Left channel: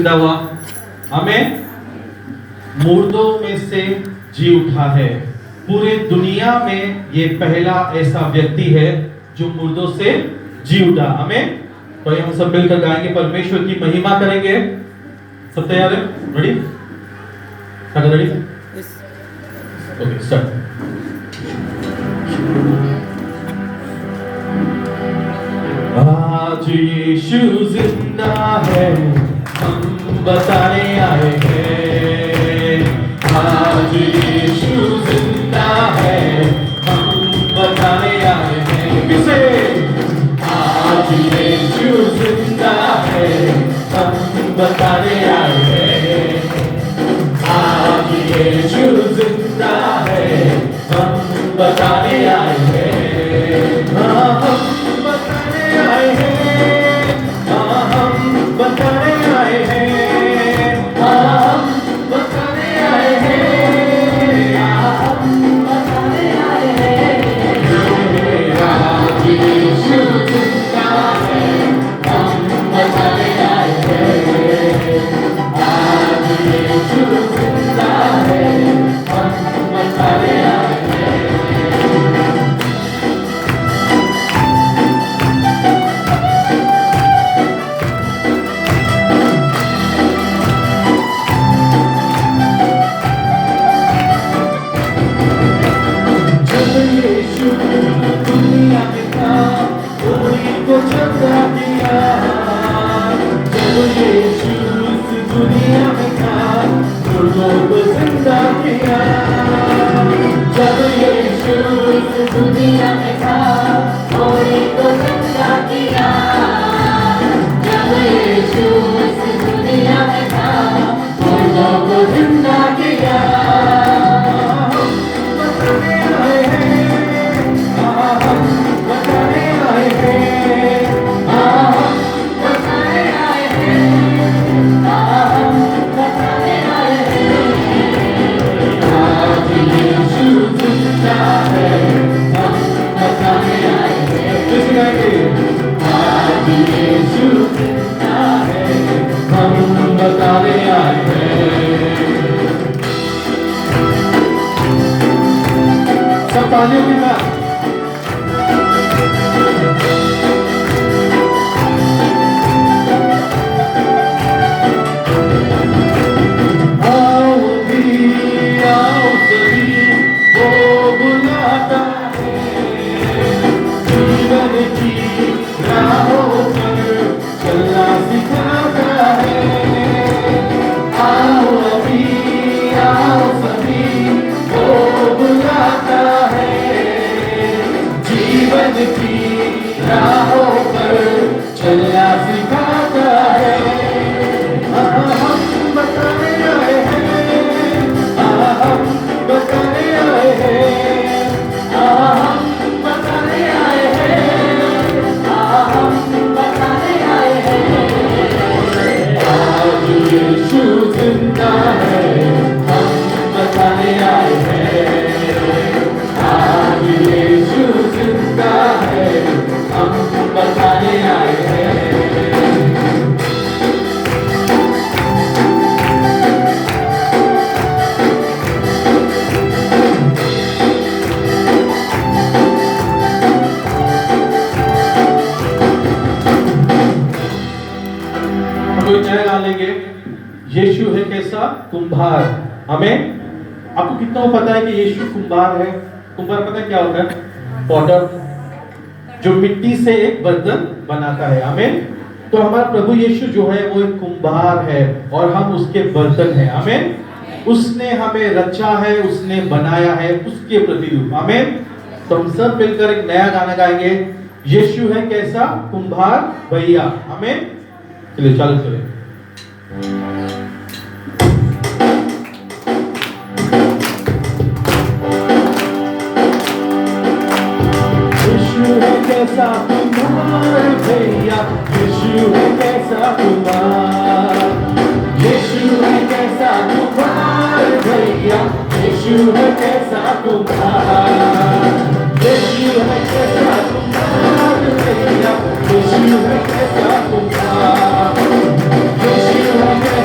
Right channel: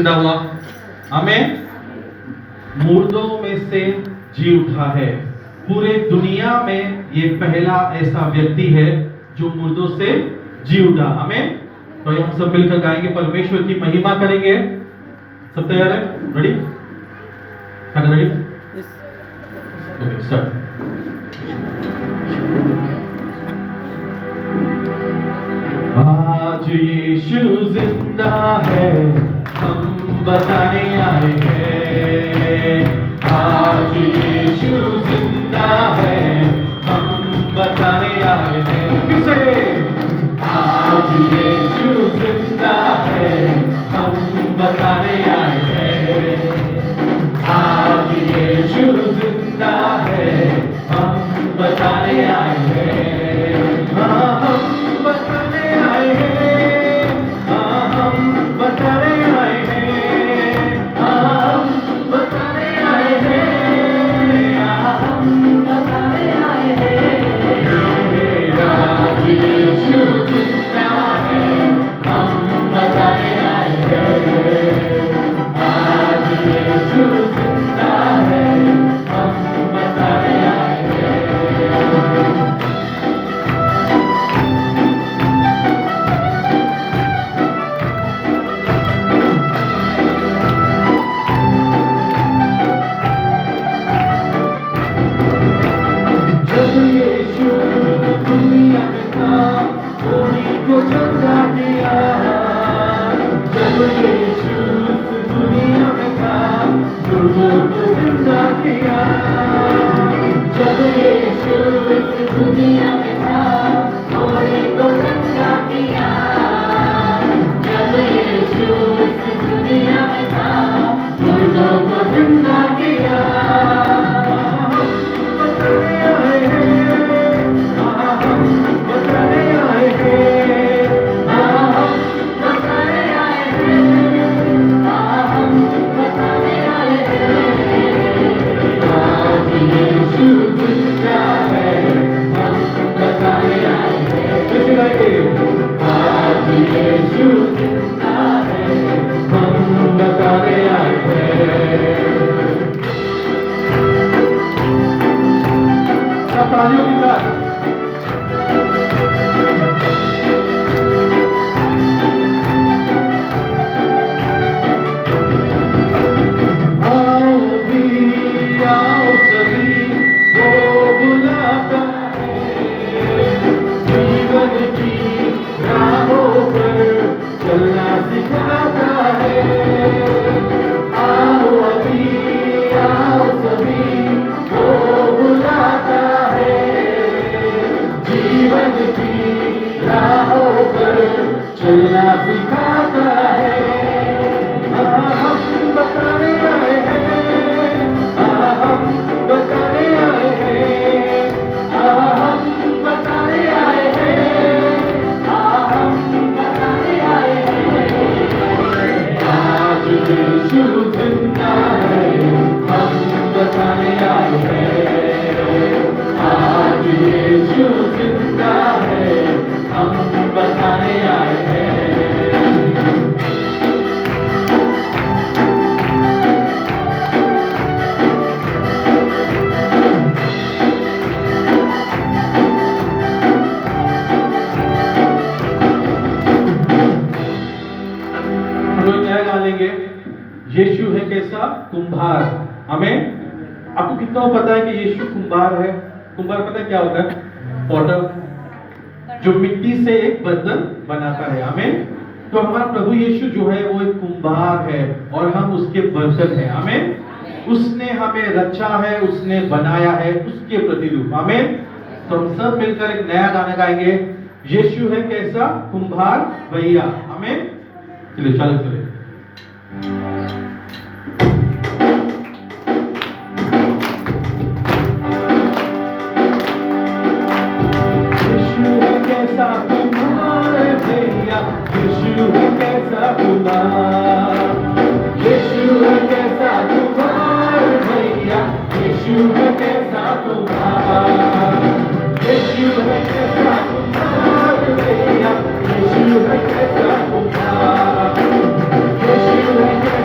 जिंदा हुआ? आमीन। मुर्दों में से जी उठा है। पूरे दुनिया में ये पहला ऐसा व्यक्ति है जो मुर्दों से जी उठा। आमीन। तो ये हम सब मिलकर गाएंगे, परमेश्वर की महिमा करेंगे। सब तैयार है? रेडी? रेडी? Okay, start. आज यीशु जिंदा है, हम बताने आए हैं। आज यीशु जिंदा है, हम बताने आए हैं। किसे? आज यीशु जिंदा है, हम बताने आए हैं। आज यीशु जिंदा है, हम बताने आए हैं। यीशु है कैसा? कुंभार। हमें आपको कितना पता है कि यीशु कुंभार है? कुंभार पता है क्या होता है? पॉटर, जो मिट्टी से एक बर्तन बनाता है। हमें तो हमारा प्रभु यीशु जो है वो एक कुंभार है और हम उसके बर्तन हैं। हमें उसने हमें रचा है, उसने बनाया है, उसके प्रतिरूप। हमें तो हम सब मिलकर एक नया गाना गाएंगे, यीशु है कैसा? कुंभार भैया। हमें चलिए चालू करें। यीशु है कैसा कुंभार भैया, यीशु है कैसा कुंभार, यीशु है कैसा कुंभार भैया, यीशु है कैसा कुंभार, यीशु है कैसा कुंभार भैया, यीशु है कैसा कुंभार, यीशु है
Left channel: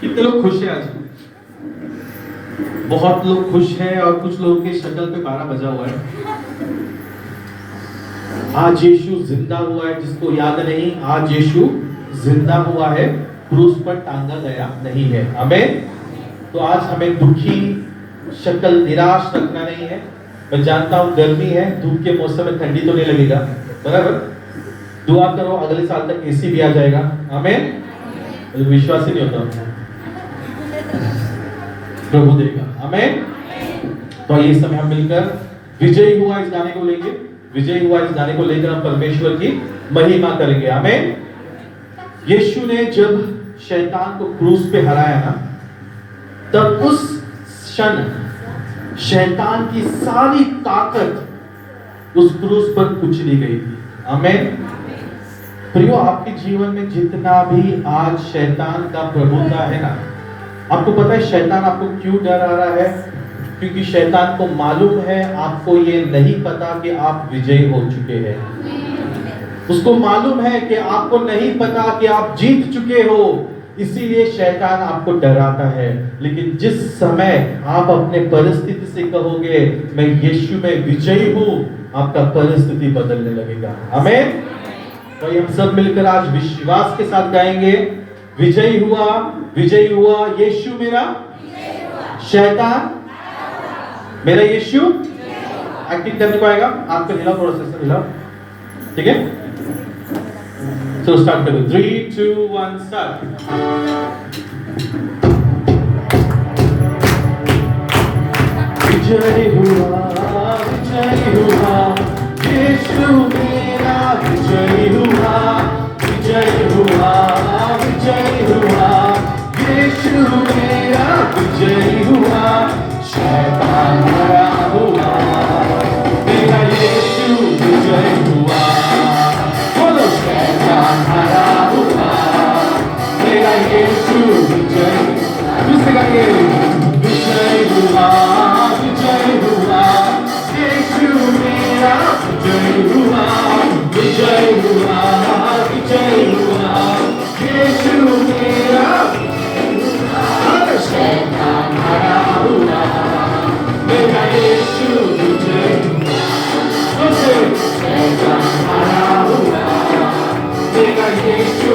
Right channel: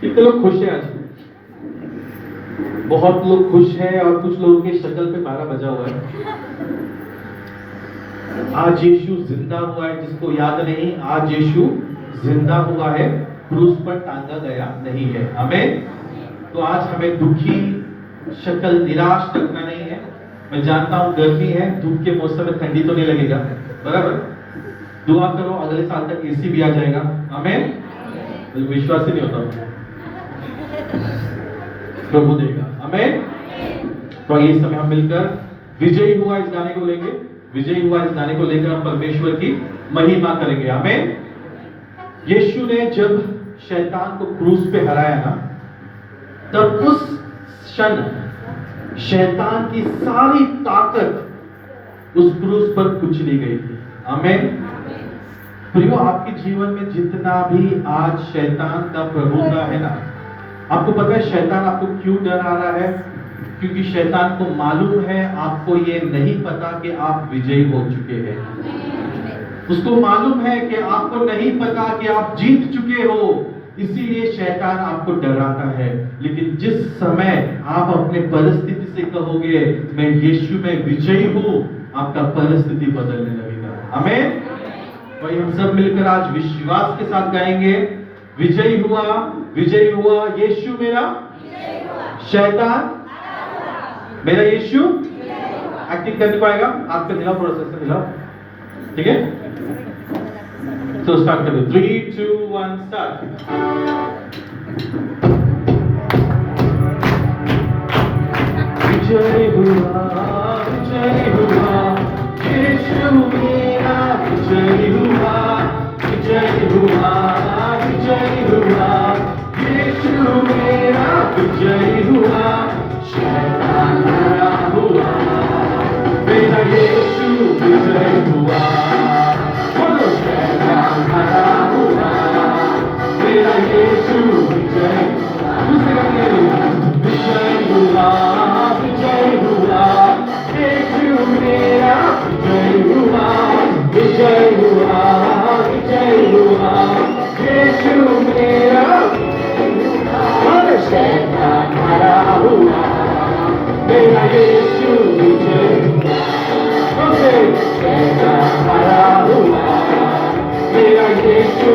कितने लोग खुश हैं आज? बहुत लोग खुश हैं और कुछ लोगों की शक्ल पे गाना बजा हुआ है। आज यीशु जिंदा हुआ है, जिसको याद नहीं, आज यीशु जिंदा हुआ है, क्रूस पर टांगा गया नहीं है। आमीन। तो आज हमें दुखी शक्ल, निराश रखना नहीं है। मैं जानता हूँ गर्मी है, धूप के मौसम में ठंडी तो नहीं लगेगा, बराबर। दुआ करो अगले साल तक एसी भी आ जाएगा। आमीन। विश्वास ही नहीं होता, प्रभु देगा। आमीन। तो इस समय हम मिलकर विजयी हुआ इस गाने को लेंगे, विजयी हुआ इस गाने को लेकर हम परमेश्वर की महिमा करेंगे। आमीन। यीशु ने जब शैतान को क्रूस पे हराया ना, तब उस क्षण शैतान की सारी ताकत उस क्रूस पर कुचली गई थी। आमीन। प्रियो, आपके जीवन में जितना भी आज शैतान का प्रभुता है ना, आपको पता है शैतान आपको क्यों डरा रहा है? क्योंकि शैतान को मालूम है, आपको ये नहीं पता कि आप विजयी हो चुके हैं। उसको मालूम है कि आपको नहीं पता कि आप जीत चुके हो, इसीलिए शैतान आपको डराता है। लेकिन जिस समय आप अपने परिस्थिति से कहोगे मैं यीशु में विजयी हूं, आपका परिस्थिति बदलने लगेगा। आमीन। तो हम सब मिलकर आज विश्वास के साथ गाएंगे, विजयी हुआ, विजयी हुआ, यीशु मेरा शैतान मेरा यीशु। एक्टिंग करने को आएगा, हाथ पे हिलाओ, थोड़ा सा हिलाओ, ठीक है। So start with 3, 2, 1, start. विजय हुआ, यीशु मेरा विजय हुआ, विजय हुआ, यीशु मेरा विजय हुआ, शैतान हरा हुआ, मेरा यीशु विजय हुआ। बोलो शैतान हरा हुआ, मेरा यीशु विजय हुआ। दूसरे करके विजय हुआ, यीशु मेरा विजय हुआ, विजय हुआ, यीशु मेरा शैतान हरा हुआ, मेरा यीशु विजय हुआ, शैतान हरा हुआ, मेरा यीशु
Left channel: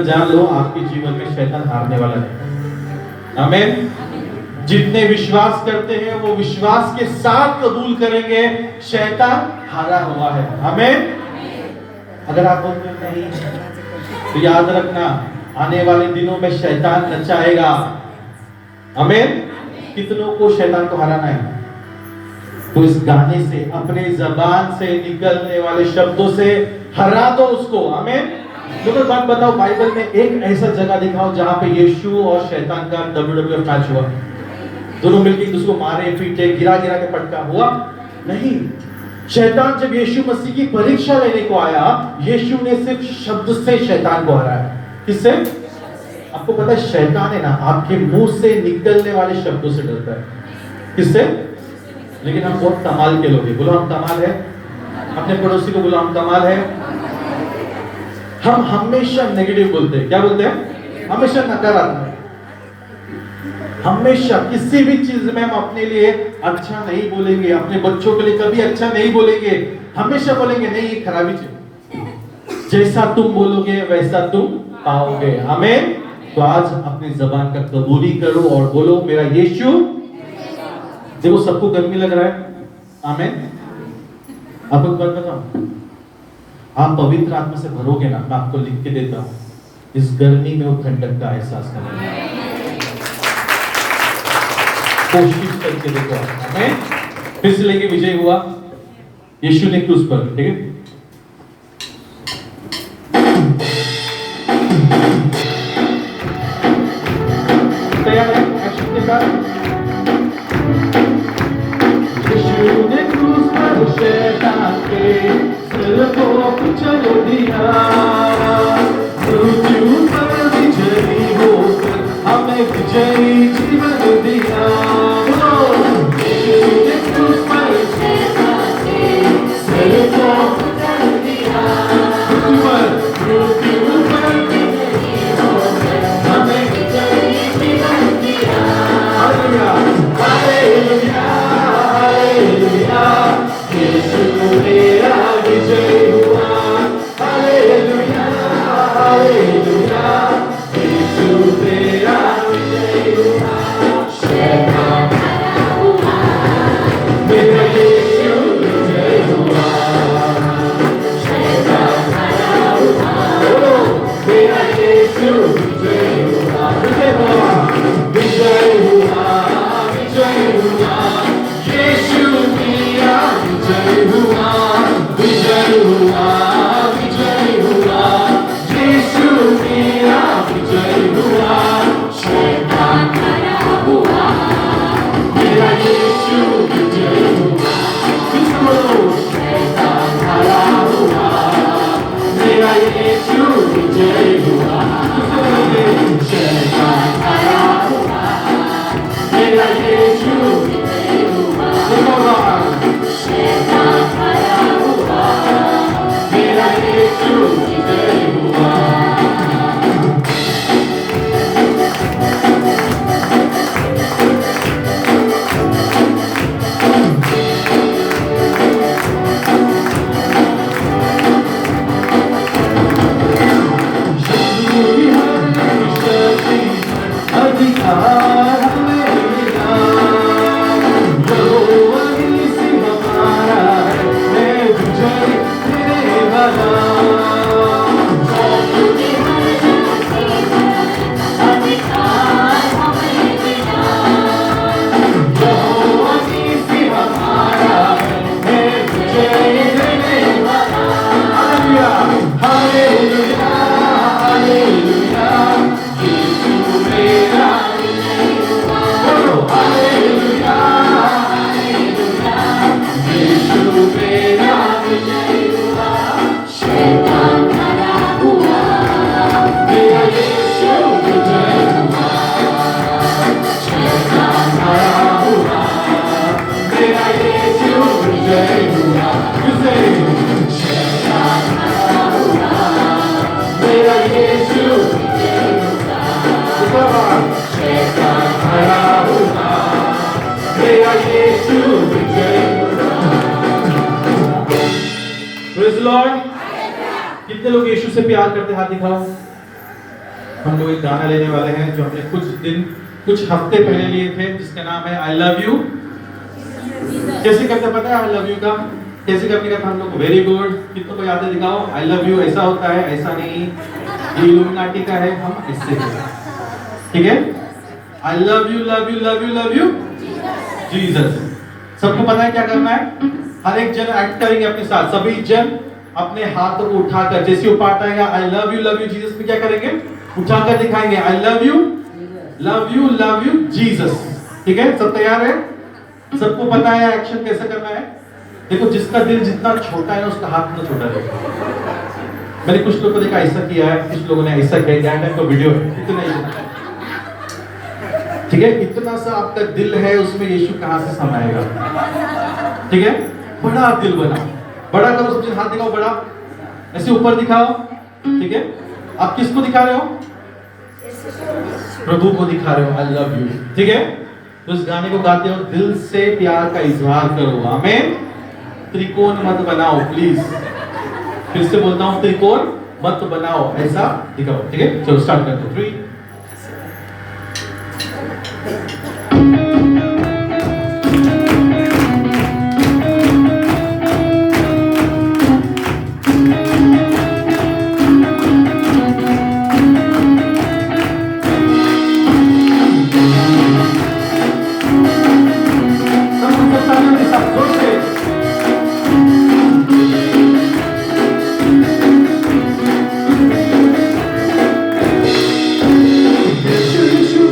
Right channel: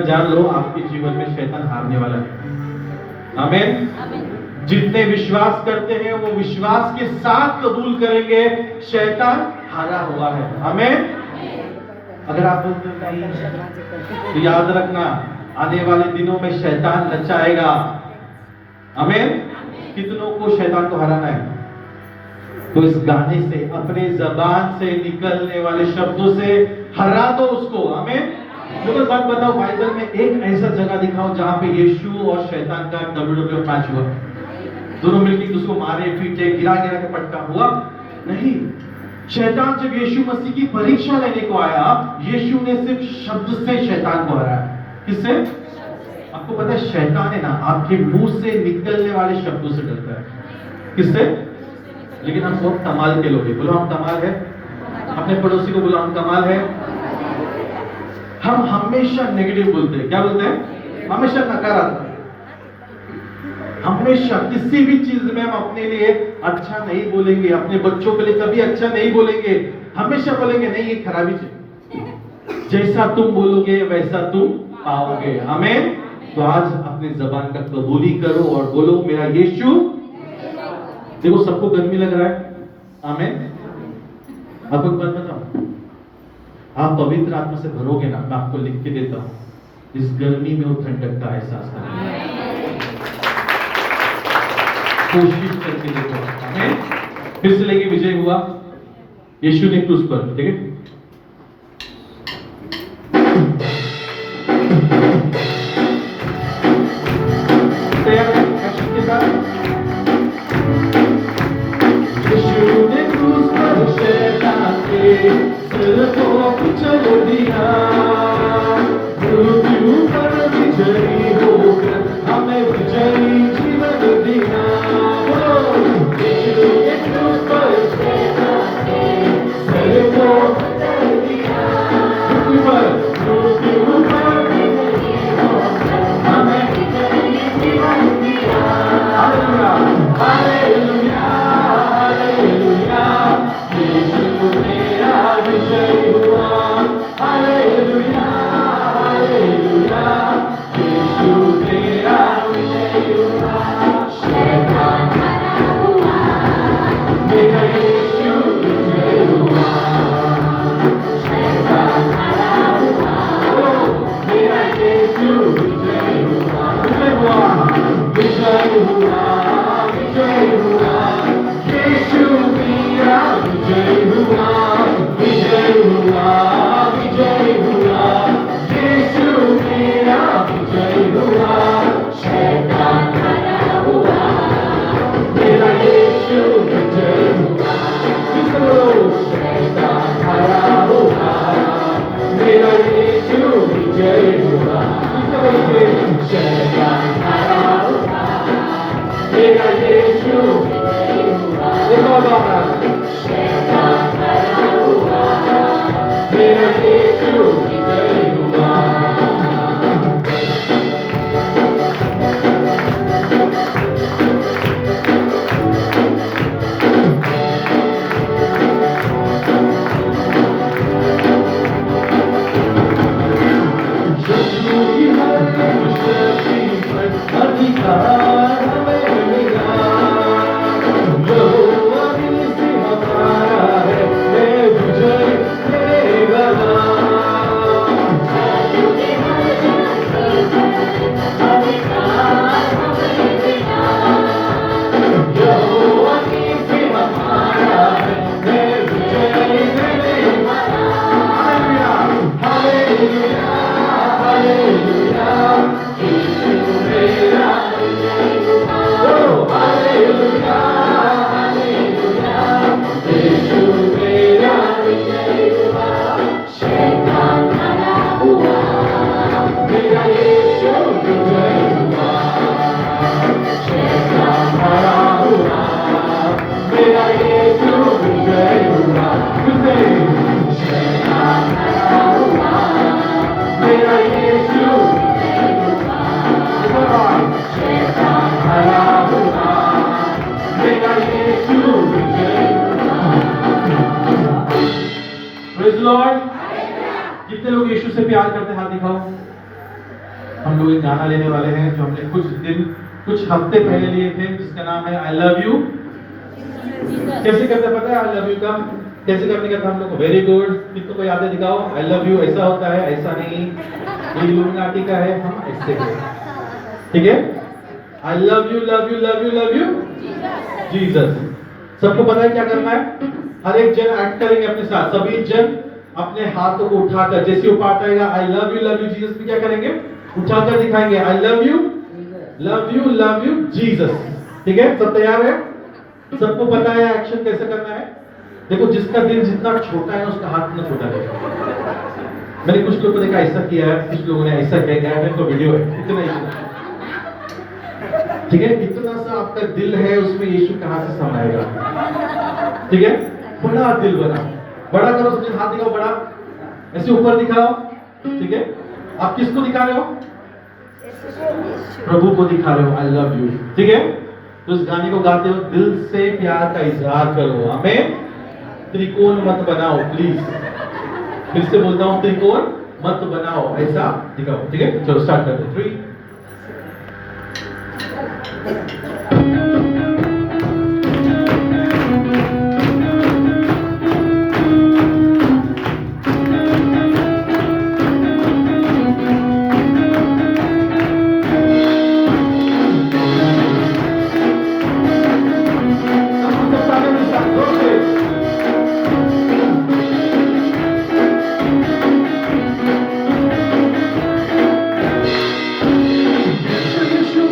जान लो आपके जीवन में शैतान हारने वाला है। आमीन। जितने विश्वास करते हैं वो विश्वास के साथ कबूल करेंगे, शैतान हारा हुआ है। आमीन। अगर आप बोलते नहीं तो याद रखना आने वाले दिनों में शैतान नचाएगा। आमीन। कितनों को शैतान को हराना है? तो इस गाने से, अपने जबान से निकलने वाले शब्दों से हरा दो उसको। आमीन। मुझे बात बताओ, बाइबल में एक ऐसा जगह दिखाओ जहां पे यीशु और शैतान का WWE मैच हुआ, दोनों मिलकर उसको मारे पीटे गिरा गिरा के पटका हुआ? नहीं। शैतान जब यीशु मसीह की परीक्षा लेने को आया, यीशु ने सिर्फ शब्द से शैतान को हराया। किससे? आपको पता है शैतान है ना आपके मुंह से निकलने वाले शब्दों से डरता है। किससे? लेकिन हम बहुत कमाल के लोग हैं। बोलो हम कमाल है। अपने पड़ोसी को बोलो हम कमाल है। हम हमेशा नेगेटिव बोलते हैं। क्या बोलते हैं? हमेशा नकारात्मक। हमेशा किसी भी चीज में हम अपने लिए अच्छा नहीं बोलेंगे, अपने बच्चों के लिए कभी अच्छा नहीं बोलेंगे, हमेशा बोलेंगे नहीं ये खराबी चीज। जैसा तुम बोलोगे वैसा तुम पाओगे। आमीन। तो आज अपनी जबान का कबूली करो और बोलो मेरा यीशु। देखो सबको गर्मी लग रहा है। आमीन। आपको बात बताऊं, आप पवित्र आत्मा से भरोगे ना, मैं आपको लिख के देता हूं, इस गर्मी में वो ठंडक का एहसास करना। कोशिश करके देखो। आमीन। फिर से लेके विजय हुआ, यीशु ने क्रूस पर। ठीक है। तैयार है? एक्शन के साथ यीशु ने क्रूस पर शैतान के दिल को कुचल दिया, मृत्यु पर विजयी होकर हमें विजयी जीवन दिया। यीशु ने क्रूस पर शैतान के दिल को कितने लोग यीशु से प्यार करते हाथ दिखाओ। हम लोग एक गाना लेने वाले हैं जो हमने कुछ हफ्ते पहले लिए थे, जिसका नाम है आई लव यू। कैसे करते पता है आई लव यू का? कैसे करने का था हम लोग? वेरी गुड, कितनों को याद है? दिखाओ। आई लव यू ऐसा होता है, ऐसा नहीं। इल्यूमिनाटी का है, हम इससे करें, ठीक है? I love you love you love you love you Jesus. सबको पता है क्या करना है? हर एक जन एक्ट करेंगे अपने साथ। सभी जन अपने हाथों को उठाकर, जैसे ऊपर आएगा आई लव यू जीसस में क्या करेंगे? उठाकर दिखाएंगे आई लव यू जीसस। ठीक है, सब तैयार है? सबको पता है एक्शन कैसे करना है? देखो, जिसका दिल जितना छोटा है उसका हाथ उतना छोटा है। मैंने कुछ लोगों को देखा ऐसा किया है, कुछ लोगों ने ऐसा किया है, तो वीडियो है इतना ही। ठीक है, इतना सा आपका दिल है, उसमें यीशु कहां से समाएगा? ठीक है, बड़ा दिल बना, बड़ा करो। सबसे हाथ दिखाओ, बड़ा ऐसे ऊपर दिखाओ। ठीक है, आप किसको दिखा रहे हो? प्रभु को दिखा रहे हो आई लव यू। ठीक है, तो इस गाने को गाते हो दिल से प्यार का इजहार करो। आमीन। त्रिकोण मत बनाओ प्लीज, फिर से बोलता हूं, त्रिकोण मत बनाओ, ऐसा दिखाओ। ठीक है, चलो स्टार्ट करते हैं। 3 You should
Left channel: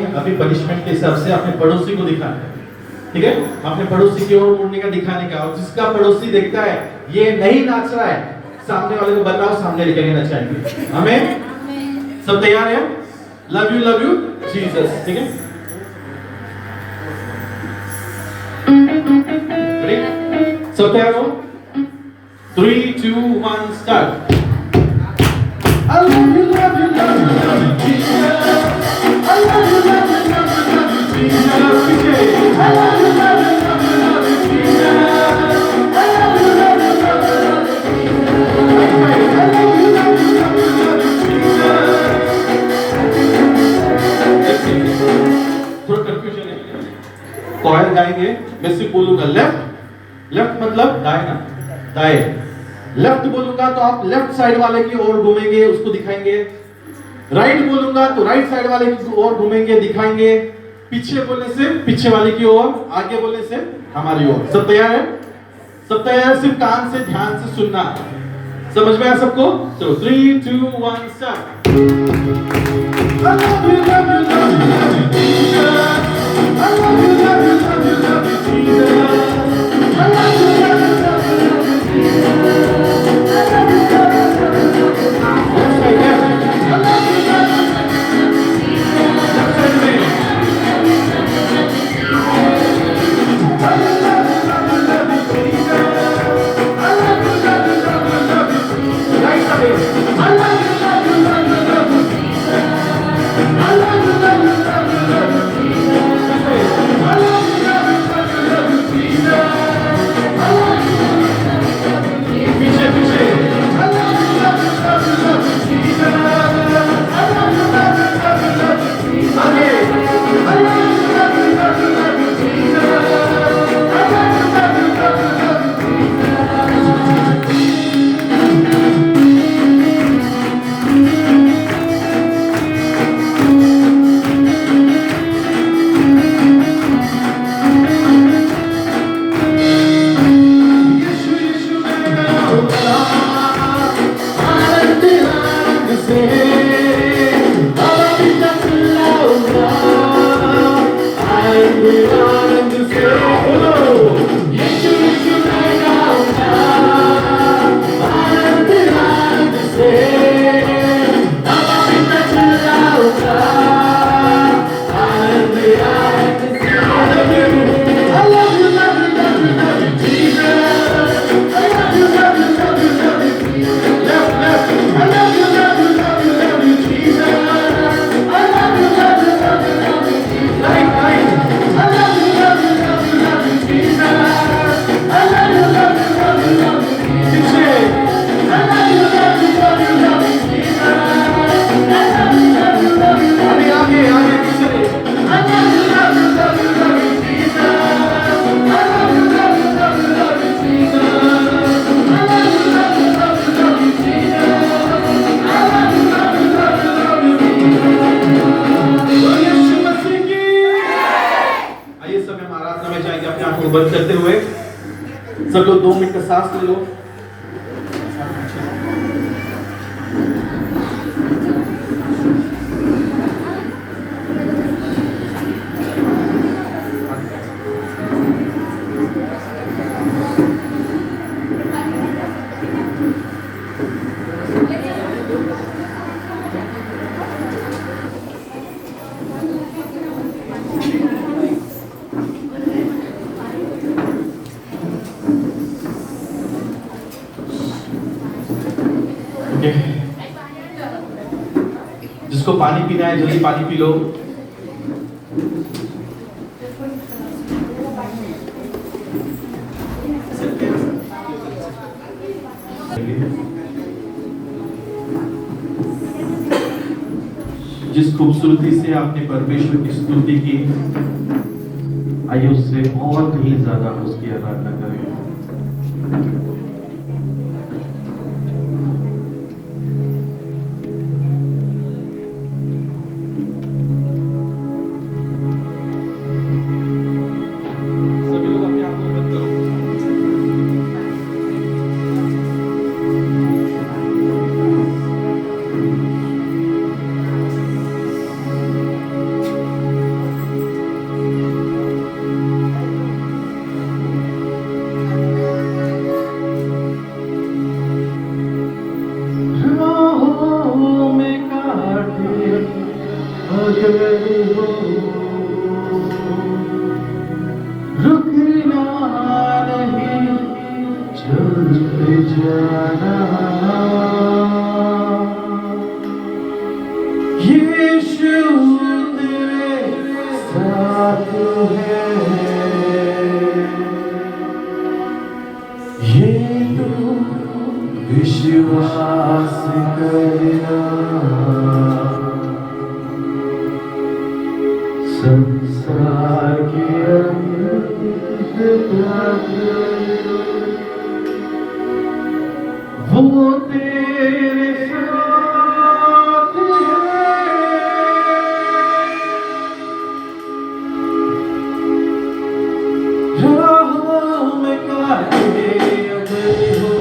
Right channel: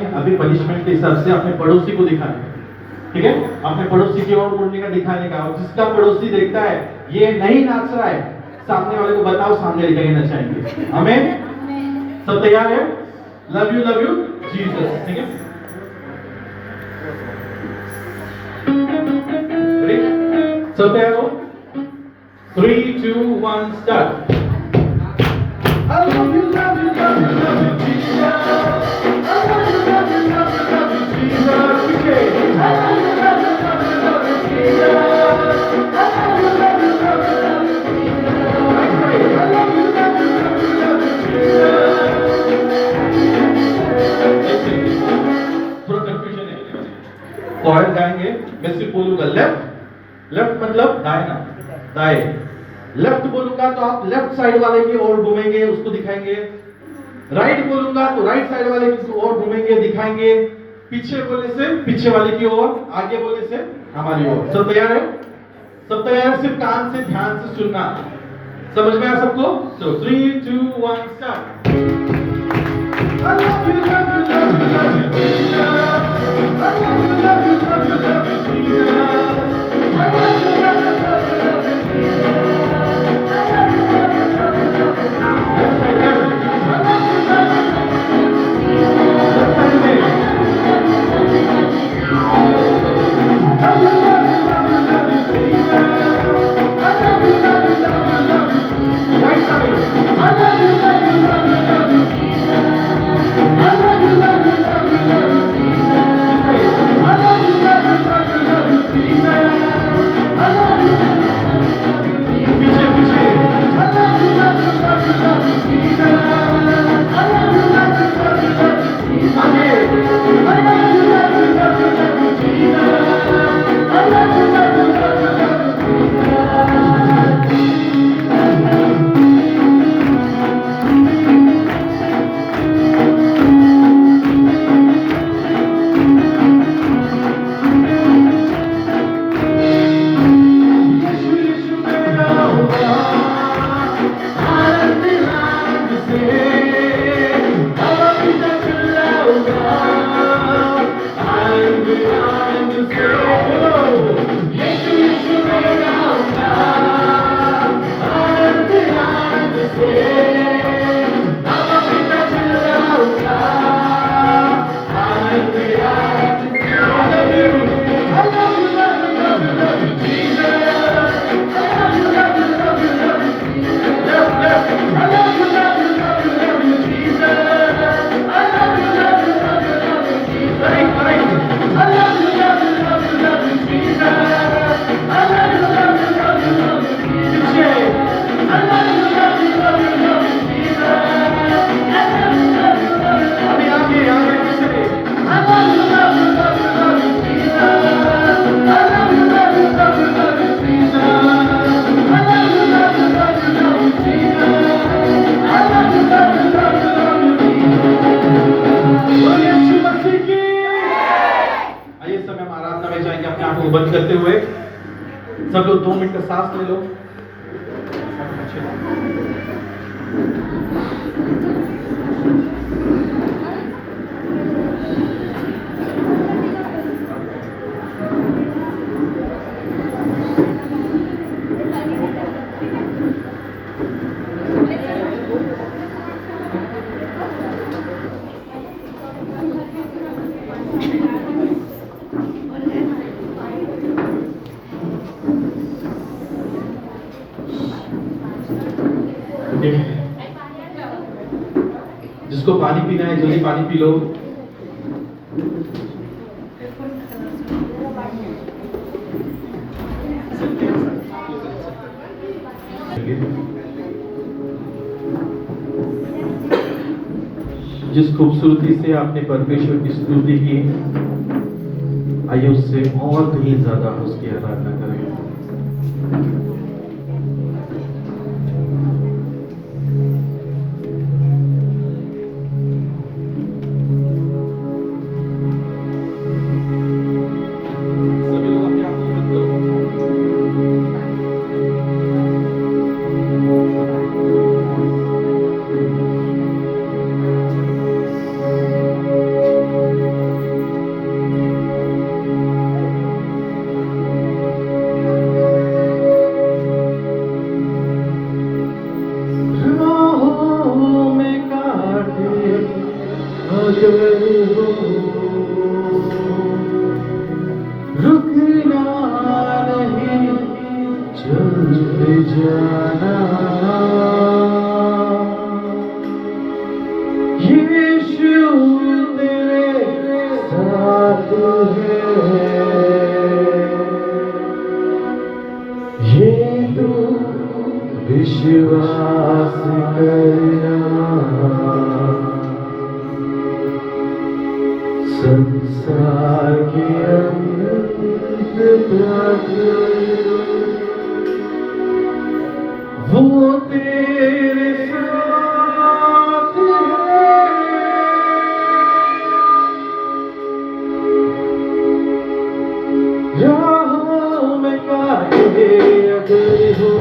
में अभी पनिशमेंट के हिसाब से अपने पड़ोसी को दिखाना है, ठीक है? अपने पड़ोसी की ओर मुड़ने का, दिखाने का, और जिसका पड़ोसी देखता है ये नहीं नाच रहा है, सामने वाले को बताओ, सामने लेके नचाएंगे। आमीन। सब तैयार है? लव यू जीसस, ठीक है? सब तैयार हो? 3, 2, 1 start. I love you, love you, love you, love you, Jesus. I love you, love you, love you, love you, Jesus. I love you, love you, love you, love you, love you, Jesus. I love you, love you, love you, love you, Jesus. I love you, love you, love you, love you, Jesus. थोड़ा confusion है। Cord गाएंगे, मैं सिर्फ बोलूंगा left, left मतलब दाएं, दाएं। Left बोलूंगा तो आप लेफ्ट साइड वाले की ओर घूमेंगे, उसको दिखाएंगे। राइट बोलूंगा तो राइट साइड वाले की ओर घूमेंगे, दिखाएंगे। पीछे बोलने से पीछे वाले की ओर, आगे बोलने से हमारी ओर। सब तैयार है? सब तैयार है? सिर्फ कान से ध्यान से सुनना। समझ में आया सबको? चलो 3, 2, 1 start. I love you, love you, love you, love you, Jesus. I love you, love you, love you, love you, Jesus. I love you, love you, love you, love you, Jesus. I love you, love you, love you, love you, Jesus. Left side, left side. I love you, love you, love you, love you, Jesus. Left side में. I love you, love you, love you, Jesus. I love you, love you, love you, love you, Jesus. I love you, love you, love you, love you, Jesus. Right side. I love you, love you, love you, love you, Jesus. I love you, love you, love you, love you, Jesus. I love you, love you, love you, love you, Jesus. I love you, love you, love you, love you, Jesus. पीछे पीछे। I love you, love you, love you, love you, Jesus. I love you, love you, love you, love you, Jesus. आगे। I love you, love you, love you, love you, Jesus. I love you, love you, love you, love you, बंद करते हुए सब लोग 2 minute का सांस ले लो। जिसको पानी पीना है जल्दी पानी पी लो। जिस खूबसूरती से आपने परमेश्वर की स्तुति की, आइए उससे और भी ज्यादा उसकी आराधना करें। संसार के अंत वो तेरे साथ है, राहों में काटे अगर हो,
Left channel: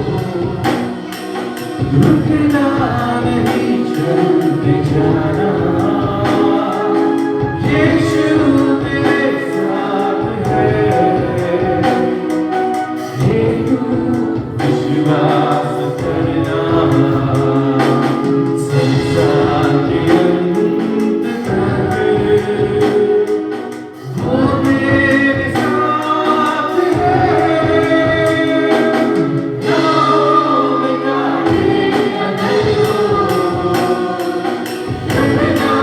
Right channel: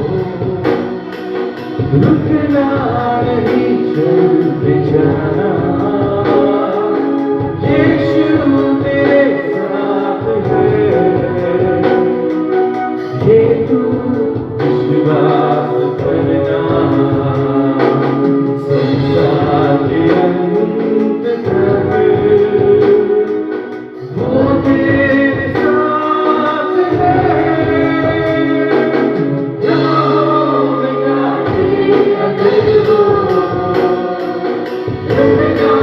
रुकना नहीं, चलते जाना। यीशु तेरे साथ है, ये तू विश्वास करना। संसार के अंत तक वो तेरे साथ है, राहों में काटे अगर हो, रुकना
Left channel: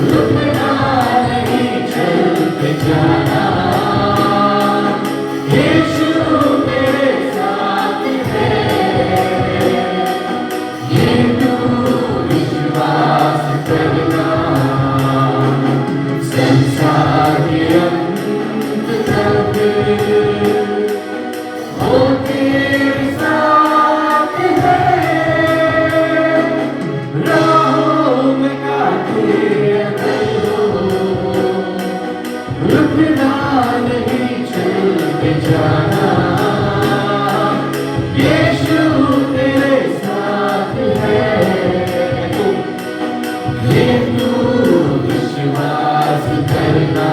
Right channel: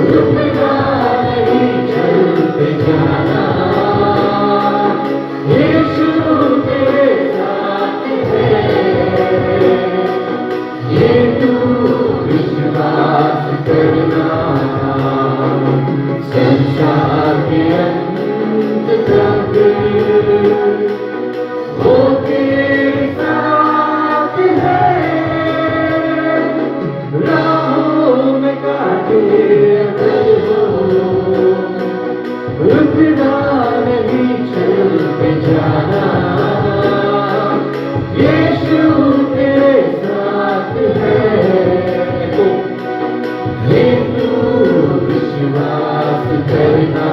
रुकना नहीं, चलते जाना, यीशु तेरे साथ है, ये तू विश्वास करना, संसार के अंत तक वो तेरे साथ है, राहों में कांटे अगर हो, रुकना नहीं, चलते जाना, यीशु तेरे साथ है, ये तू विश्वास करना,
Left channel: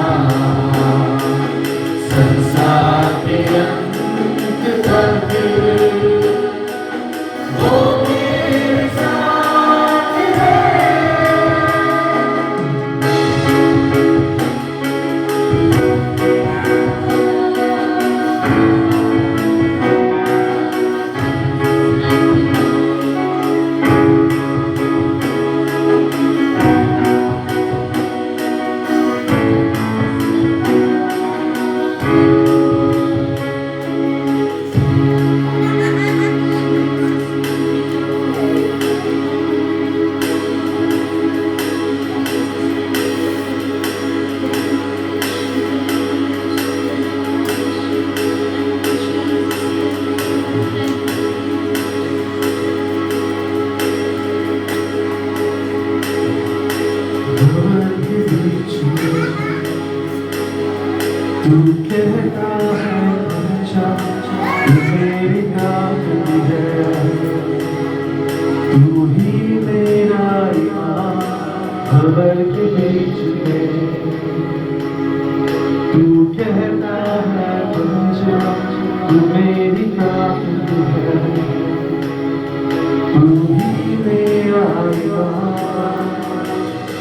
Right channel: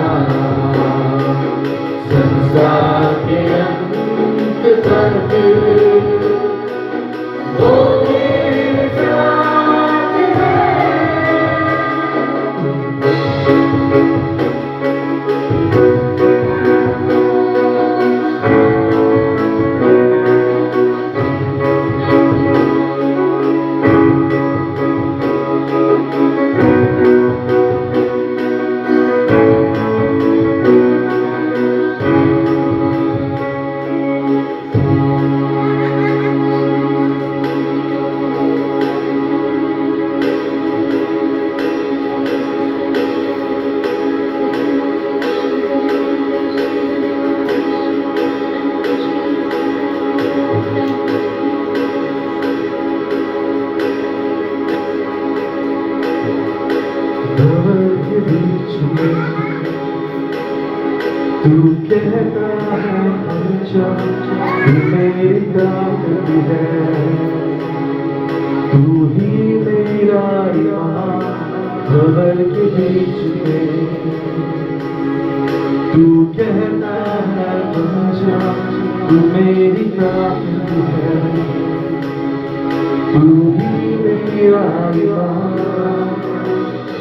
संसार के अंत तक वो तेरे साथ है। तू कहता है अच्छा, तू मेरी गाली है, तू ही मेरा ईमान, खबर के बीच में। तू कहता है अच्छा, तू मेरी गाली है, तू ही मेरा ईमान,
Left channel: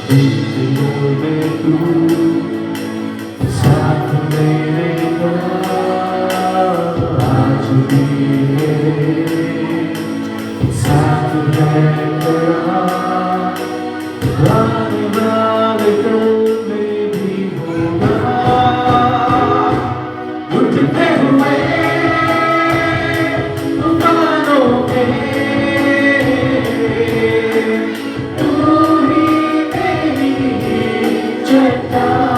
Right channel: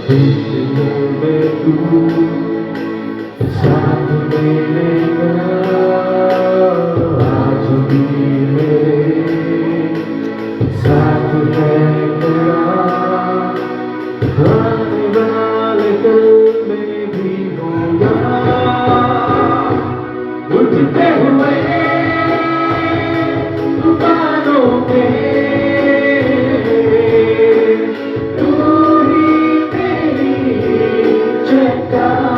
दिलों में तू साथ मेरे आज भी साथ है तेरा, आने वाले कल में भी होगा, उठते हुए तूफानों में तू ही मेरी चट्टान,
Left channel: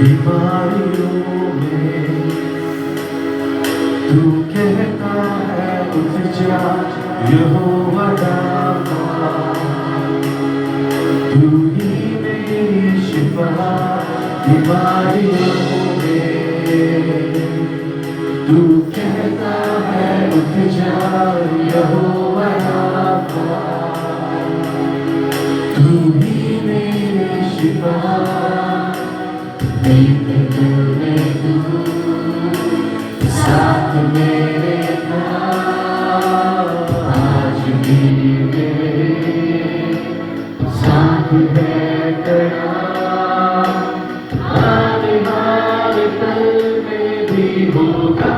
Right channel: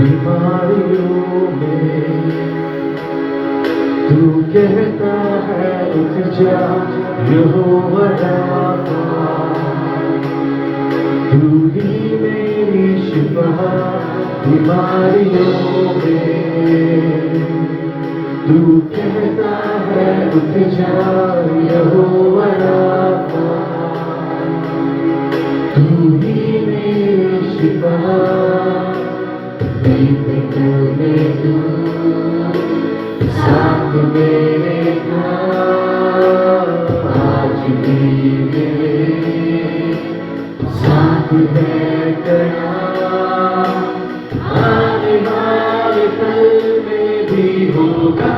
बीमारियों में तू कहता है उठ जा, यहोवा राफा, तू ही मेरी शिफा, बीमारियों में तू कहता है उठ जा, यहोवा राफा, तू ही मेरी शिफा, में तू साथ मेरे था, आज भी मेरे साथ बैठना, आने वाले पल में भी होगा,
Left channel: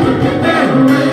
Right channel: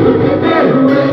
उठते हुए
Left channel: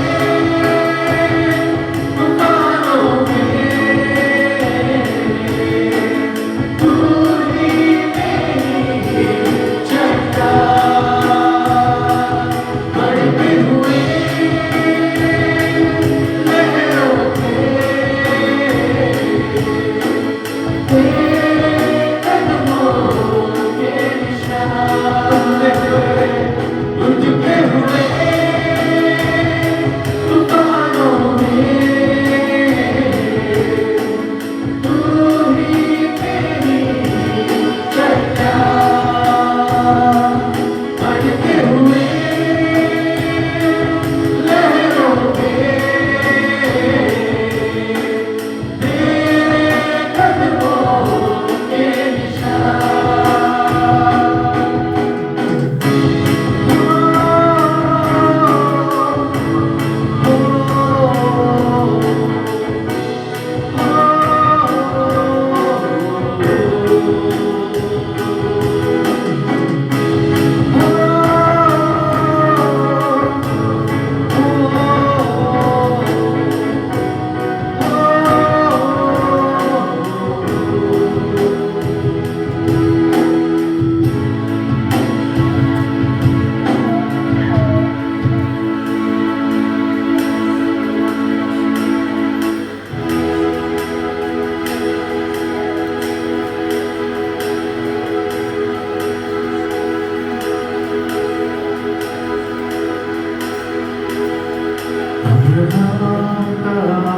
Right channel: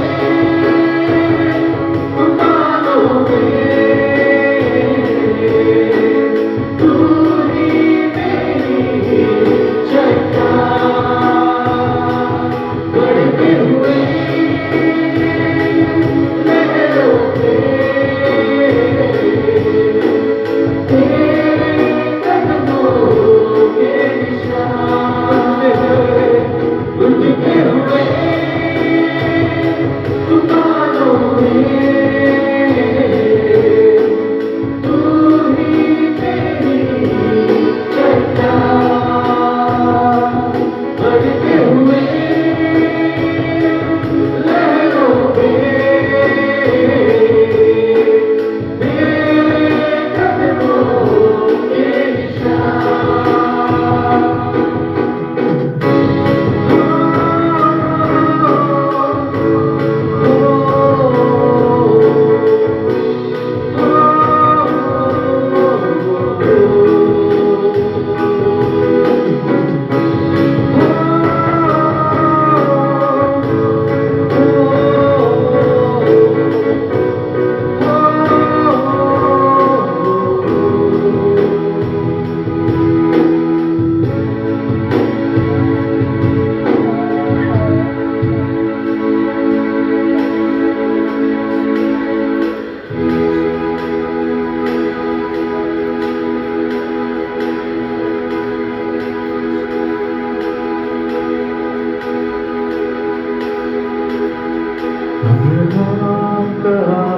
अब्राहम का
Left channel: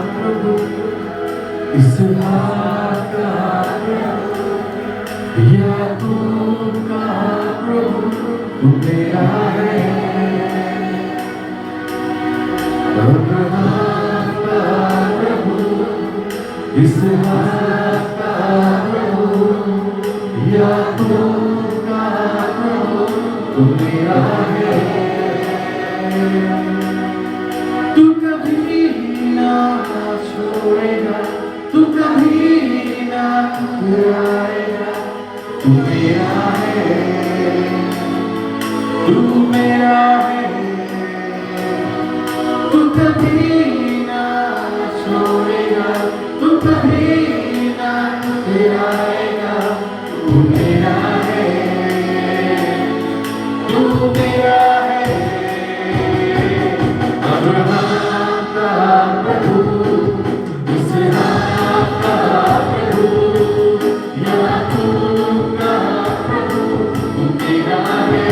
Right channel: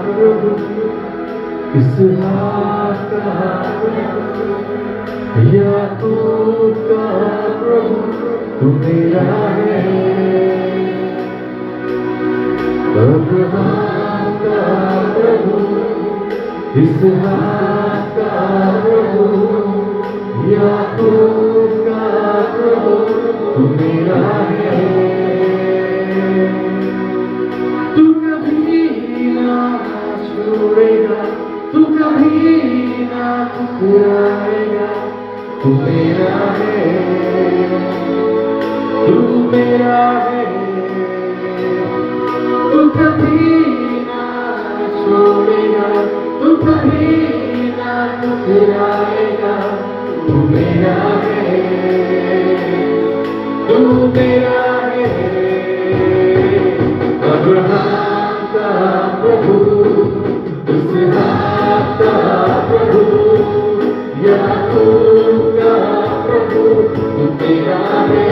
प्रभु, इसहाक का प्रभु, याकूब का प्रभु, तू मेरा है। अब्राहम का प्रभु, इसहाक का प्रभु, याकूब का प्रभु, तू मेरा है। तू कभी ना छोड़ेगा, तू कभी ना ठुकराएगा, तू मेरा है, तू मेरा है। तू कभी ना छोड़ेगा, तू कभी ना ठुकराएगा, तू मेरा है, तू मेरा है। अब्राहम का प्रभु, इसहाक का प्रभु, याकूब का प्रभु, तू मेरा है।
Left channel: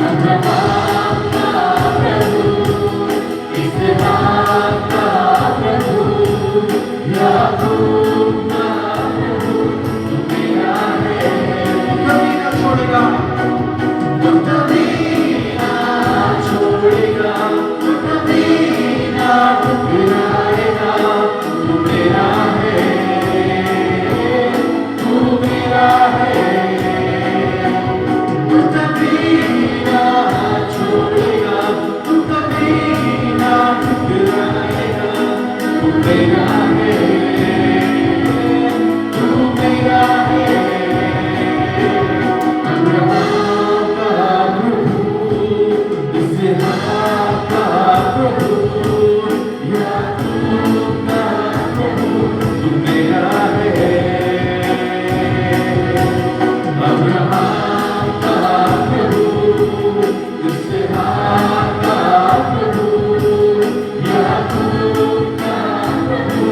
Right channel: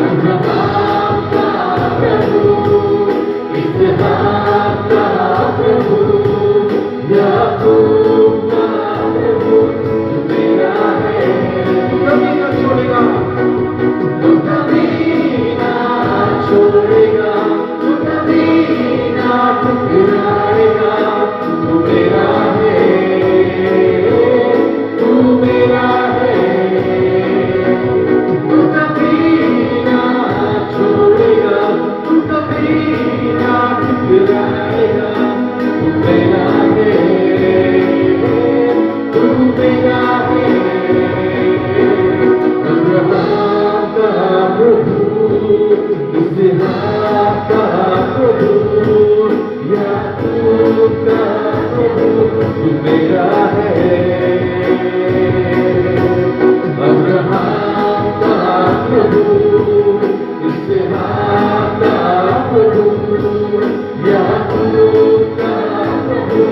अब्राहम का प्रभु, इसहाक का प्रभु, याकूब का प्रभु, तू मेरा है। कभी ना छोड़ेगा, तू कभी ना छोड़ेगा, तू कभी ना ठुकराएगा, तू मेरा है, तू मेरा है। तू कभी ना छोड़ेगा, तू कभी ना ठुकराएगा, तू मेरा है, तू मेरा है। अब्राहम का प्रभु, इसहाक का प्रभु, याकूब का प्रभु, तू मेरा है। अब्राहम का प्रभु, इसहाक का प्रभु, याकूब का प्रभु,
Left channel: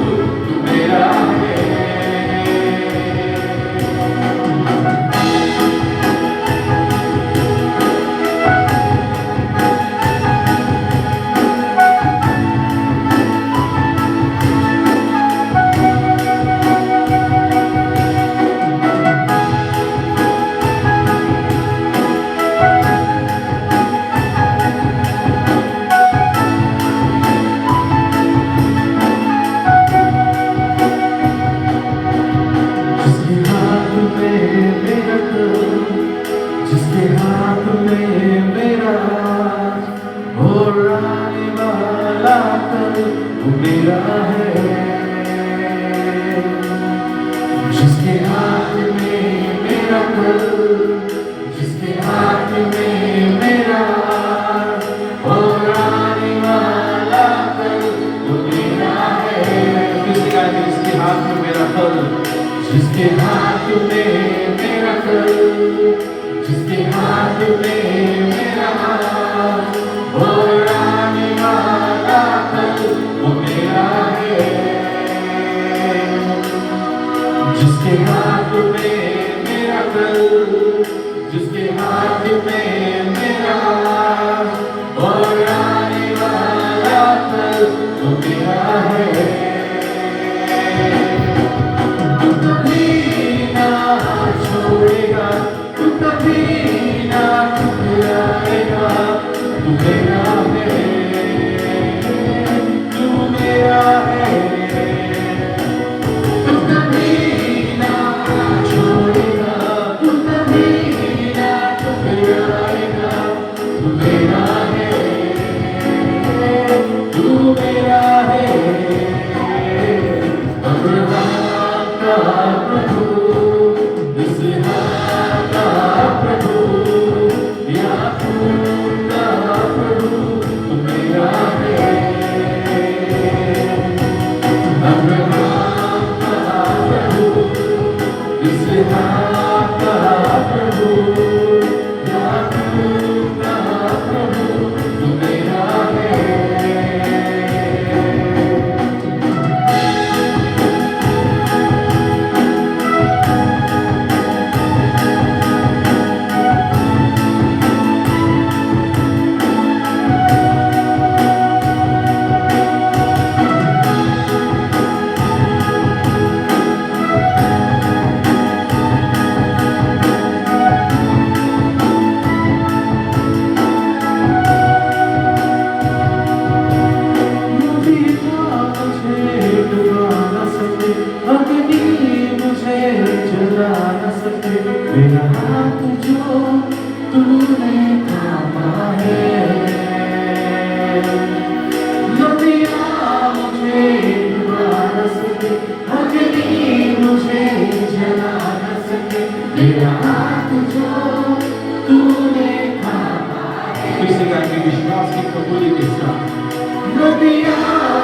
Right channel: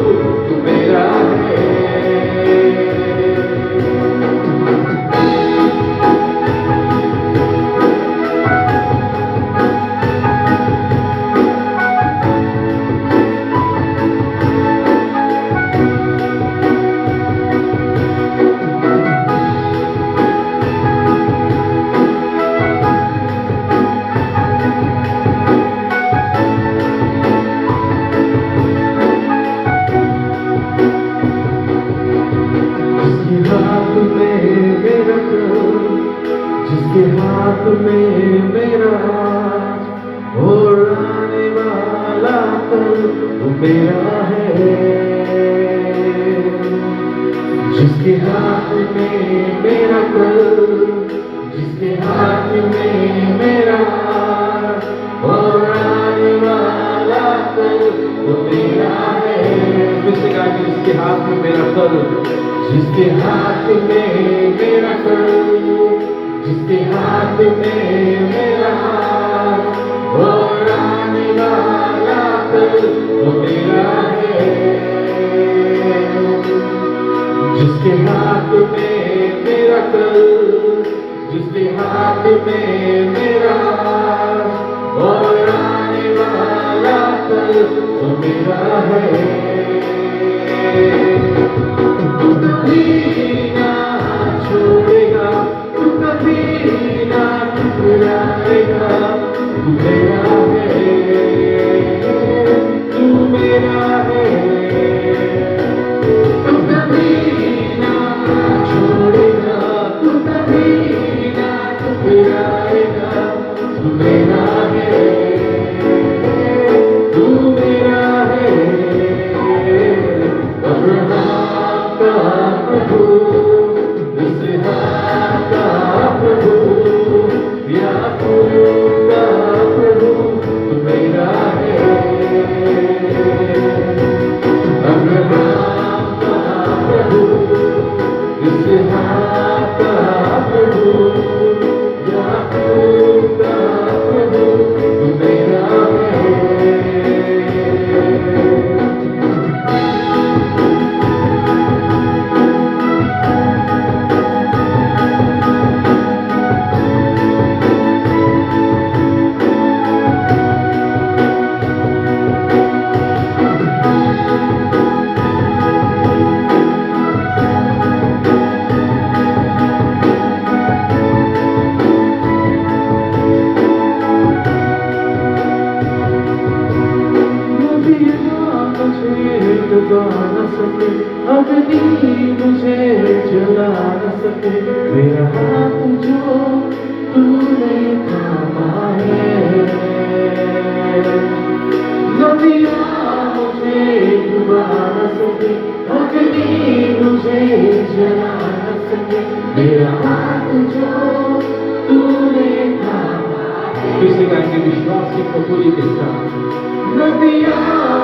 तू मेरा है। जिसके हाथ में मेरा कर, जिसके हाथ में मेरा राज, और आने वाला कल वो मेरा है। जिसके हाथ में मेरा कल, जिसके हाथ में मेरा राज, और आने वाला कल वो मेरा है। जिसके हाथ में मेरा कल, जिसके हाथ में मेरा कल, जिसके हाथ में मेरा हाथ, और आने वाला कल वो मेरा है। जिसके हाथ में मेरा कल, जिसके हाथ में मेरा हाथ, और आने वाला कल वो मेरा है। तू कभी ना छोड़ेगा, तू कभी ना मेरा हाथ जो तूने थामा है। किसी का के विश्वास की कबूली के साथ नदियाँ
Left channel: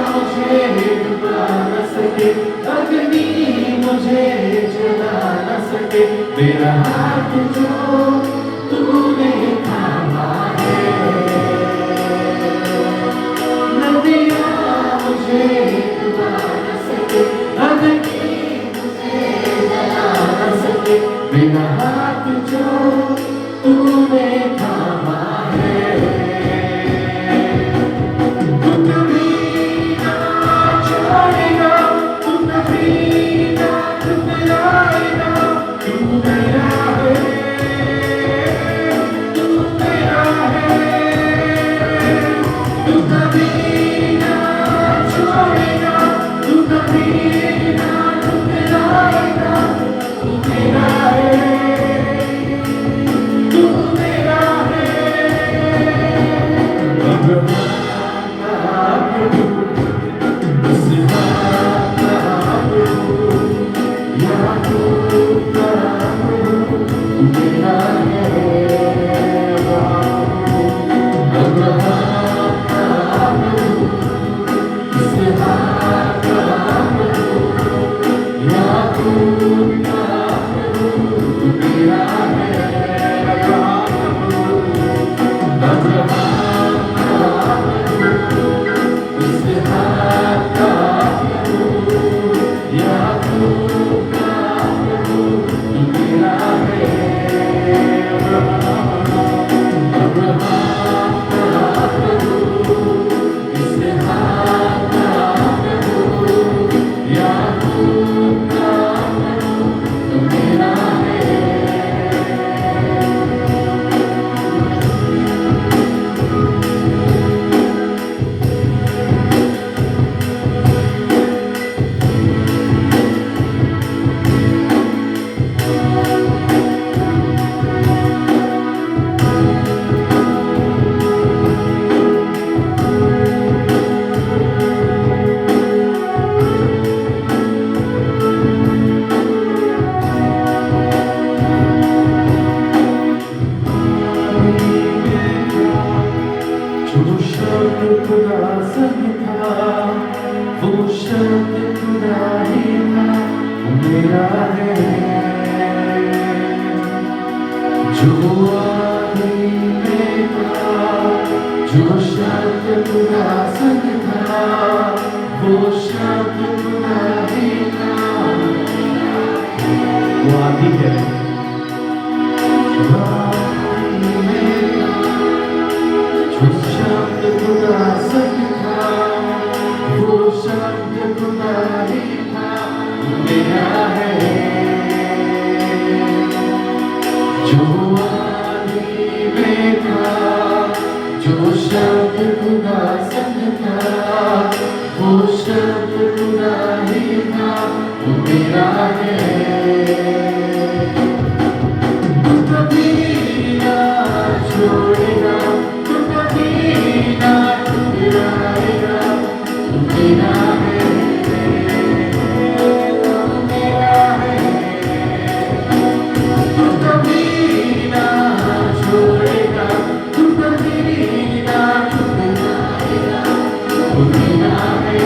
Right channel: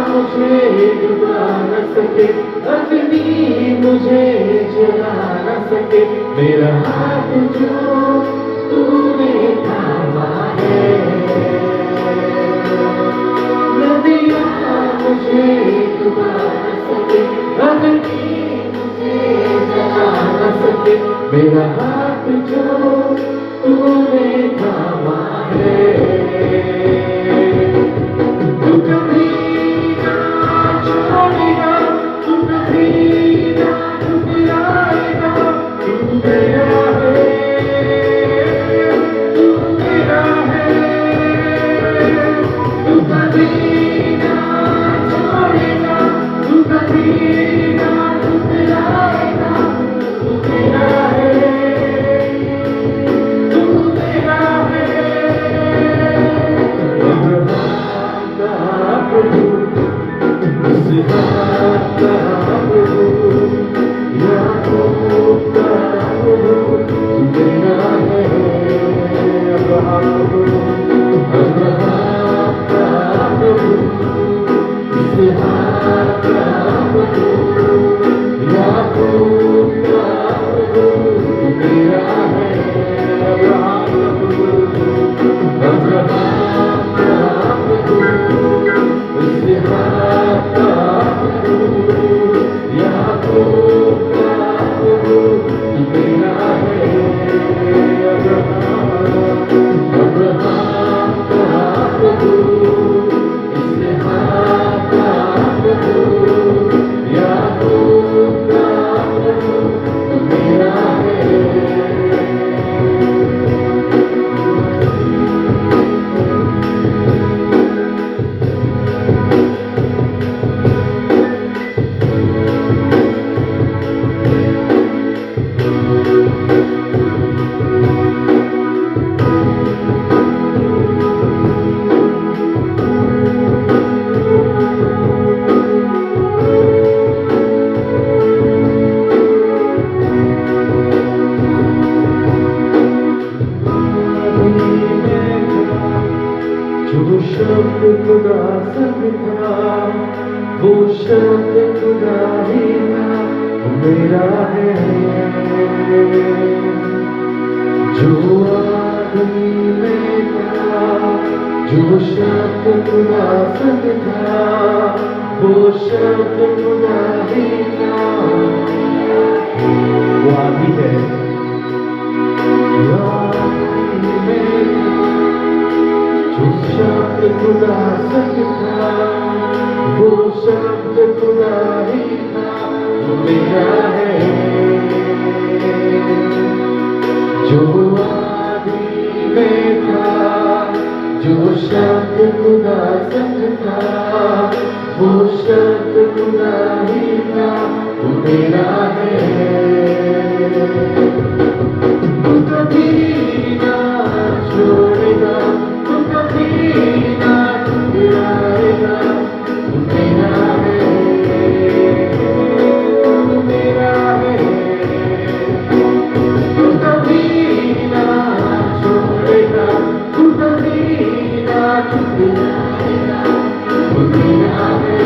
मुझे डुबा न सके, अग्नि मुझे जला न सके, मेरा हाथ जो तूने थामा है। नदियाँ मुझे डुबा न सके, अग्नि मुझे जला न सके, मेरा हाथ जो तूने थामा है। तू कभी ना छोड़ेगा, तू कभी ना ठुकराएगा, तू मेरा है, तू मेरा है। तू कभी ना छोड़ेगा, तू कभी ना ठुकराएगा, तू मेरा है, तू मेरा है। अब्राहम का प्रभु, इसहाक का प्रभु, याकूब का प्रभु, तू मेरा है। अब्राहम का प्रभु, इसहाक का प्रभु, याकूब का प्रभु, तू मेरा है। अब्राहम का प्रभु, इसहाक का प्रभु, याकूब का प्रभु, तू मेरा है। अब्राहम का प्रभु, इसहाक का प्रभु, याकूब का प्रभु, तू मेरा है। जो शब्द खुदा संग था, वो शब्द खुदा ही था, वो मेरा है। जो आदि में था, जो शब्द खुदा संग था, वो शब्द खुदा ही था, वो आदि है। जो आदि में जो शब्द खुदा संग था, वो शब्द खुदा ही था, वो मेरा है। जो आदि में था, जो शब्द खुदा संग था, वो शब्द खुदा ही था, वो मेरा है। तू कभी ना छोड़ेगा, तू कभी ना ठुकराएगा, तू मेरा है, तू मेरा है। तू कभी ना छोड़ेगा, तू कभी ना ठुकराएगा, तू मेरा है,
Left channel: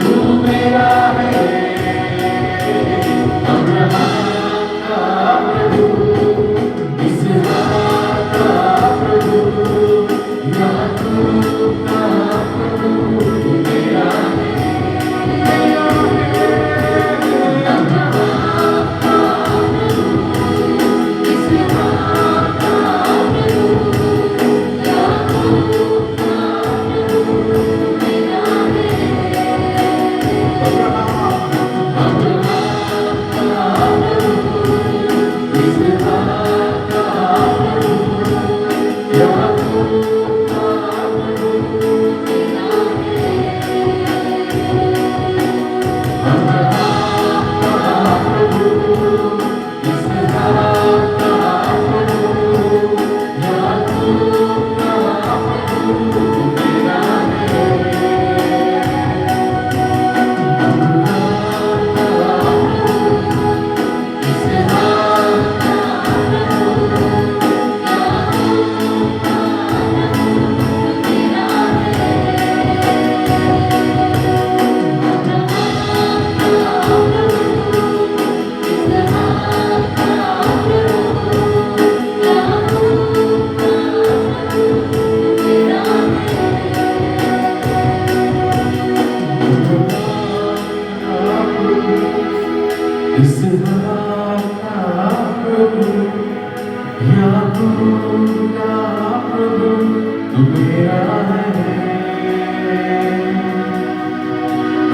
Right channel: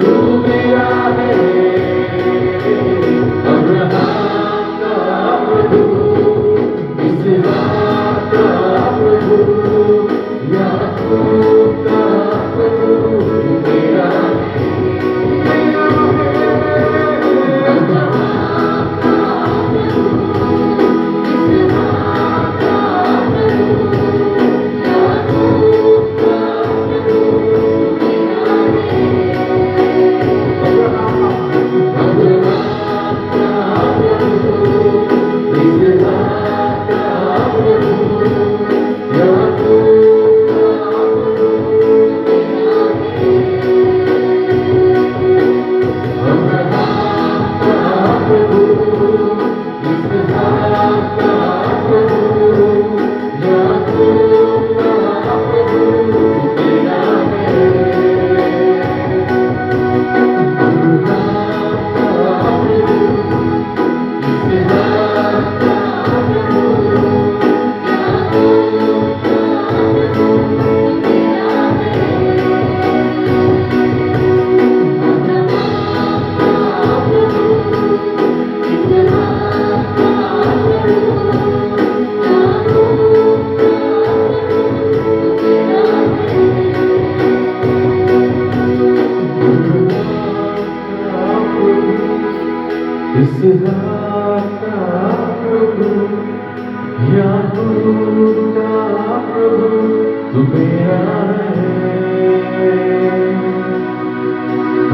तू मेरा है। अब्राहम का प्रभु,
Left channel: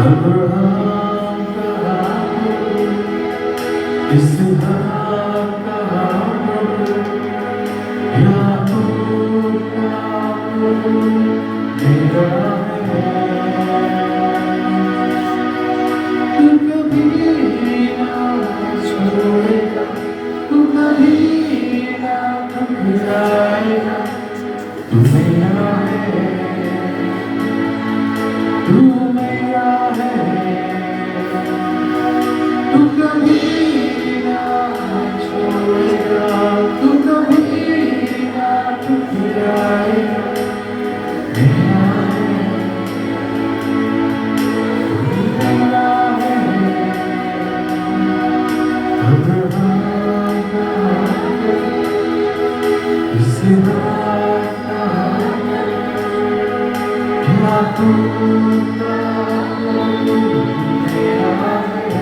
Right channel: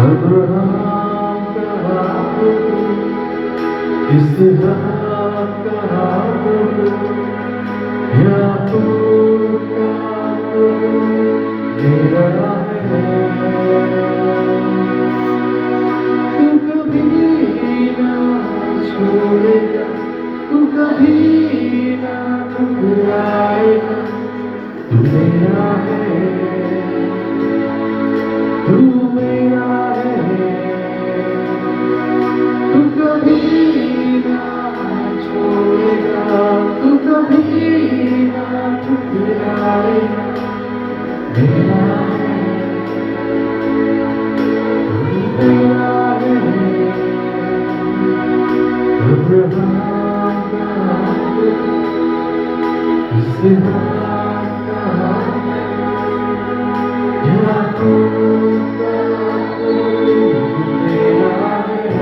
अब्राहम का इसहाक का याकूब का मेरा है। तू कभी ना छोड़ेगा, तू कभी ना ठुकराएगा, तू मेरा है, तू मेरा है। तू कभी ना छोड़ेगा, तू कभी ना ठुकराएगा, मेरा है, तू मेरा है। अब्राहम का इसहाक का याकूब का मेरा है।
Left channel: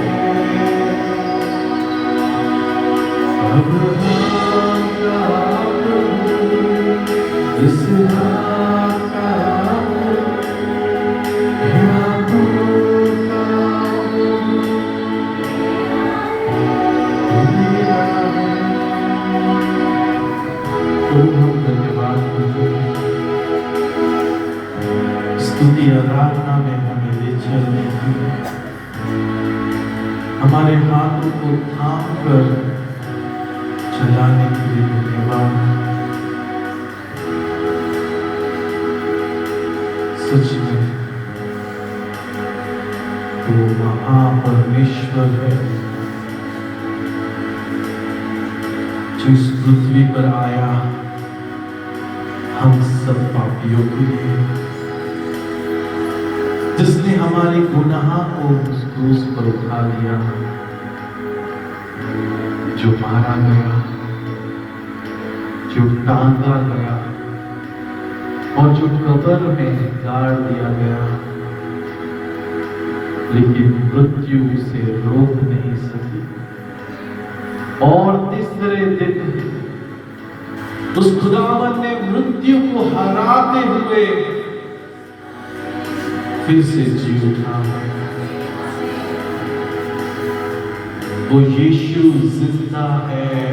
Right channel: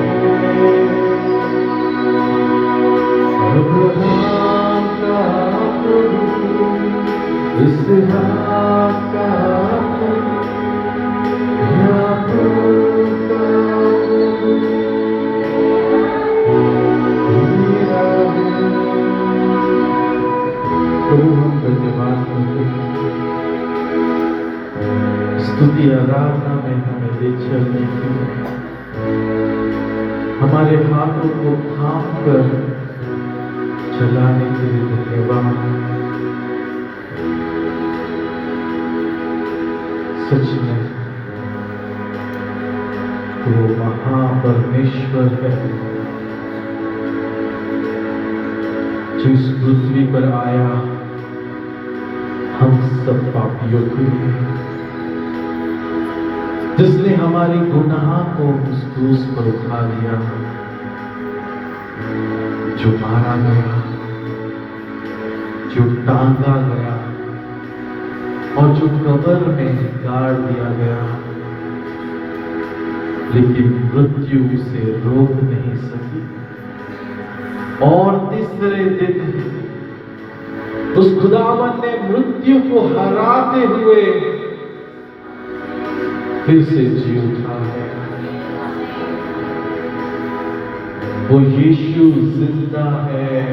अब्राहम का इसहाक का याकूब का मेरा है। प्रभु हम धन्यवाद करते हैं, स्तुति आराधना में हमें ले चलने की, हमारे हाथों को थाम कर चलाने के लिए धन्यवाद। सच में वो महापरमेश्वर है जो इस पृथ्वी पर आया हम सब पापियों के लिए, जिसने हमारे गुनाह को उस क्रूस पर उठा लिया, जो मारा गया, जो टांगा गया और जो कब्र में गाड़ दिया गया, लेकिन मृत्यु उसे रोक नहीं सकी। और तीसरे दिन उस खुदावन ने मृत्यु को हराते हुए फिर से जी उठा। वो यीशु जिंदा है,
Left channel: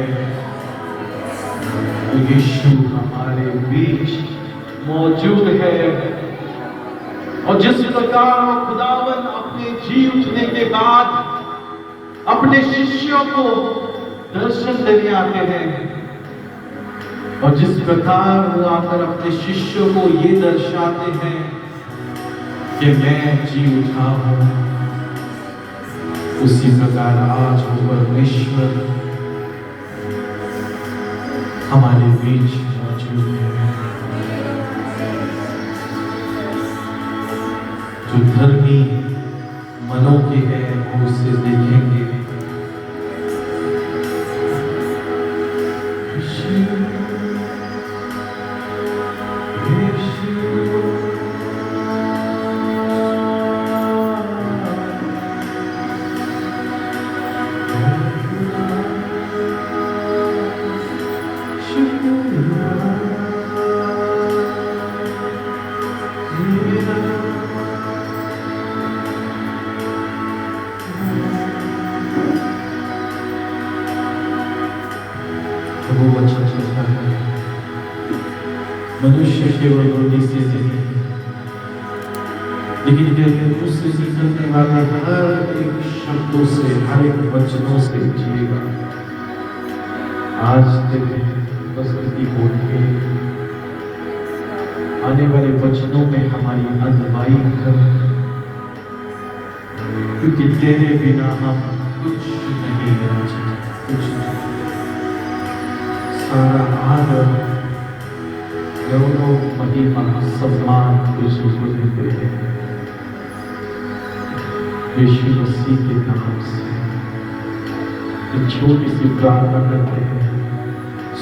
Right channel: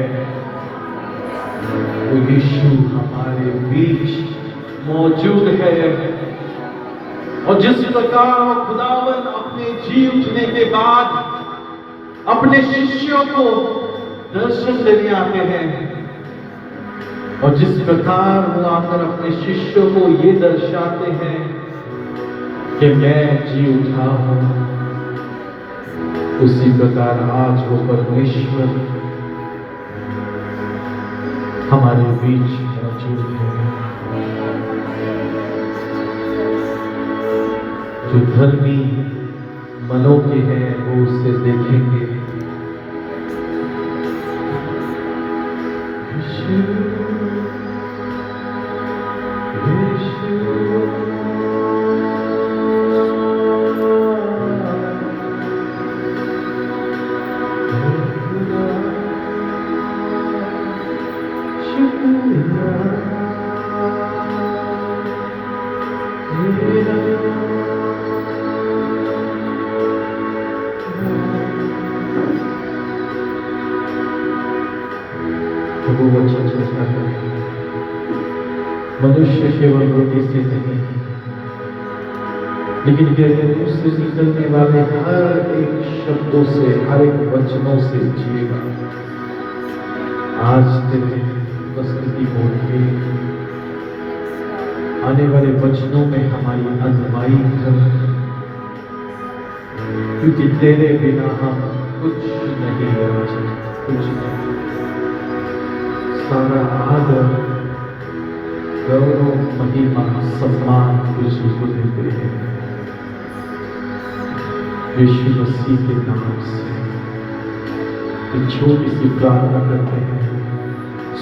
वो यीशु हमारे बीच मौजूद है। और जिस प्रकार वो खुदावन अपने जी उठने के बाद अपने शिष्यों को दर्शन देने आते हैं, और जिस प्रकार वो आकर अपने शिष्यों को ये दर्शाते हैं कि मैं जी उठा हूं, उसी प्रकार आज वो परमेश्वर हमारे बीच मौजूद है। जो धर्मी मनों के हैं वो उसे देखेंगे। वो वचन सोचता है, मनुष्य केवल रोटी से नहीं, लेकिन कहते उससे निकलने वाले हर एक शब्दों से, हर एक वचनों से जिएगा। आज तेरे उपस्थिति को आने वाले वचनों में हमारी अगुवाई कर, क्योंकि तेरे बिना हम कुछ नहीं है, कुछ नहीं। सारा आदर, गौरव, महिमा, सम्मान यीशु को देते हैं। यीशु मसीह के नाम से एक छोटी सी प्रार्थना करते हैं,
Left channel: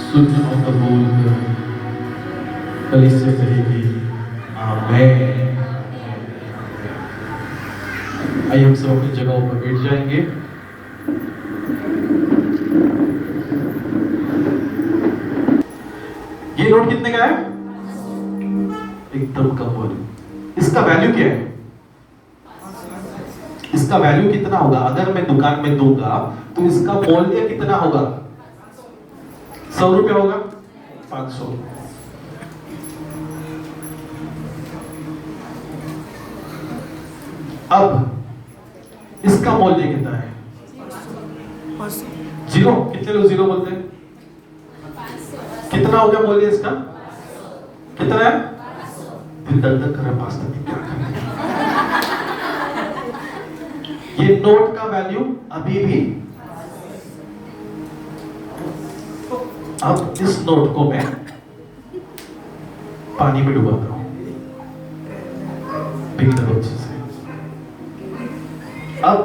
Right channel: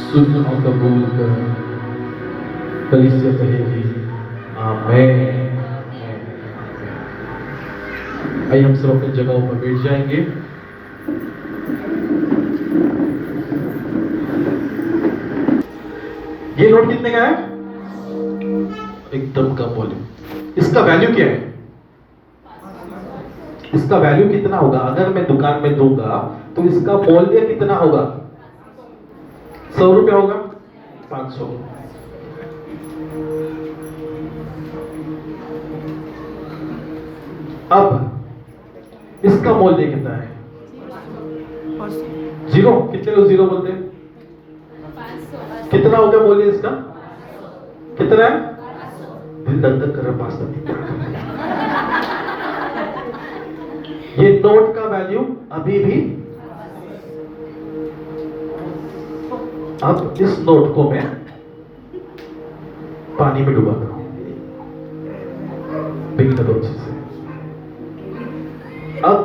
सुन और कबूल कर। कलीसिया कहेगी आमीन। आइए हम सब अपनी जगहों पर बैठ जाएंगे। ये नोट कितने का है? एकदम कम वॉल्यूम। इसका वैल्यू क्या है? इसका वैल्यू कितना होगा? अगर मैं दुकान में दूंगा तो इसका मूल्य कितना होगा? 100 रुपए होगा? 500। अब इसका मूल्य कितना है? 0। कितने लोग 0 बोलते हैं? कितना होगा मूल्य इसका? कितना है? दिल दर्द कर रहा पास्ता। ये नोट का वैल्यू अभी भी, अब इस नोट को मैं पानी में डुबाता हूं, से। अब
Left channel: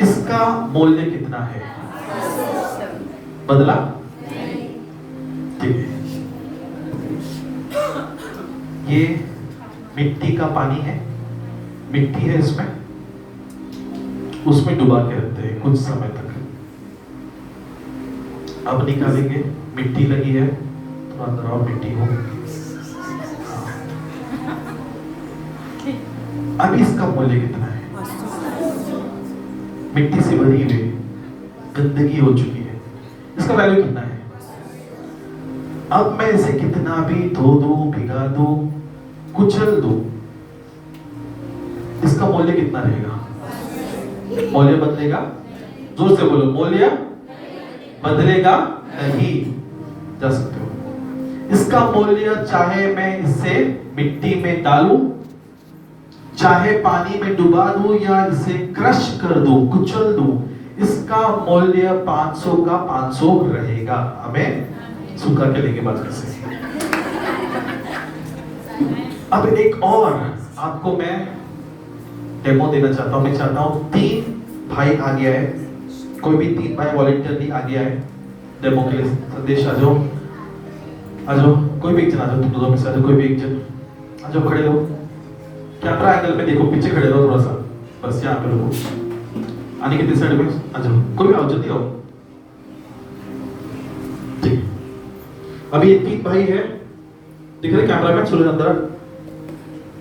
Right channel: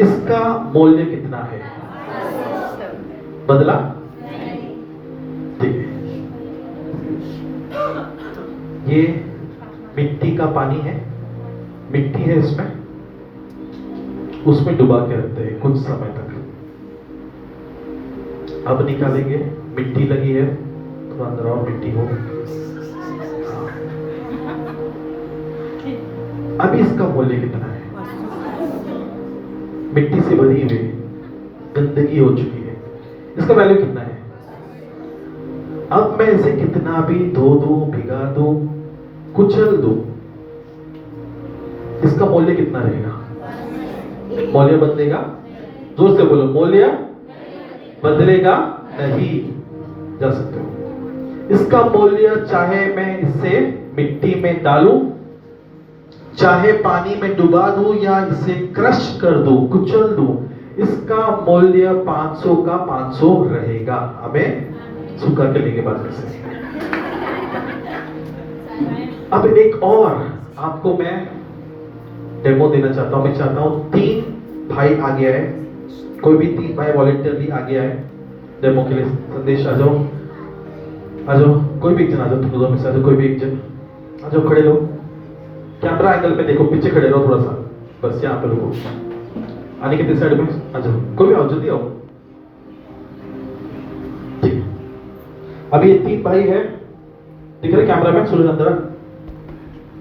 इसका मूल्य कितना है? बदला? ठीक है। ये मिट्टी का पानी है, मिट्टी है इसमें, उसमें डुबा के रखते हैं कुछ समय तक। अब निकालेंगे, मिट्टी लगी है, थोड़ा अंदर और मिट्टी हो। अब इसका मूल्य कितना है? मिट्टी से भरी हुई, गंदगी हो चुकी है, इसका वैल्यू कितना है? अब मैं इसे कितना भी धो दूं, भिगा दूं, कुचल दूं, इसका मूल्य कितना रहेगा? मूल्य बदलेगा? जोर से बोलो, मूल्य बदलेगा नहीं। जा सकते हो। इसका मूल्य चाहे मैं इसे मिट्टी में डालूं, चाहे पानी में डुबा दूं, या इसे क्रश कर दूं, कुचल दूं, इसका मूल्य 500 का 500 रहेगा। हमें सुखा के लेके बात कर सकते। अब एक और आपको मैं डेमो देना चाहता हूं। मैं चाहता हूं 3 भाई आ गया है, कोई भी 3 भाई वॉलंटियरली आ गया है डेमो के लिए। संदेश आ जाओ, आ जाओ, कोई भी एक जन आ जाओ, तुम दोनों में से आ जाओ, कोई भी एक जन आ जाओ, खड़े रहो, कैमरा एंगल पे देखो, पीछे खड़े रहो थोड़ा सा, बस यहाँ पे रुको। आने के साइड में आ जाओ, कोई भी आओ, जल्दी आओ। ठीक, अभी ये 3 भाई है, दिख रहे कैमरामैन? सूरज अंदर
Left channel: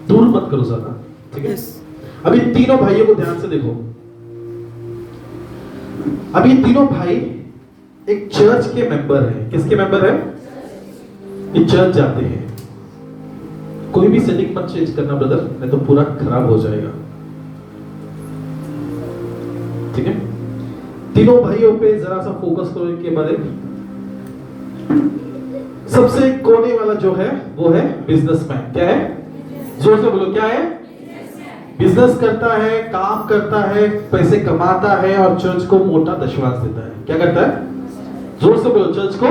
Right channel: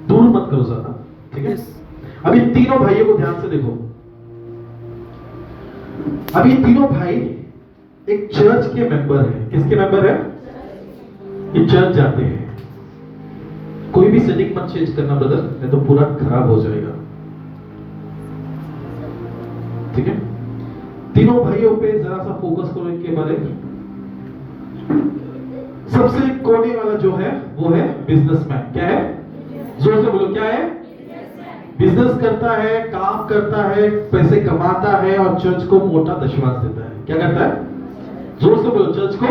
दूर मत करो ज्यादा, ठीक है? अभी तीनों भाइयों को ध्यान से देखो। अभी तीनों भाई एक चर्च के मेंबर हैं। किसके मेंबर है? ये चर्च जाते हैं। कोई भी सेटिंग मत चेंज करना ब्रदर, नहीं तो पूरा खराब हो जाएगा, ठीक है? तीनों भाइयों पे जरा सा फोकस करो इनके बारे में। सबसे कोने वाला जो है वो है बिजनेसमैन। क्या है? जोर से बोलो, क्या है? बिजनेस करता है, काम करता है, पैसे कमाता है और चर्च को मोटा दशवांश देता है। क्या करता है? जोर से बोलो, चर्च को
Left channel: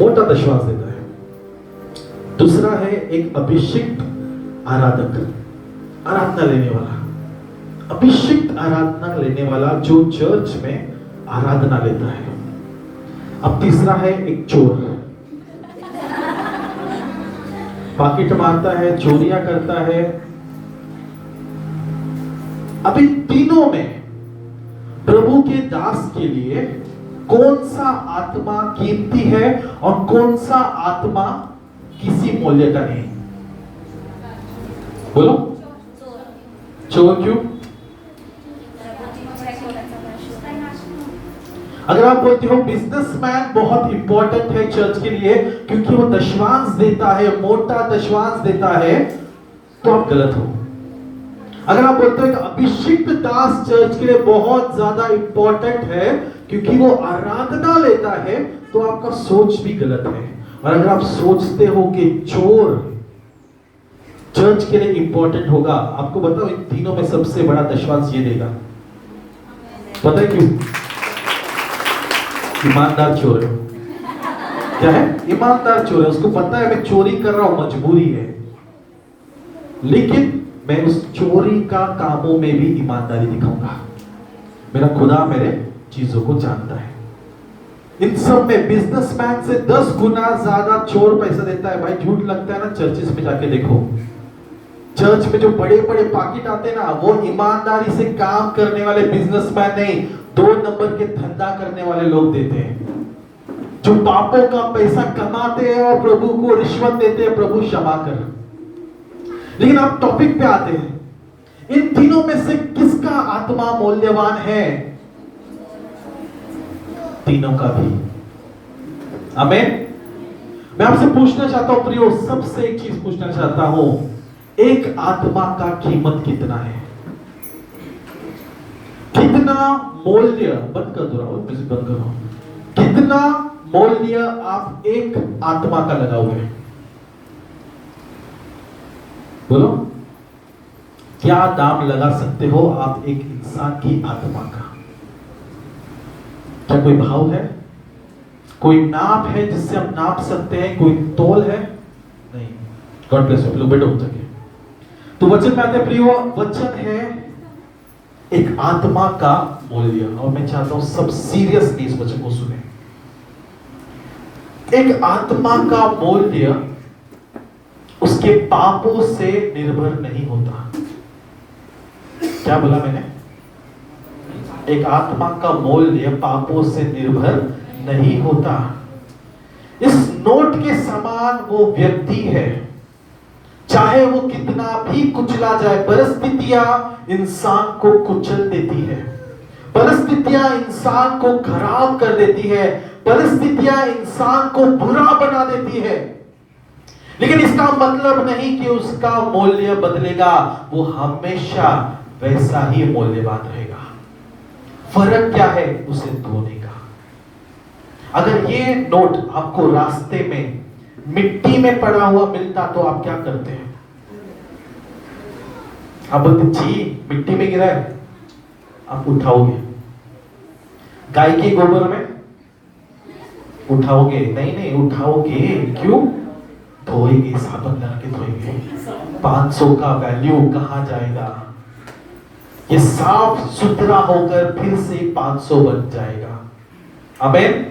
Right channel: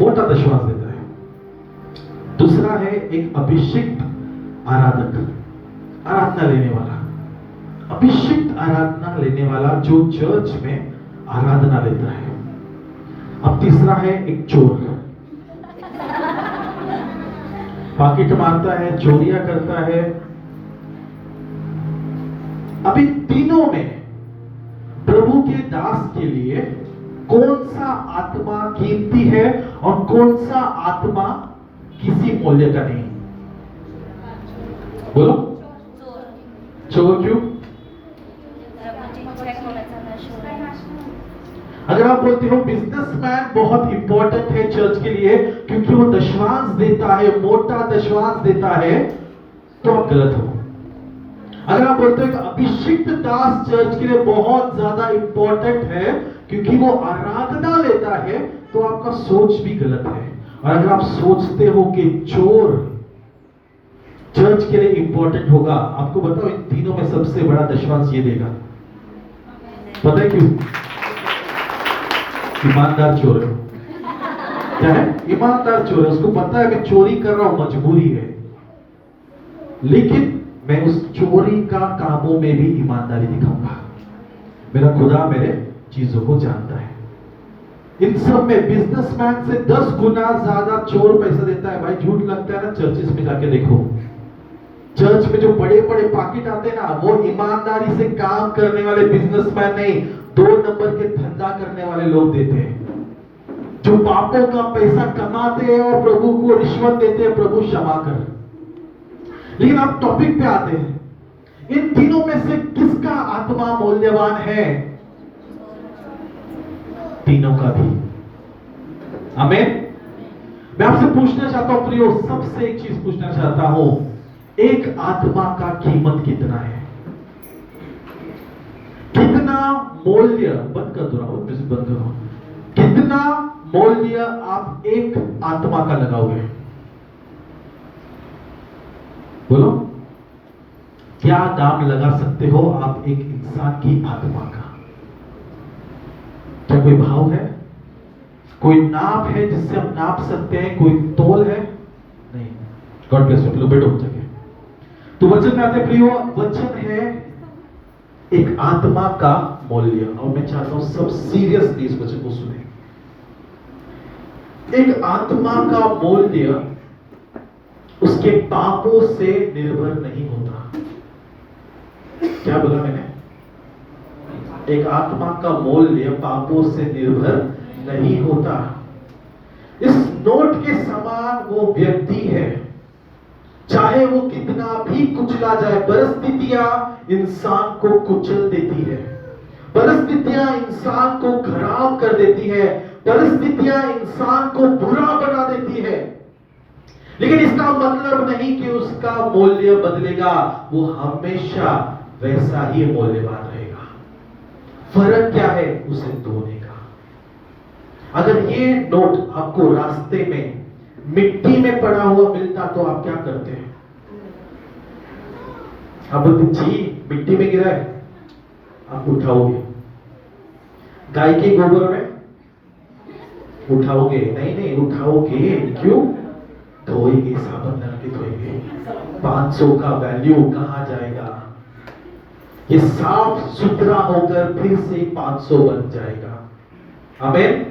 मोटा दशवांश देता है। दूसरा है एक अभिषिक्त आराधक, आराधना लेने वाला, अभिषिक्त आराधना लेने वाला जो चर्च में आराधना लेता है। अब तीसरा है एक चोर, पॉकेट मारता है, चोरियां करता है। अभी तीनों में प्रभु के दास के लिए कौन सा आत्मा कीमती है और कौन सा आत्मा किसी मूल्य का नहीं? बोलो, चोर क्यों? अगर आप बोलते हो बिजनेसमैन बहुत इंपॉर्टेंट है चर्च के लिए क्योंकि वो दशवांश देता है, मोटा दशवांश देता है, तो आप गलत हो। अगर आप बोलते हो एक अभिषिक्त दास चर्च के लिए बहुत ज्यादा इंपॉर्टेंट है क्योंकि वो आराधना लेता है, तो आपका सोच भी गलत है। और अगर आप सोचते हो कि चोर चर्च के लिए इंपॉर्टेंट होगा, आपको बताओ इन तीनों में सबसे बड़ा दशवांश ये देगा। पता है क्यों? ईमानदार चोर है। क्या है? ईमानदार चोर है। उसको पता है मैं चोरी कर रहा हूं, मजबूरी है, लेकिन मैं उस चोरी का कामों में भी ईमानदारी दिखाऊंगा। मेरा खुदा मेरे चीजों को जानता है। इन सब में बिजनेसमैन से 10 गुना ज्यादा चोर पैसा देता है। भाई झूठ लगता है ना? चर्चेस में जाके देखो, चर्च में जो बड़े बड़े पाकिट आते हैं ना, वो ईमानदारी से काम करने वाले बिजनेसमैन नहीं, 2 नंबर के धंधा करने वाले लोग देते हैं। जो पापों का पैसा कमाते हैं और प्रभु को रिश्वत देते हैं, प्रभु क्षमा कर। लेकिन आप टॉपिक पे आते हैं, इन तीनों में से किसका आत्मा मूल्यवान है? तीनों का भी। आमीन। मैं आपसे पूछना चाहता हूं प्रियो, सबसे एक चीज पूछना चाहता हूं, एक आत्मा का कीमत कितना है? कितना मूल्य, बंद कर दो, बंद करो, कितना मूल्य आप एक आत्मा का लगाओगे? बोलो, क्या दाम लगा सकते हो आप एक इंसान की आत्मा का? क्या कोई भाव है? कोई नाप है जिससे हम नाप सकते हैं? कोई तोल है? नहीं। God bless you. लोग बैठो सके। तो वचन में आते प्रियो, वचन है एक आत्मा का मूल्य, और मैं चाहता हूं सब सीरियसली इस वचन को सुने। एक आत्मा का मूल्य उसके पापों से निर्भर नहीं होता। क्या बोला मैंने? एक आत्मा का मूल्य पापों से निर्भर नहीं होता। इस नोट के समान वो व्यक्ति है, चाहे वो कितना भी कुचला जाए। परिस्थितियां इंसान को कुचल देती है, परिस्थितियां इंसान को खराब कर देती है, परिस्थितियां इंसान को बुरा बना देती है, लेकिन इसका मतलब नहीं कि उसका मूल्य बदलेगा। वो हमेशा वैसा ही मूल्यवान रहेगा। फर्क क्या है? उसे धोने का। अगर ये नोट आपको रास्ते में मिट्टी में पड़ा हुआ मिलता तो आप क्या करते हैं? आप बोलते जी मिट्टी में गिरा है, आप उठाओगे। गाय के गोबर में उठाओगे? नहीं उठाओगे। क्यों? धोएंगे, साबुन लगा के धोएंगे। 500 का वैल्यू कहां जाएगा? ये साफ सुथरा होकर फिर से 500 बन जाएगा। आमीन।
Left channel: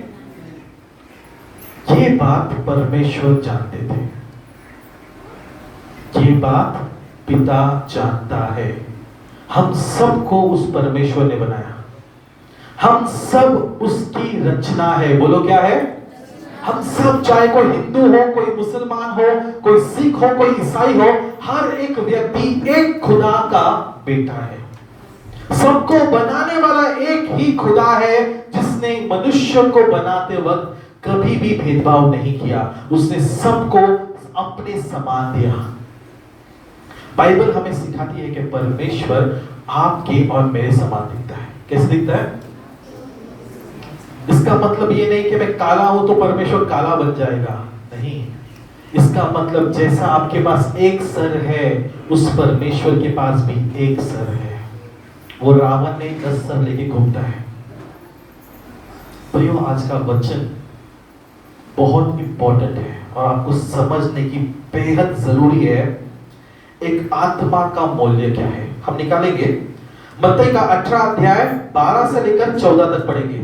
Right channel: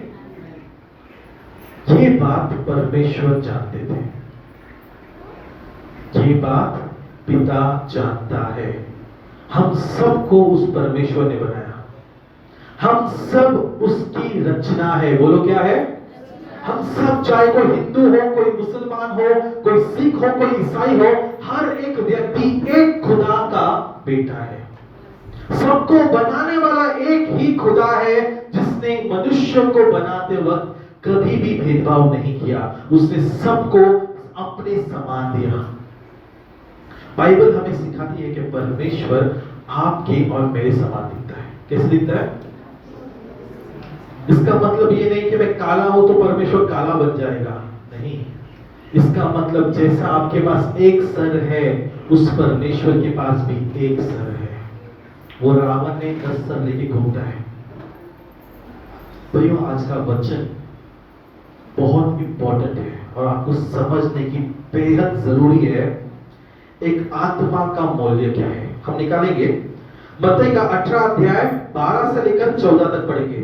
ये बात परमेश्वर जानते थे, ये बात पिता जानता है। हम सबको उस परमेश्वर ने बनाया, हम सब उसकी रचना है। बोलो क्या है? हम सब, चाहे कोई हिंदू हो, कोई मुसलमान हो, कोई सिख हो, कोई ईसाई हो, हर एक व्यक्ति एक खुदा का बेटा है। सबको बनाने वाला एक ही खुदा है, जिसने मनुष्य को बनाते वक्त कभी भी भेदभाव नहीं किया। उसने सबको अपने समान दिया। बाइबल हमें सिखाती है कि परमेश्वर आपके और मेरे समान दिखता है। कैसे दिखता है? इसका मतलब ये नहीं कि मैं काला हूं तो परमेश्वर काला बन जाएगा, नहीं। इसका मतलब जैसा आपके पास एक सर है, उस परमेश्वर के पास भी एक सर है। वो रावण ने 10 सर लेके घूमता है। प्रियो, आज का वचन बहुत इंपॉर्टेंट है और आपको समझने की बेहद जरूरी है। एक आत्मा का मूल्य क्या है? हम निकालेंगे मत्ती का 18 अध्याय 12 से लेकर 14 तक पढ़ेंगे।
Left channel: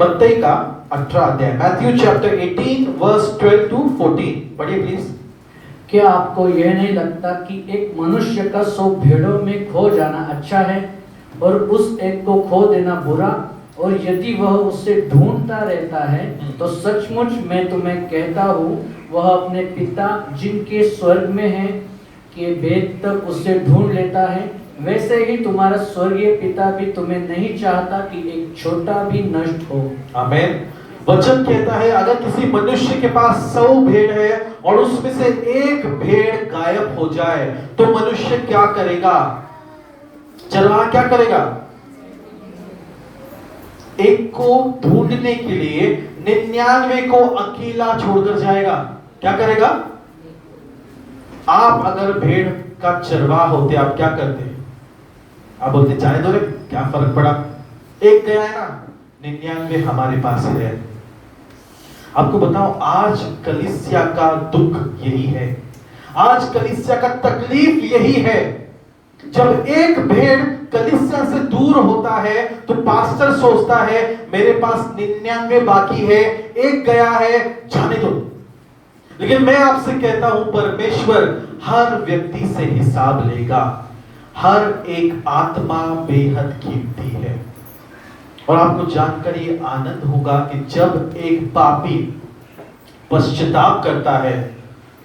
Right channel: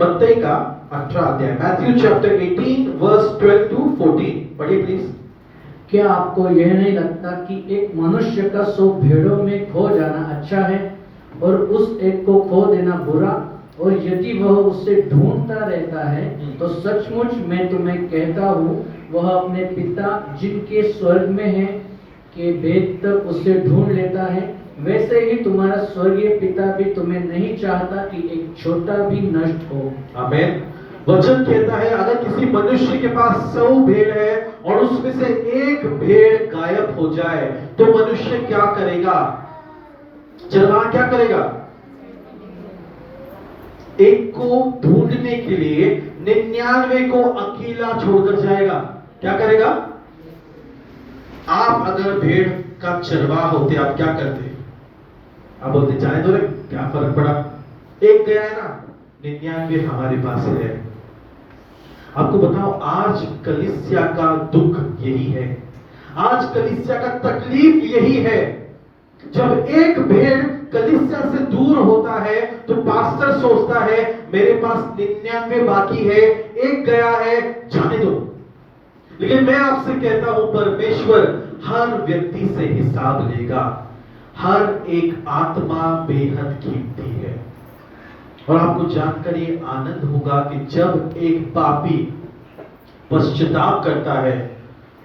मत्ती का 18 अध्याय, मैथ्यू चैप्टर 18 वर्स 12 टू 14 पढ़िए प्लीज। क्या आपको यह नहीं लगता कि एक मनुष्य का 100 भेड़ों में खो जाना अच्छा है और उस एक को खो देना बुरा? और यदि वह उसे ढूंढता रहता है तो सचमुच मैं तुम्हें कहता हूँ, वह अपने पिता जिनके स्वर्ग में है के भेद तक उसे ढूंढ लेता है। वैसे ही तुम्हारा स्वर्गीय पिता भी तुम्हें नहीं चाहता कि एक छोटा भी नष्ट हो। आमीन। वचन कहता है, अगर किसी मनुष्य के पास 100 भेड़ है और उसमें से एक भेड़ गायब हो जाए तो मनुष्य क्या करेगा? चरवाहा क्या करेगा? एक को ढूंढने के लिए 99 को अकेला छोड़कर जाएगा। क्या करेगा? आप अगर भेड़ का चरवाहा होते, आप क्या करते? आप बोलते जाने दो रे, क्या फर्क पड़ा, एक गया है ना, 99 हमारे पास है। आपको बताओ, आज कलीसिया का दुख यही है, आज कलीसिया का तकलीफ यही है। जब एक भेड़ कलीसिया से दूर होता है तो पास्टर सोचता है मेरे पास 99 बाकी है, एक गया है, जाने दो। लेकिन मैं आपसे कहता हूं, परमेश्वर हर व्यक्ति से हिसाब लेगा। हर एक आत्मा बेहद कीमती है और आपको जानकर ये आनंद होगा कि जब एक पापी पश्चाताप करता है,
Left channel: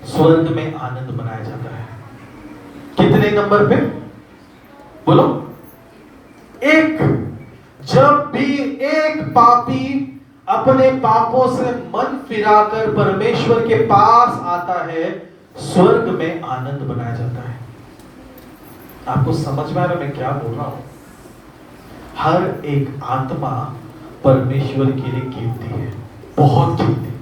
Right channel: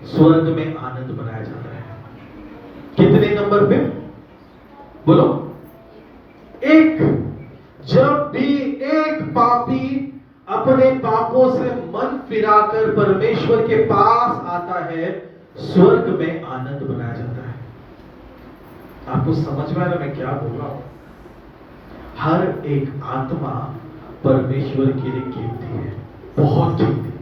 स्वर्ग में आनंद मनाया जाता है। कितने नंबर पे बोलो? एक। जब भी एक पापी अपने पापों से मन फिराकर परमेश्वर के पास आता है, स्वर्ग में आनंद मनाया जाता है। आपको समझ में आ रहा है मैं क्या बोल रहा हूं? हर एक आत्मा परमेश्वर के लिए कीमती है, बहुत कीमती।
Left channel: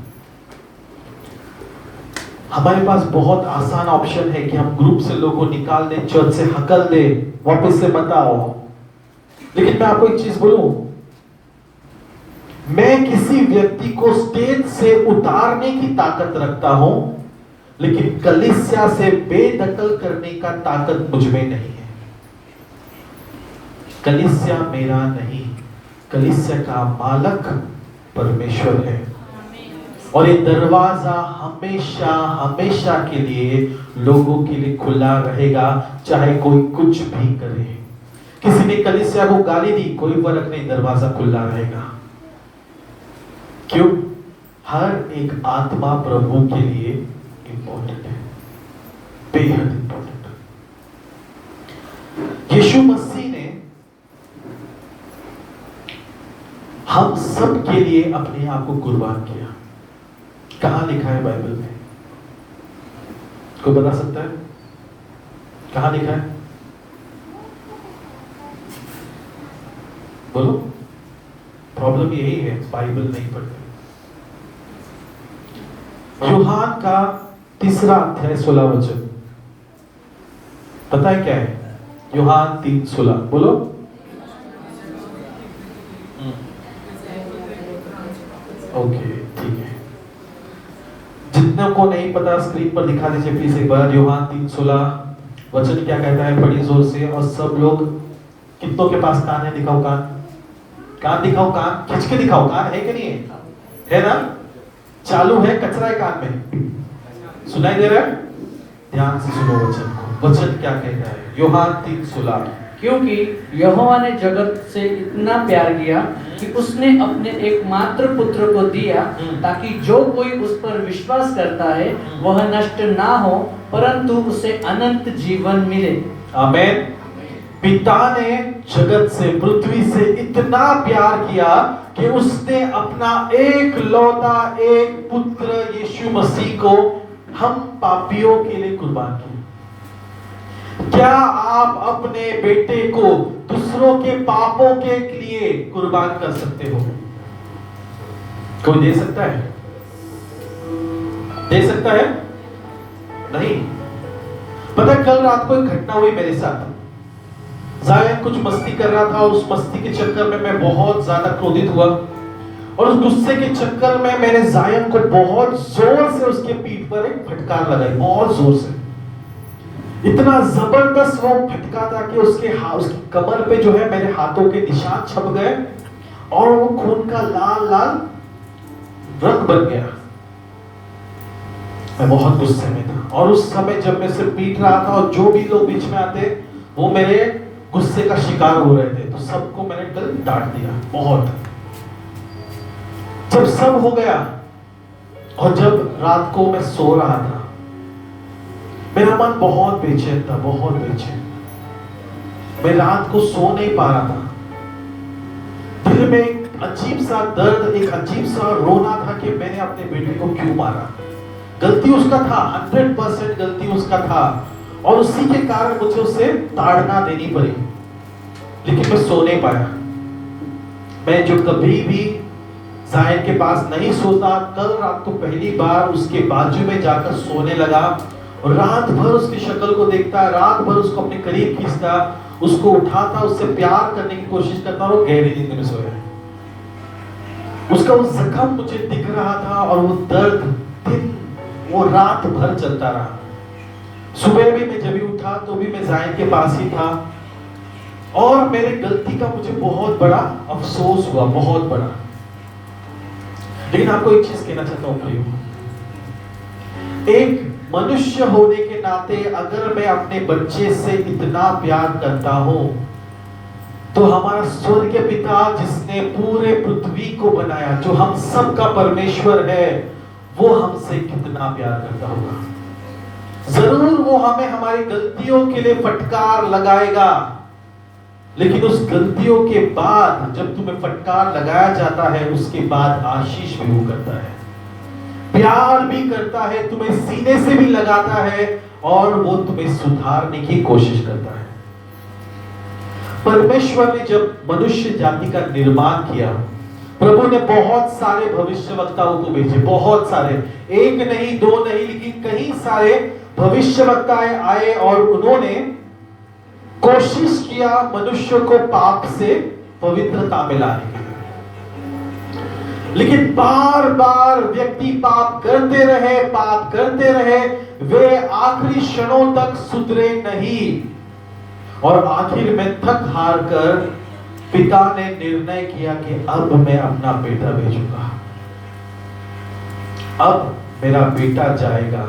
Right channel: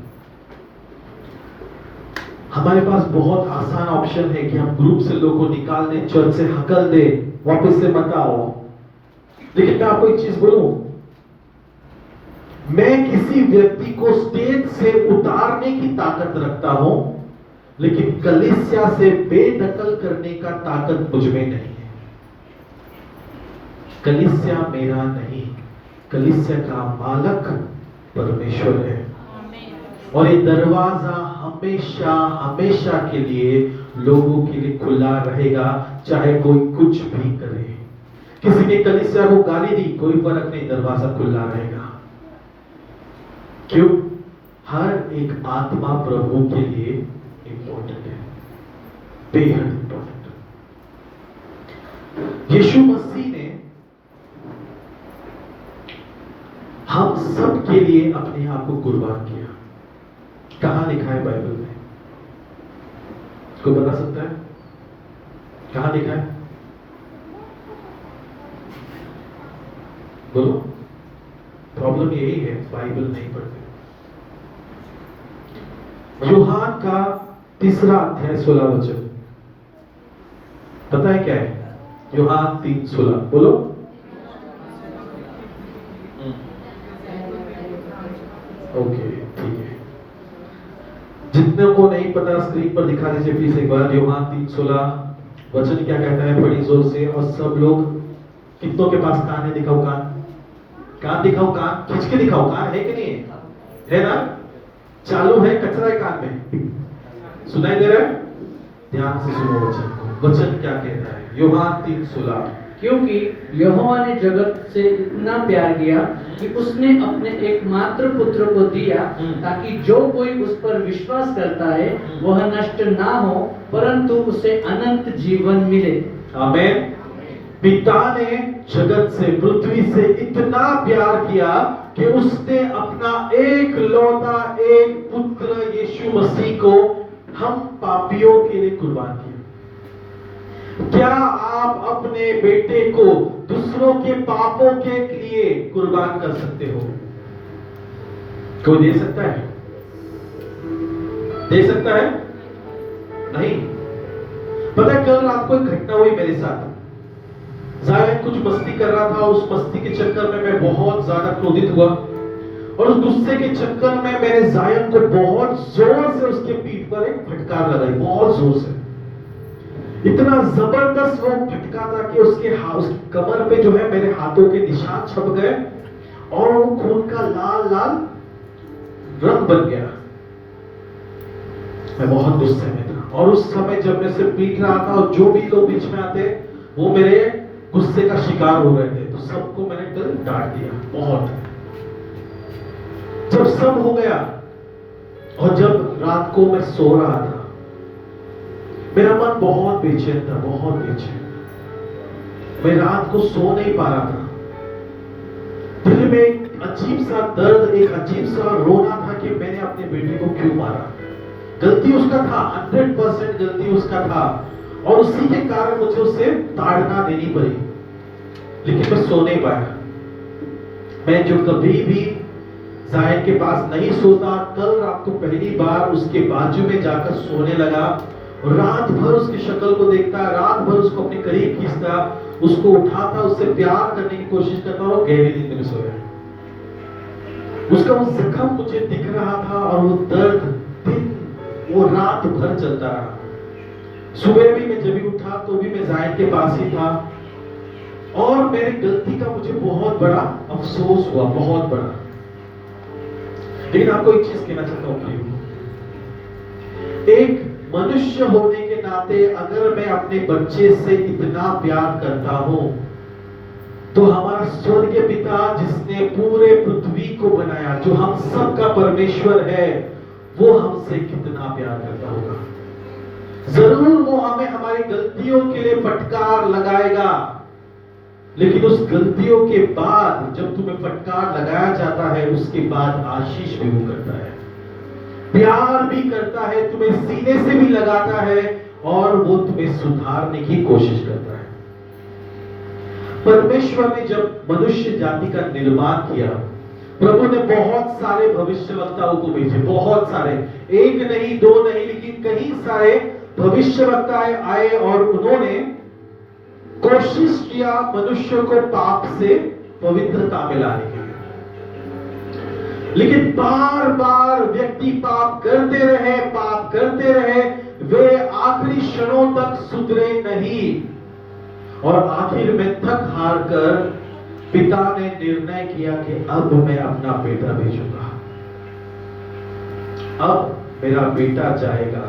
हमारे पास बहुत आसान ऑप्शन है कि हम ग्रुप से लोगों को निकाल दें, चर्च से हकल दे, वापस से मत आओ। लेकिन मैं आपको एक चीज बोलूं, मैं किसी व्यक्ति को स्टेज से उतारने की ताकत रखता हूं, लेकिन कलीसिया से बेदखल करने का ताकत मुझ में नहीं है। कलीसिया मेरा नहीं, कलीसिया का मालक परमेश्वर है। और ये दरवाजा हमेशा हमेशा के लिए लोगों के लिए खुला रहेगा, चाहे कोई कुछ भी करे। किसी ने कलीसिया को गाली दी, कोई फर्क नहीं, दरवाजा खुला रहेगा। क्यों? हर एक आत्मा प्रभु के लिए इंपॉर्टेंट है, बेहद इंपॉर्टेंट। यीशु मसीह ने हम सब के लिए अपने आप को कुर्बान किया। कहां लिखा है बाइबल में? कोई बता सकता है कहां लिखा है? बोलो। प्रॉब्लम यही है, बाइबल नहीं पढ़ते। यूहान का 3 अध्याय 16 वचन, पता है क्या है? यूहान 3:16 बोलो। ओके, ठीक है। जितने को नहीं पता स्क्रीन पर दिखा दीजिए प्लीज एक बार। यूहान 3:16 वचन क्या कहता है? बड़ी जोर से। और सब लोग, कितनों के पास कान है? दिखाओ कान, कान दिखाओ, कान खींच के दिखाओ। कान है कि नहीं है? है ना? चालू है, कचरा है कान में? सुनाई दे रहा है? ध्यान से सुनो वचन को। वचन क्या कहता है? यूहान 3:16, क्योंकि यहोवा ने जगत से इतना प्यार किया कि उसने अपने एकमात्र पुत्र को दिया, ताकि जो कोई उस पर विश्वास करता है वह नष्ट ना हो, परंतु उसे अनंत जीवन मिले। आमीन। पिता ने जगत से, पृथ्वी से इतना प्यार किया कि उसने अपना एक लौता एक पुत्र यीशु मसीह को हम पापियों के लिए कुर्बान किया। क्या आप अपने बेटे को दूसरों के पापों के लिए कुर्बान कर सकते हो? कोई दे सकता है? दे सकता है? नहीं। पता है, कल रात को एक घटना हुई मेरे साथ। जायन कुछ मस्ती कर रहा था, उस मस्ती के चक्कर में मैं बहुत ज्यादा क्रोधित हुआ, और उस गुस्से के चक्कर में मैंने जायन को बहुत जोर से उसके पीठ पर एक फटकार लगाई, बहुत जोर से। इतना जबरदस्त वो फटका था कि उसकी कमर पे जो है मेरे हाथों के निशान छप गए, और वो खून का लाल लाल रंग बन गया। मैं बहुत गुस्से में था, और उस समय जब मैं सिर्फ पीट रहा था और जो भी लोग बीच में आते वो मेरे गुस्से का शिकार हो रहे थे, तो सबको मैंने कल डांट दिया बहुत। जब सब हो गया और जब रात को मैं सो रहा था, मेरा मन बहुत बेचैन था, बहुत बेचैन। मैं रात को सो नहीं पा रहा था। दिल में एक अजीब सा दर्द, एक अजीब सा रोना था कि मैंने अपने बेटे को क्यों मारा। गलती उसका था, 100% गलती उसका था, और उसी के कारण मुझे उसे ताड़ना देनी पड़ी। लेकिन मैं सो नहीं पाया। मैं जो कभी भी जाहिर के पास नहीं सोता, कल रात को पहली बार उसके बाजू में जाकर सोने लगा, और रात भर उसकी शक्ल को देखता, रात भर उसको अपने करीब खींचता, उसको उठाता, उससे प्यार करने की कोशिश करता, और गहरी नींद में सोया। उसका वो जख्म मुझे दिख रहा था, और वो दर्द दिन वो रात भर चलता रहा। सुबह भी मैं जब भी उठा तो भी मैं जाहिर के पास ही था, और मेरी गलती का मुझे बहुत बड़ा अफसोस हुआ, बहुत बड़ा। लेकिन आपको एक चीज कहना चाहता हूं, एक मनुष्य होने के नाते अगर मैं अपने बच्चे से इतना प्यार करता हूं, तो हमारा स्वर्गीय पिता जिसने पूरे पृथ्वी को बनाया, जो हम सब का परमेश्वर है, वो हमसे कितना प्यार करता होगा। जरूर वो हमें हमारी गलतियों के लिए फटकार लगाएगा, लेकिन उस गलतियों के बाद जब तुम्हें फटकार लगाया जाता है, उसके बाद आशीष भी वो करता है, प्यार भी करता है, तुम्हें सीने से भी लगाता है और वो तुम्हें सुधारने की कोशिश करता है। परमेश्वर ने जब मनुष्य जाति का निर्माण किया, प्रभु ने बहुत सारे भविष्यवक्ताओं को भेजे, बहुत सारे, एक नहीं दो नहीं, लेकिन कई सारे भविष्यवक्ताएं आए और उन्होंने कोशिश किया मनुष्य को पाप से पवित्रता में लाने के लिए। लेकिन बार बार व्यक्ति पाप करते रहे, वे आखिरी क्षणों तक सुधरे नहीं और आखिर में थक हार कर पिता ने निर्णय किया कि अब मैं अपना बेटा भेजूंगा, अब मेरा बेटा जाएगा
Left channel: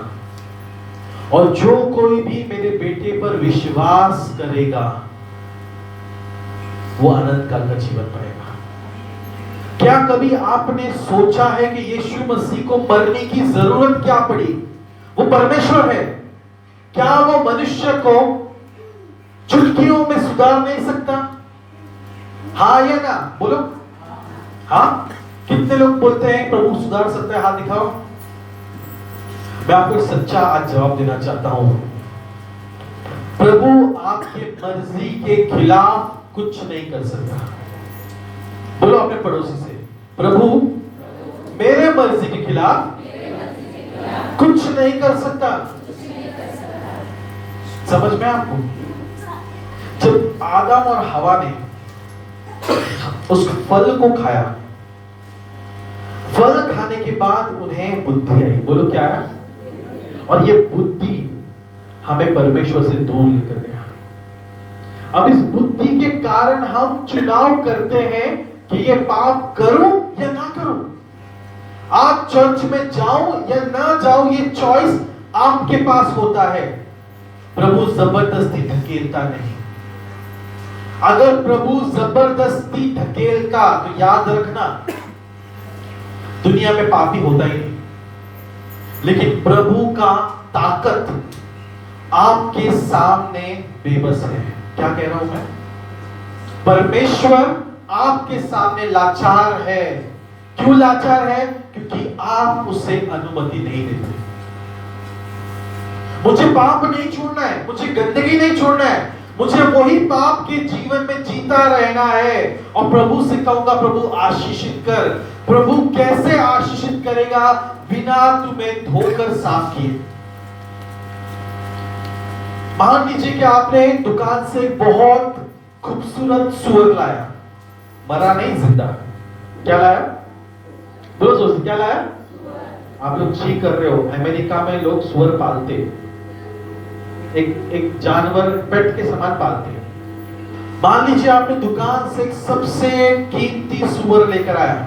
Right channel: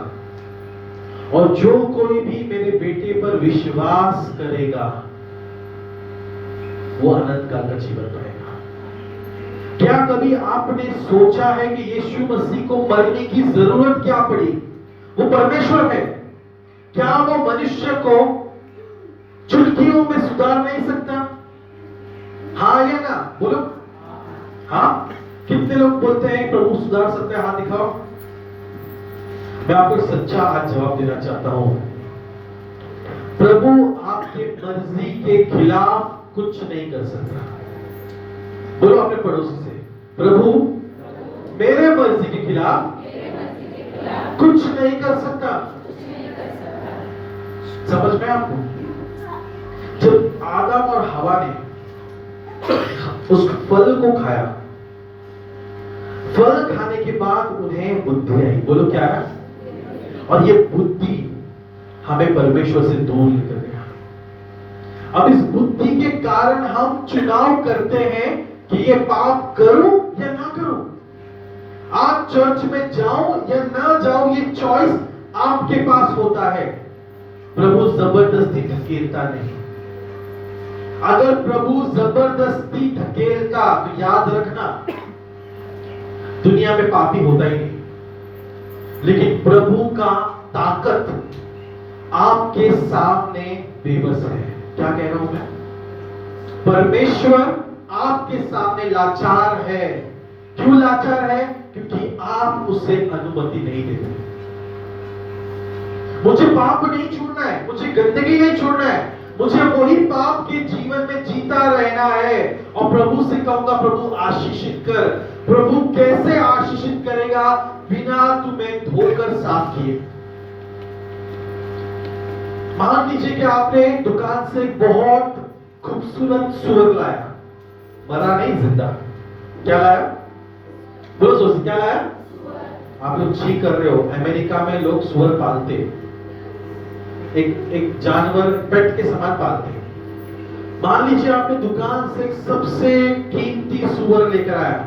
और जो कोई भी मेरे बेटे पर विश्वास करेगा वो अनंत काल का जीवन पाएगा। क्या कभी आपने सोचा है कि यीशु मसीह को मरने की जरूरत क्या पड़ी? वो परमेश्वर है, क्या वो मनुष्य को चुटकियों में सुधार नहीं सकता? हाँ या ना? बोलो हाँ। कितने लोग बोलते हैं प्रभु सुधार सकते हैं? हाथ दिखाओ। मैं आपको सच्चा आज जवाब देना चाहता हूं, प्रभु आपके मर्जी के खिलाफ कुछ नहीं कर सकता। बोलो अपने पड़ोसी से, प्रभु मेरे मर्जी के खिलाफ कुछ नहीं कर सकता। समझ में आपको? जब आदम और हवा ने उस फल को खाया, फल खाने के बाद उन्हें बुद्धि आई। बोलो क्या है? और ये बुद्धि हमें परमेश्वर से दूर लेकर गया। अब इस बुद्धि के कारण हम चुनाव करते हैं कि ये पाप करूं या ना करूं, आज चर्च में जाऊं या ना जाऊं, ये चॉइस आपके पास होता है। प्रभु जबरदस्ती धकेलता नहीं। अगर प्रभु जबरदस्ती धकेलता तो याद रखना दुनिया में पापी होता ही नहीं। लेकिन प्रभु का ताकत आपके सामने बेबस है। क्या कह रहा हूं मैं? परमेश्वर आपके सामने लाचार है। क्यों लाचार है? क्योंकि आप उसे अनुमति नहीं देते। मुझे पाप नहीं छोड़ना है, मुझे गंदगी नहीं छोड़ना है, मुझे वही पाप के जीवन में जीता रहना है। और प्रभु से कहूंगा प्रभु आशीषित कर। प्रभु कैसे आशीषित करेगा? बिना तुम्हें धोकर साफ किए। मान लीजिए कि आपने दुकान से बहुत खूबसूरत सुअर लाया, मरा नहीं, जिंदा। क्या लाया? बोलो सोचिए, क्या लाया? आप लोग चीख कर रहे हो। अमेरिका में लोग सुअर पालते, एक जानवर पेट के समान पालते हैं। मान लीजिए आपने दुकान से सबसे कीमती सुअर लेकर आया,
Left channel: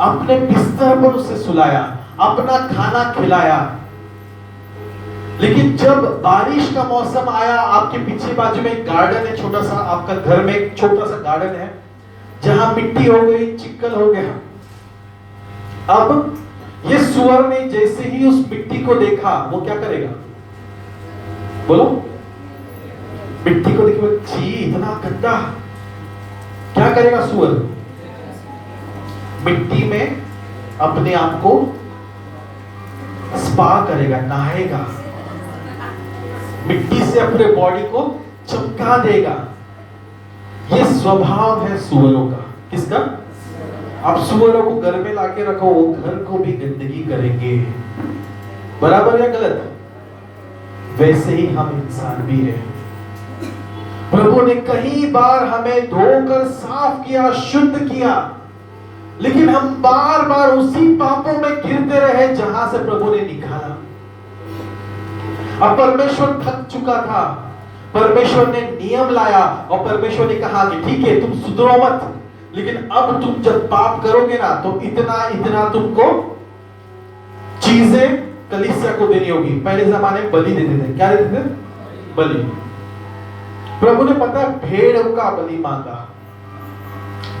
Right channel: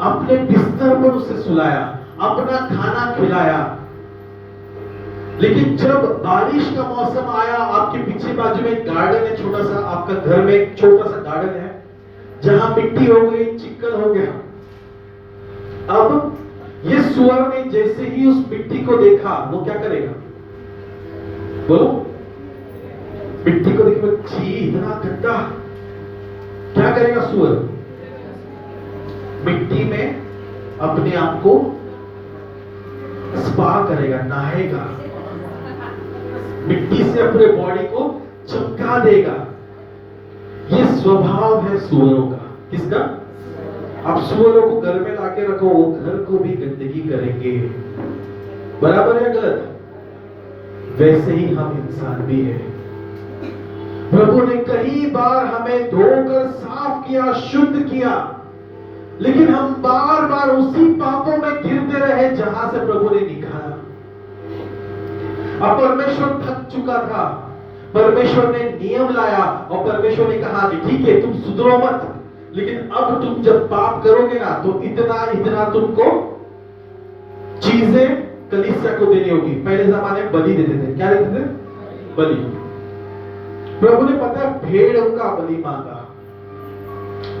अपने बिस्तर पर उसे सुलाया, अपना खाना खिलाया, लेकिन जब बारिश का मौसम आया, आपके पीछे बाजू में एक गार्डन है छोटा सा, आपका घर में एक छोटा सा गार्डन है जहां मिट्टी हो गई, चिक्कल हो गया। अब ये सुअर ने जैसे ही उस मिट्टी को देखा, वो क्या करेगा? बोलो, मिट्टी को देखो, छी इतना गंदा। क्या करेगा सुअर? मिट्टी में अपने आप को स्पा करेगा, नहाएगा, मिट्टी से अपने बॉडी को चमका देगा। ये स्वभाव है सुअरों का। किसका? आप सुअरों को घर में लाके रखो, वो घर को भी गंदगी करेंगे। बराबर या गलत? वैसे ही हम इंसान भी हैं। प्रभु ने कई बार हमें धोकर साफ किया, शुद्ध किया, लेकिन हम बार बार उसी पापों में गिरते रहे जहां से प्रभु ने निकाला। अब परमेश्वर थक चुका था। परमेश्वर ने नियम लाया और परमेश्वर ने कहा कि ठीक है, तुम सुधरो मत, लेकिन अब तुम जब पाप करोगे ना तो इतना इतना तुमको चीजें कलीसिया को देनी होगी। पहले जमाने में बलि देते थे। क्या देते थे? बलि। प्रभु ने पता है भेड़ों का बलि मांगा,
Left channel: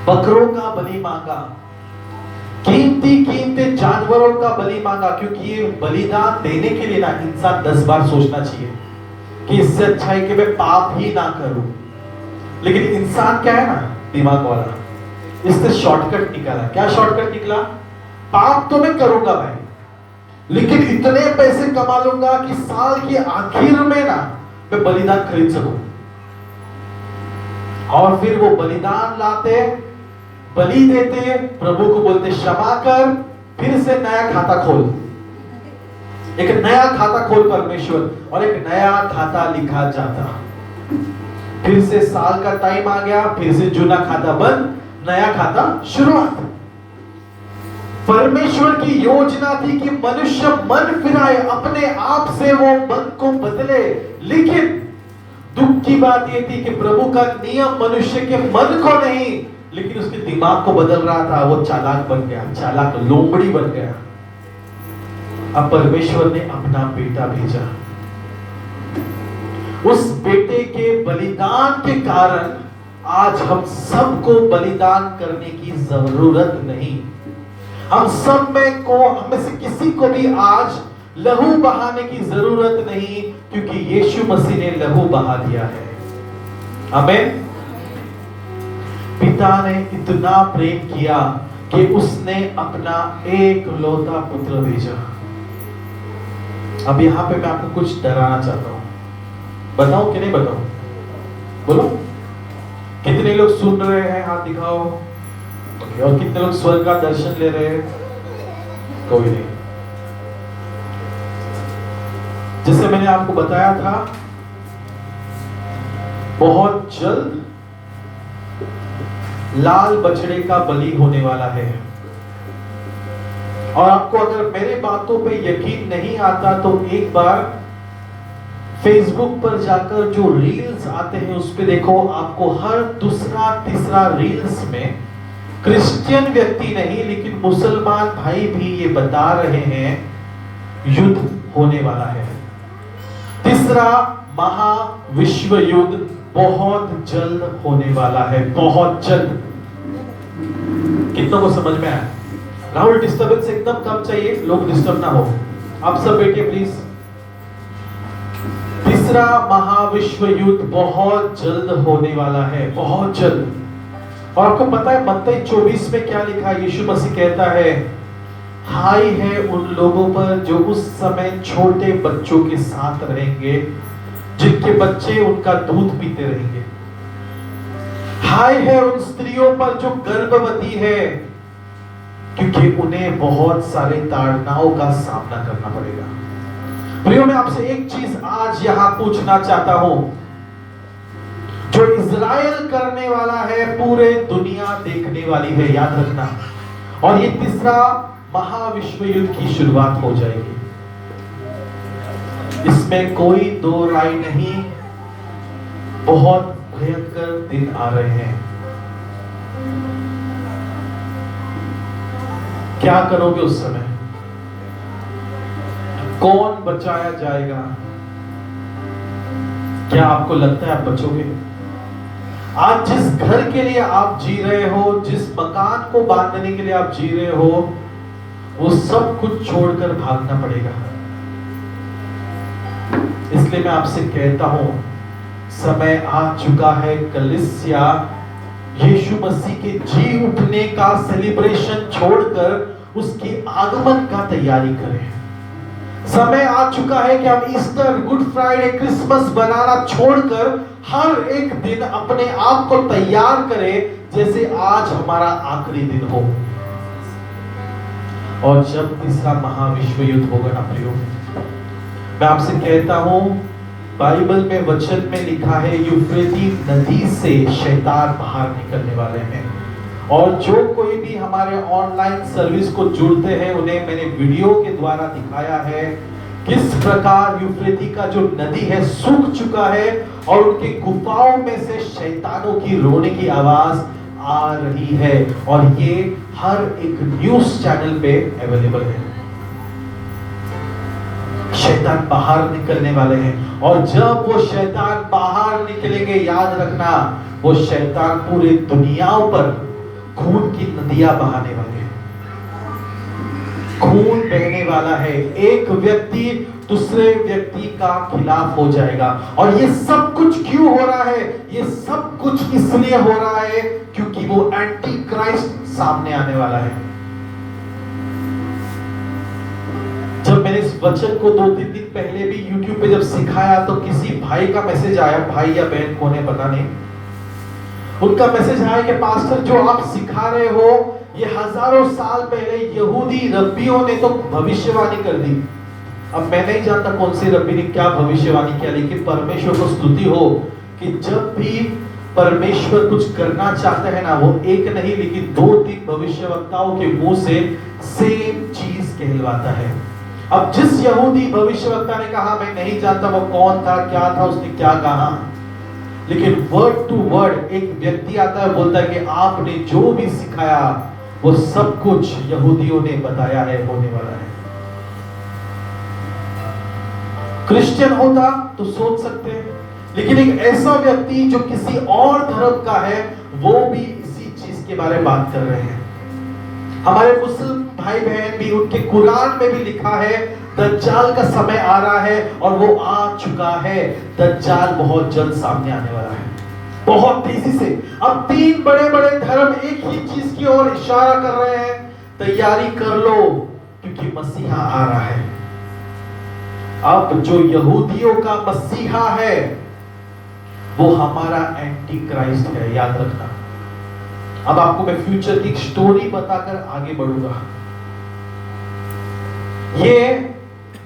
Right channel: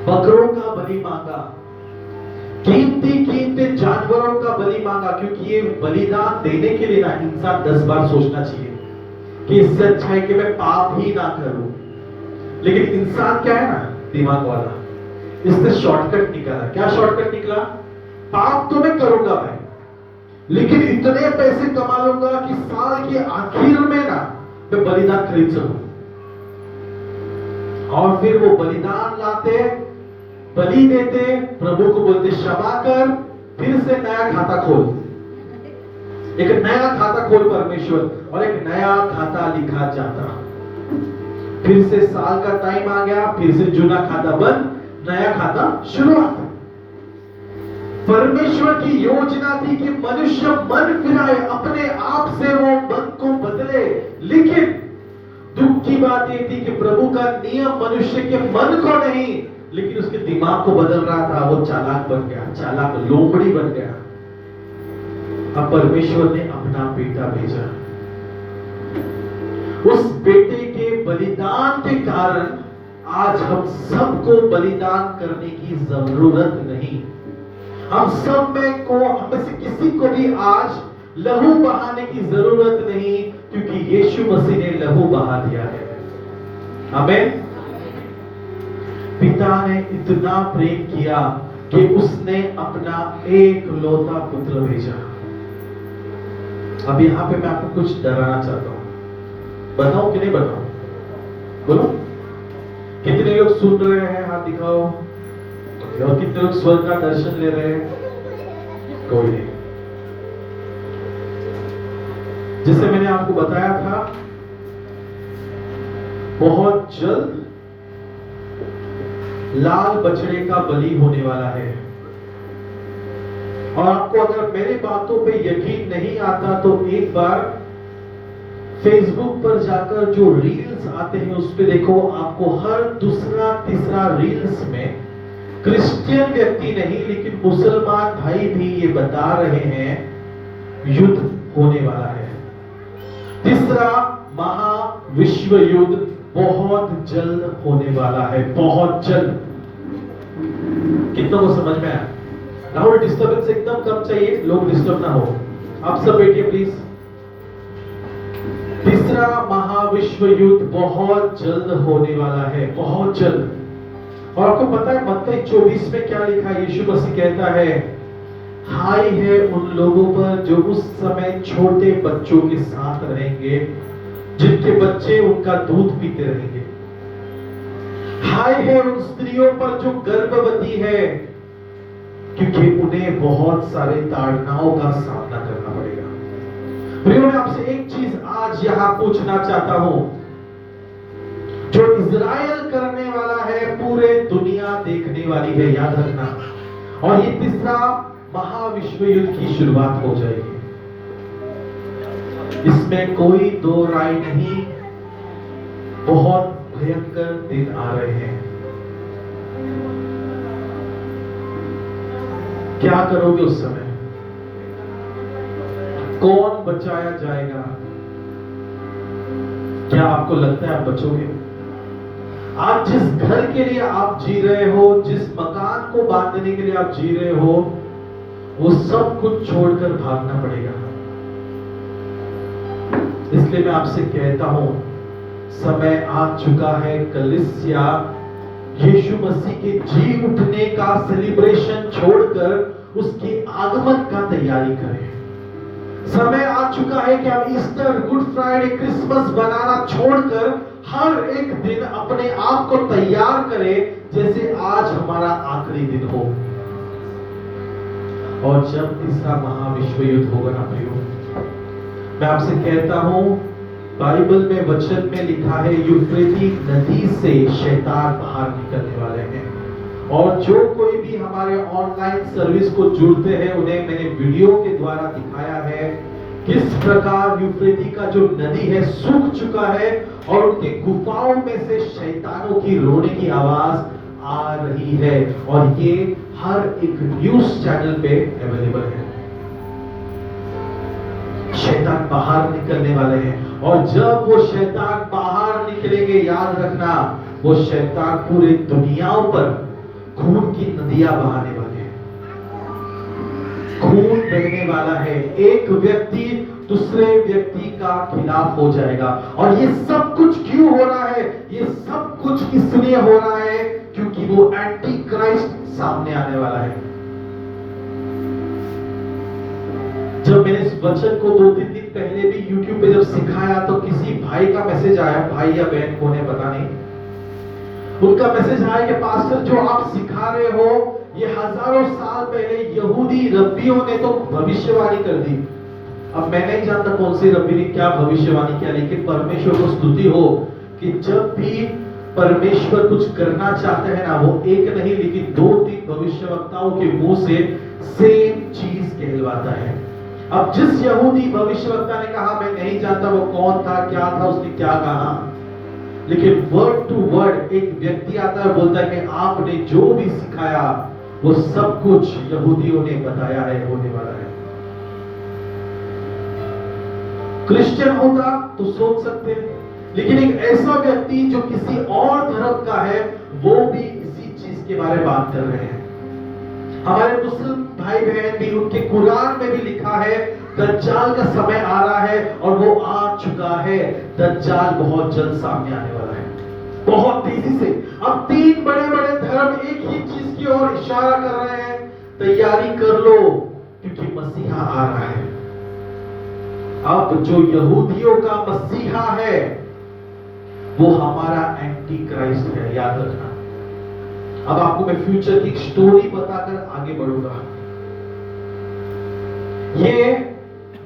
बकरों का बलि मांगा, कीमती कीमती जानवरों का बलि मांगा, क्योंकि ये बलिदान देने के लिए ना इंसान 10 बार सोचना चाहिए कि इससे अच्छा है कि मैं पाप ही ना करूं। लेकिन इंसान क्या है ना, दिमाग वाला, इससे शॉर्टकट निकाला। क्या शॉर्टकट निकला? पाप तो मैं करूंगा भाई, लेकिन इतने पैसे कमा लूंगा कि साल के आखिर में ना मैं बलिदान खरीद सकूं। और फिर वो बलिदान लाते, बलि देते, प्रभु को बोलते क्षमा कर, फिर से नया खाता खोल, एक नया खाता खोल परमेश्वर, और एक नया खाता लिखा जाता। फिर से साल का टाइम आ गया, फिर से जुना खाता बंद, नया खाता शुरुआत। परमेश्वर की योजना थी कि मनुष्य मन फिराए, अपने आप से वो मन को बदले। लेकिन दुख की बात ये थी कि प्रभु का नियम मनुष्य के मन को नहीं, लेकिन उसके दिमाग को बदल रहा था। वो चालाक बन गया, चालाक लोमड़ी बन गया। अब परमेश्वर ने अपना बेटा भेजा। उस बेटे के बलिदान के कारण आज हम सबको बलिदान करने की जरूरत नहीं। हम सब में को, हमें से किसी को भी आज लहू बहाने की जरूरत नहीं, क्योंकि यीशु मसीह ने लहू बहा दिया है। आमीन। पिता ने इतना प्रेम किया कि उसने अपना एक लौता पुत्र भेजा। अब यहां पे मैं आपको कुछ डराना चाहता हूं, बताऊं कि नहीं बताऊं? बोलो, कितने लोग सुन रहे हैं? हाथ दिखाओ। और कितने लोग स्वर्ग का दर्शन ले रहे हैं? कोई नहीं। जैसे मैंने आपको बताया था, बहुत जल्द लाल बछड़े का बलि होने वाला है। और आपको अगर मेरी बातों पे यकीन नहीं आता तो एक बार फेसबुक पर जाकर जो रील्स आते हैं उस पे देखो। आपको हर दूसरा तीसरा रील्स में क्रिश्चियन व्यक्ति नहीं, लेकिन मुसलमान भाई भी ये बता रहे हैं युद्ध होने वाला है। तीसरा महाविश्व युद्ध बहुत जल्द होने वाला है, बहुत जल्द। कितना को समझ में आया? राहुल, डिस्टर्बेंस एकदम कम चाहिए, लोग डिस्टर्ब ना हो। आप सब बैठिए प्लीज। तीसरा महाविश्व युद्ध बहुत जल्द होने वाला है, बहुत जल्द। और आपको पता है मत्ती 24 में क्या लिखा है? यीशु मसीह कहता है, हाय है उन लोगों पर जो उस समय छोटे बच्चों के साथ रहेंगे, जिनके बच्चे उनका दूध पीते रहेंगे। हाय है उन स्त्रियों पर जो गर्भवती है, क्योंकि उन्हें बहुत सारे ताड़नाओं का सामना करना पड़ेगा। प्रियो, मैं आपसे एक चीज आज यहां पूछना चाहता हूं। जो इज़राइल करने वाला है, पूरे दुनिया देखने वाली है, याद रखना। और ये तीसरा महाविश्व युद्ध की शुरुआत हो जाएगी, इसमें कोई दो राय नहीं। बहुत भयंकर दिन आ रहे हैं। क्या करोगे उस समय? कौन बचाया जाएगा? क्या आपको लगता है आप बचोगे? आज जिस घर के लिए आप जी रहे हो, जिस मकान को बांधने के लिए आप जी रहे हो, वो सब कुछ छोड़कर भागना पड़ेगा। इसलिए मैं आपसे कहता हूं, समय आ चुका है कलीसिया यीशु मसीह के जी उठने का सेलिब्रेशन छोड़कर उसके आगमन का तैयारी करें। समय आ चुका है कि हम ईस्टर, गुड फ्राइडे, क्रिसमस बनाना छोड़कर हर एक दिन अपने आप को तैयार करें जैसे आज हमारा आखिरी दिन हो। और जब तीसरा महाविश्व युद्ध होगा ना प्रियो, मैं आपसे कहता हूं, बाइबल में वचन में लिखा है यूफ्रेटिस नदी से शैतान बाहर निकलने वाले हैं। और जो कोई भी हमारे ऑनलाइन सर्विस को जुड़ते हैं, उन्हें मैंने वीडियो के द्वारा दिखाया है किस प्रकार यूफ्रेटिस का जो नदी है सूख चुका है और उनके गुफाओं में से शैतानों की रोने की आवाज आ रही है। और ये हर एक न्यूज चैनल पे अवेलेबल है। शैतान बाहर निकलने वाले हैं, और जब वो शैतान बाहर निकलेंगे, याद रखना, वो शैतान पूरे दुनिया पर खून की नदियां बहाने वाले हैं, खून बहने वाला है। एक व्यक्ति दूसरे व्यक्ति का खिलाफ हो जाएगा। और ये सब कुछ क्यों हो रहा है? ये सब कुछ इसलिए हो रहा है क्योंकि वो एंटी क्राइस्ट सामने आने वाला है। जब मैंने इस वचन को 2-3 दिन पहले भी YouTube पे जब सिखाया तो किसी भाई का मैसेज आया, भाई या बहन कौन है पता नहीं, उनका मैसेज आया कि पास्टर जो आप सिखा रहे हो ये हजारों साल पहले यहूदी रब्बियों ने तो भविष्यवाणी कर दी। अब मैं नहीं जानता कौन से रब्बी ने क्या भविष्यवाणी किया, लेकिन परमेश्वर को स्तुति हो कि जब भी परमेश्वर कुछ करना चाहते हैं ना, वो एक नहीं लेकिन 2-3 भविष्यवक्ताओं के मुंह से सेम चीज कहलवाता है। अब जिस यहूदी भविष्यवक्ता ने कहा मैं नहीं जानता वो कौन था, क्या था, उसने क्या कहा, लेकिन वर्ड टू वर्ड एक व्यक्ति आता है, बोलता है कि आपने जो भी सिखाया वो सब कुछ यहूदियों ने बताया है, होने वाला है। क्रिश्चियन होता तो सोच सकते हैं, लेकिन एक ऐसा व्यक्ति जो किसी और धर्म का है वो भी इसी चीज के बारे में बात कर रहे हैं। हमारे मुस्लिम भाई बहन भी, उनके कुरान में भी लिखा है दज्जाल का समय आ रहा है और वो आ चुका है। दज्जाल बहुत जल्द सामने आने वाला है, बहुत तेजी से। अब 3 बड़े बड़े धर्म एक ही चीज की ओर इशारा कर रहे हैं, तैयारी कर लो क्योंकि मसीहा आ रहा है। अब जो यहूदियों का मसीहा है वो हमारा एंटी क्राइस्ट है, याद रखना। अब आपको मैं फ्यूचर की एक स्टोरी बताकर आगे बढ़ूंगा। ये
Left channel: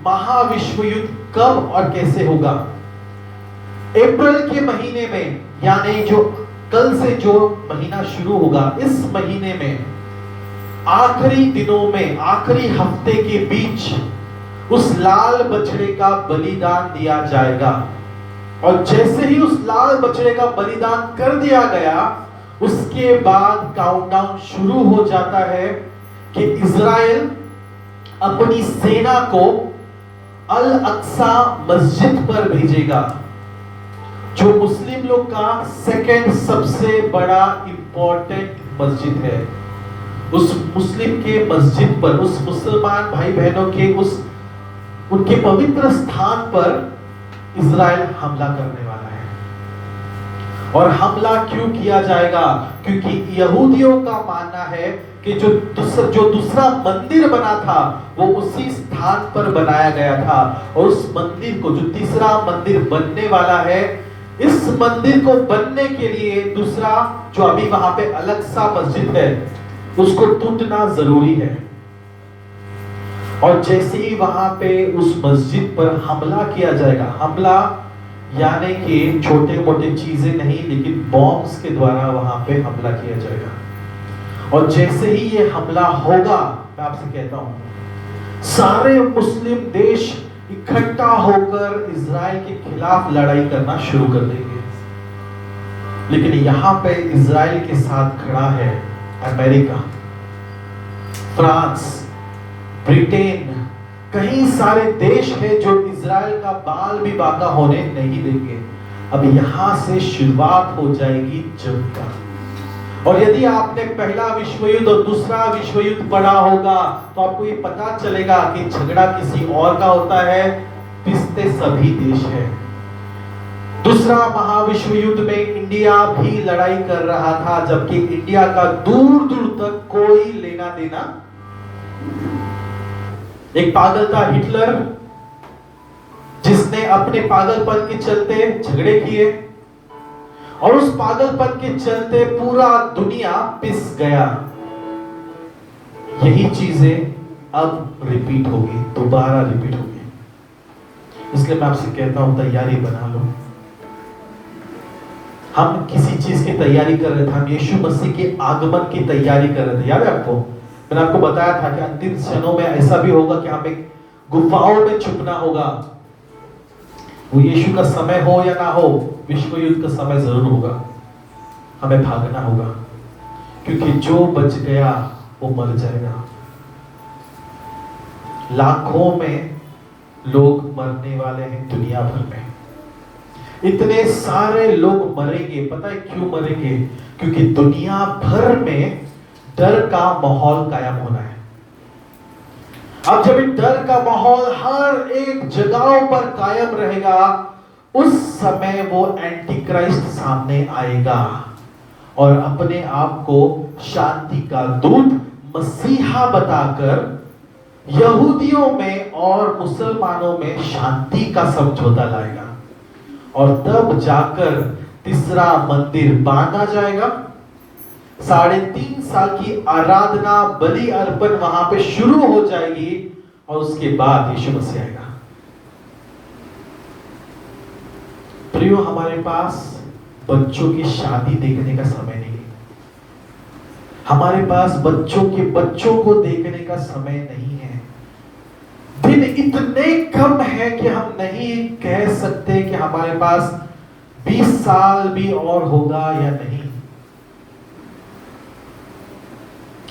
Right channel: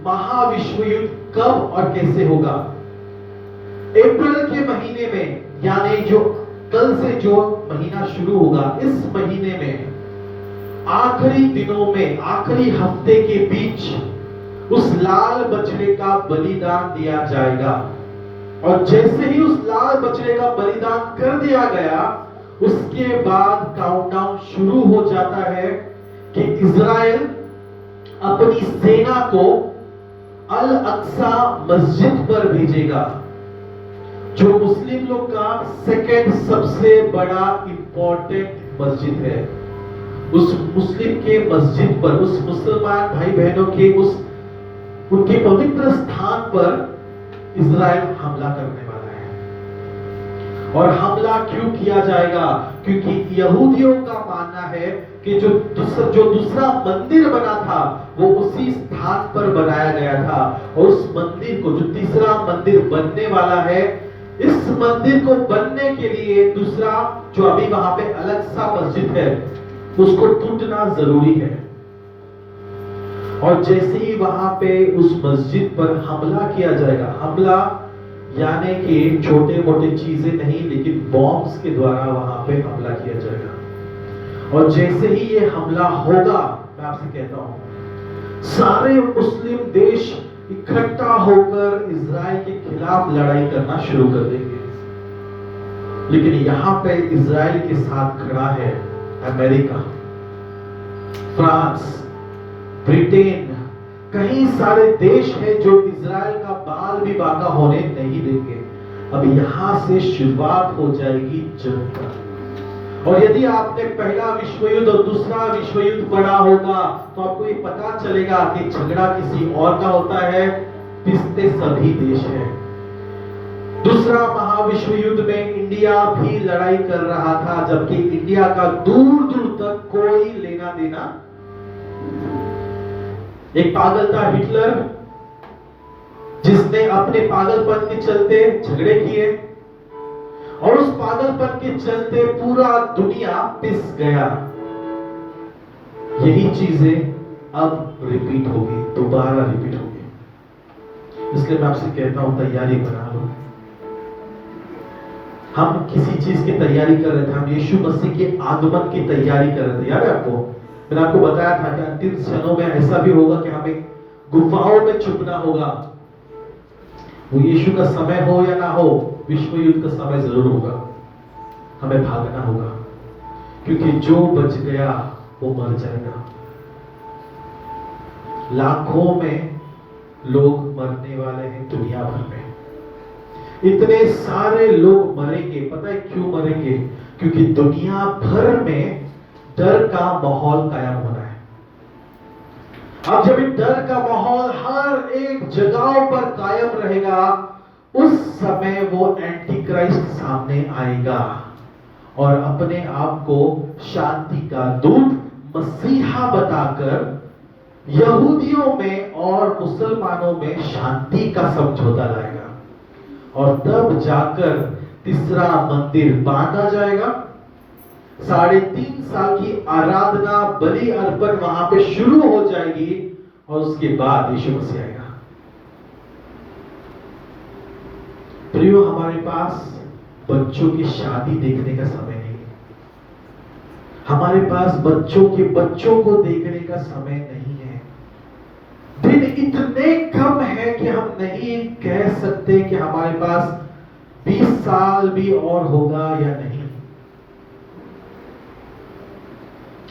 महाविश्व युद्ध कब और कैसे होगा? अप्रैल के महीने में, यानी जो कल से जो महीना शुरू होगा, इस महीने में आखिरी दिनों में, आखिरी हफ्ते के बीच उस लाल बछड़े का बलिदान दिया जाएगा। और जैसे ही उस लाल बछड़े का बलिदान कर दिया गया, उसके बाद काउंटडाउन शुरू हो जाता है कि इज़राइल अपनी सेना को अल अक्सा मस्जिद पर भेजेगा, जो मुस्लिम लोग का सेकंड सबसे बड़ा इंपॉर्टेंट मस्जिद है। उस मुस्लिम के मस्जिद पर, उस मुसलमान भाई बहनों के उस उनके पवित्र स्थान पर इज़राइल हमला करने वाला है। और हमला क्यों किया जाएगा? क्योंकि यहूदियों का मानना है कि जो दूसरा मंदिर बना था वो उसी स्थान पर बनाया गया था, और उस मंदिर को, जो तीसरा मंदिर बनने वाला है, इस मंदिर को बनने के लिए दूसरा जो अभी वहां पे अलग सा मस्जिद है उसको टूटना जरूरी है। और जैसे ही वहां पे उस मस्जिद पर हमला किया जाएगा, हमला यानी कि छोटे मोटे चीजें नहीं लेकिन बॉम्ब्स के द्वारा वहां पे हमला किया जाएगा। और जैसे ही ये हमला होगा, मैं आपसे कहता हूं सारे मुस्लिम देश इकट्ठा होकर इज़राइल के खिलाफ लड़ाई करना शुरू कर देंगे। लेकिन यहाँ पे इज़राइल के साथ खड़ा है अमेरिका, फ्रांस, ब्रिटेन, कई सारे देश हैं जो इज़राइल का बाल भी बांका होने नहीं देंगे। अब यहां से शुरुआत हो जाएगी जंग का। और यदि आपने पहला विश्व युद्ध और दूसरा विश्व युद्ध पढ़ा होगा तो आपको ये पता चलेगा कि झगड़ा किसी और का होता है, पिसते सभी देश हैं। दूसरा महाविश्व युद्ध में इंडिया भी लड़ाई कर रहा था, जबकि इंडिया का दूर दूर तक कोई लेना देना। एक पागल था हिटलर, जिसने अपने पागलपन के चलते झगड़े किए, और उस पागलपन के चलते पूरा दुनिया पिस गया। यही चीजें अब रिपीट होगी, दोबारा रिपीट होगी। इसलिए मैं आपसे कहता हूं तैयारी बना लो। हम किसी चीज की तैयारी कर रहे थे, हम यीशु मसीह के आगमन की तैयारी कर रहे थे। याद है आपको? मैंने आपको बताया था कि अंतिम क्षणों में ऐसा भी होगा कि हमें गुफाओं में छुपना होगा। वो यीशु का समय हो या ना हो, विश्व युद्ध का समय जरूर होगा। हमें भागना होगा, क्योंकि जो बच गया वो मर जाएगा। लाखों में लोग मरने वाले हैं दुनिया भर में। इतने सारे लोग मरेंगे, पता है क्यों मरेंगे? क्योंकि दुनिया भर में डर का माहौल कायम होना है। अब जब ये डर का माहौल हर एक जगहों पर कायम रहेगा, उस समय वो एंटी क्राइस्ट सामने आएगा और अपने आप को शांति का दूत मसीहा बताकर यहूदियों में और मुसलमानों में शांति का समझौता लाएगा, और तब जाकर तीसरा मंदिर बांधा जाएगा। 3.5 साल की आराधना बलि अर्पण वहां पे शुरू हो जाएगी और उसके बाद यीशु मसीह आएगा। प्रियो, हमारे पास बच्चों की शादी देखने का समय नहीं है, हमारे पास बच्चों को देखने का समय नहीं है। दिन इतने कम है कि हम नहीं कह सकते कि हमारे पास 20 साल भी और होगा या नहीं।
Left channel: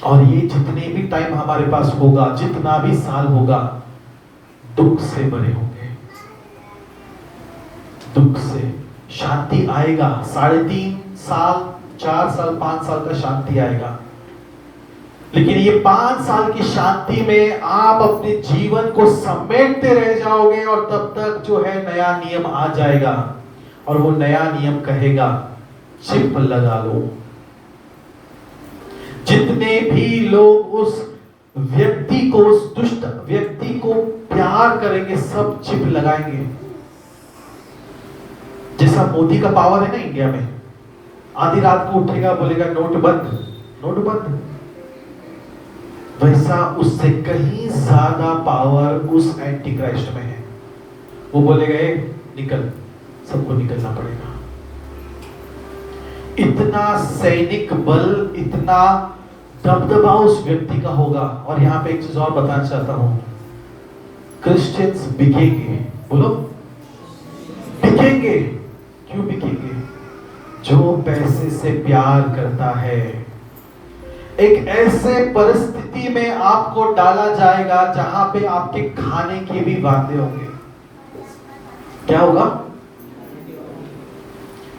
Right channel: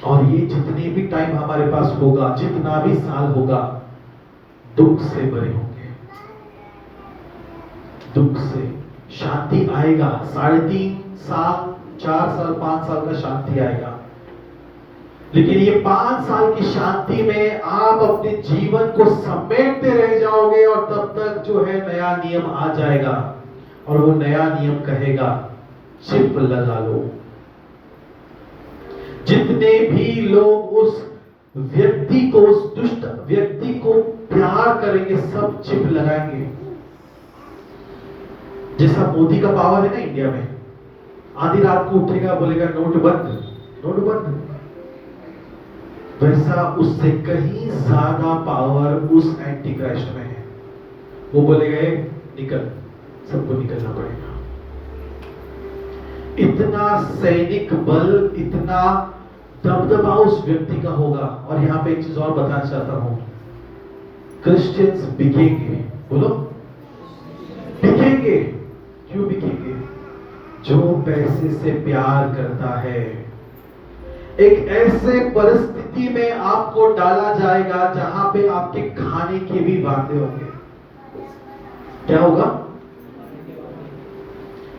और ये जितनी भी टाइम हमारे पास होगा, जितना भी साल होगा, दुख से भरे होंगे, दुख से। शांति आएगा 3.5 साल, 4 साल, 5 साल का शांति आएगा, लेकिन ये 5 साल की शांति में आप अपने जीवन को समेटते रह जाओगे, और तब तक जो है नया नियम आ जाएगा, और वो नया नियम कहेगा चिप लगा लो। जितने भी लोग उस व्यक्ति को, उस दुष्ट व्यक्ति को प्यार करेंगे, सब चिप लगाएंगे। जैसा मोदी का पावर है ना इंडिया में, आधी रात को उठेगा, बोलेगा नोट बंद, नोट बंद, वैसा उससे कहीं ज्यादा पावर उस एंटी क्राइस्ट में है। वो बोलेगा निकल, सबको निकलना पड़ेगा। इतना सैनिक बल, इतना दबदबा उस व्यक्ति का होगा। और यहां पे एक चीज और बताना चाहता हूं, क्रिश्चियंस बिकेंगे। बोलो, बिकेंगे। क्यों बिकेंगे? जो पैसे से प्यार करता है। एक ऐसे परिस्थिति में आपको डाला जाएगा जहां पे आपके खाने के भी वादे होंगे। क्या होगा?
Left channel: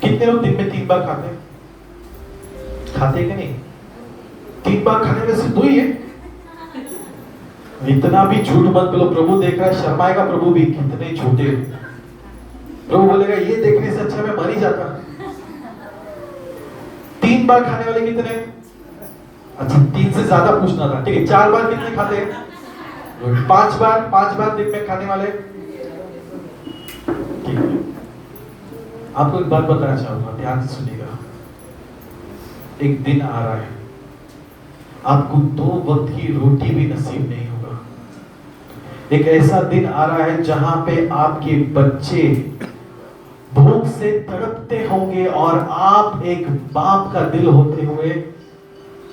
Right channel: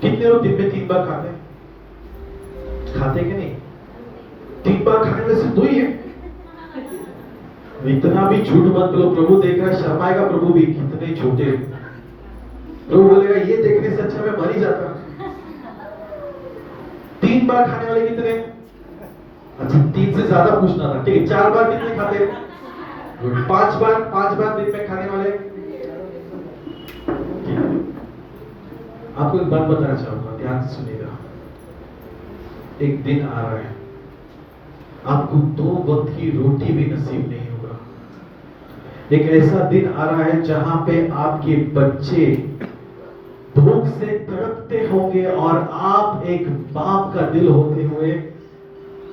कितने लोग दिन में 3 बार खाते हैं? खाते कि नहीं? 3 बार खाने में से 2 ही है। इतना भी झूठ मत बोलो, प्रभु देख रहा है, शर्माएगा प्रभु भी, कितने झूठे। प्रभु बोलेगा ये देखने से अच्छा मैं मर ही जाता। 3 बार खाने वाले कितने? अच्छा, 3 से ज्यादा पूछना था, ठीक है। 4 बार कितने खाते? 5 बार दिन में खाने वाले। आपको एक बात बताना चाहूंगा, ध्यान से सुनिएगा। एक दिन आ रहा है, आपको 2 वक्त की रोटी भी नसीब नहीं होगा। एक ऐसा दिन आ रहा है जहां पे आपके बच्चे भूख से तड़पते होंगे, और आप एक बाप का दिल होते हुए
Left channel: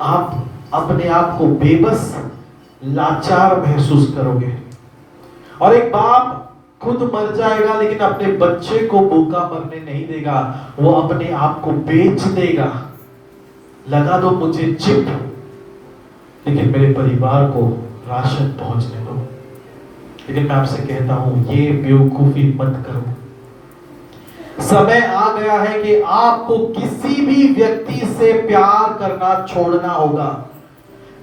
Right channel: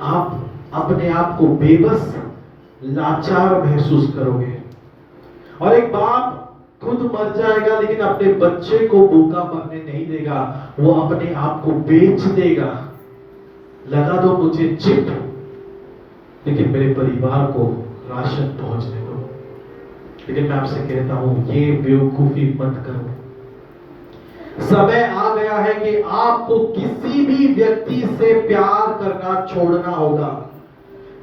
आप अपने आप को बेबस, लाचार महसूस करोगे। और एक बाप खुद मर जाएगा, लेकिन अपने बच्चे को भूखा मरने नहीं देगा, वो अपने आप को बेच देगा। लगा दो मुझे चिप, लेकिन मेरे परिवार को राशन पहुंचने दो। लेकिन मैं आपसे कहता हूं, ये बेवकूफी मत करो। समय आ गया है कि आपको किसी भी व्यक्ति से प्यार करना छोड़ना होगा।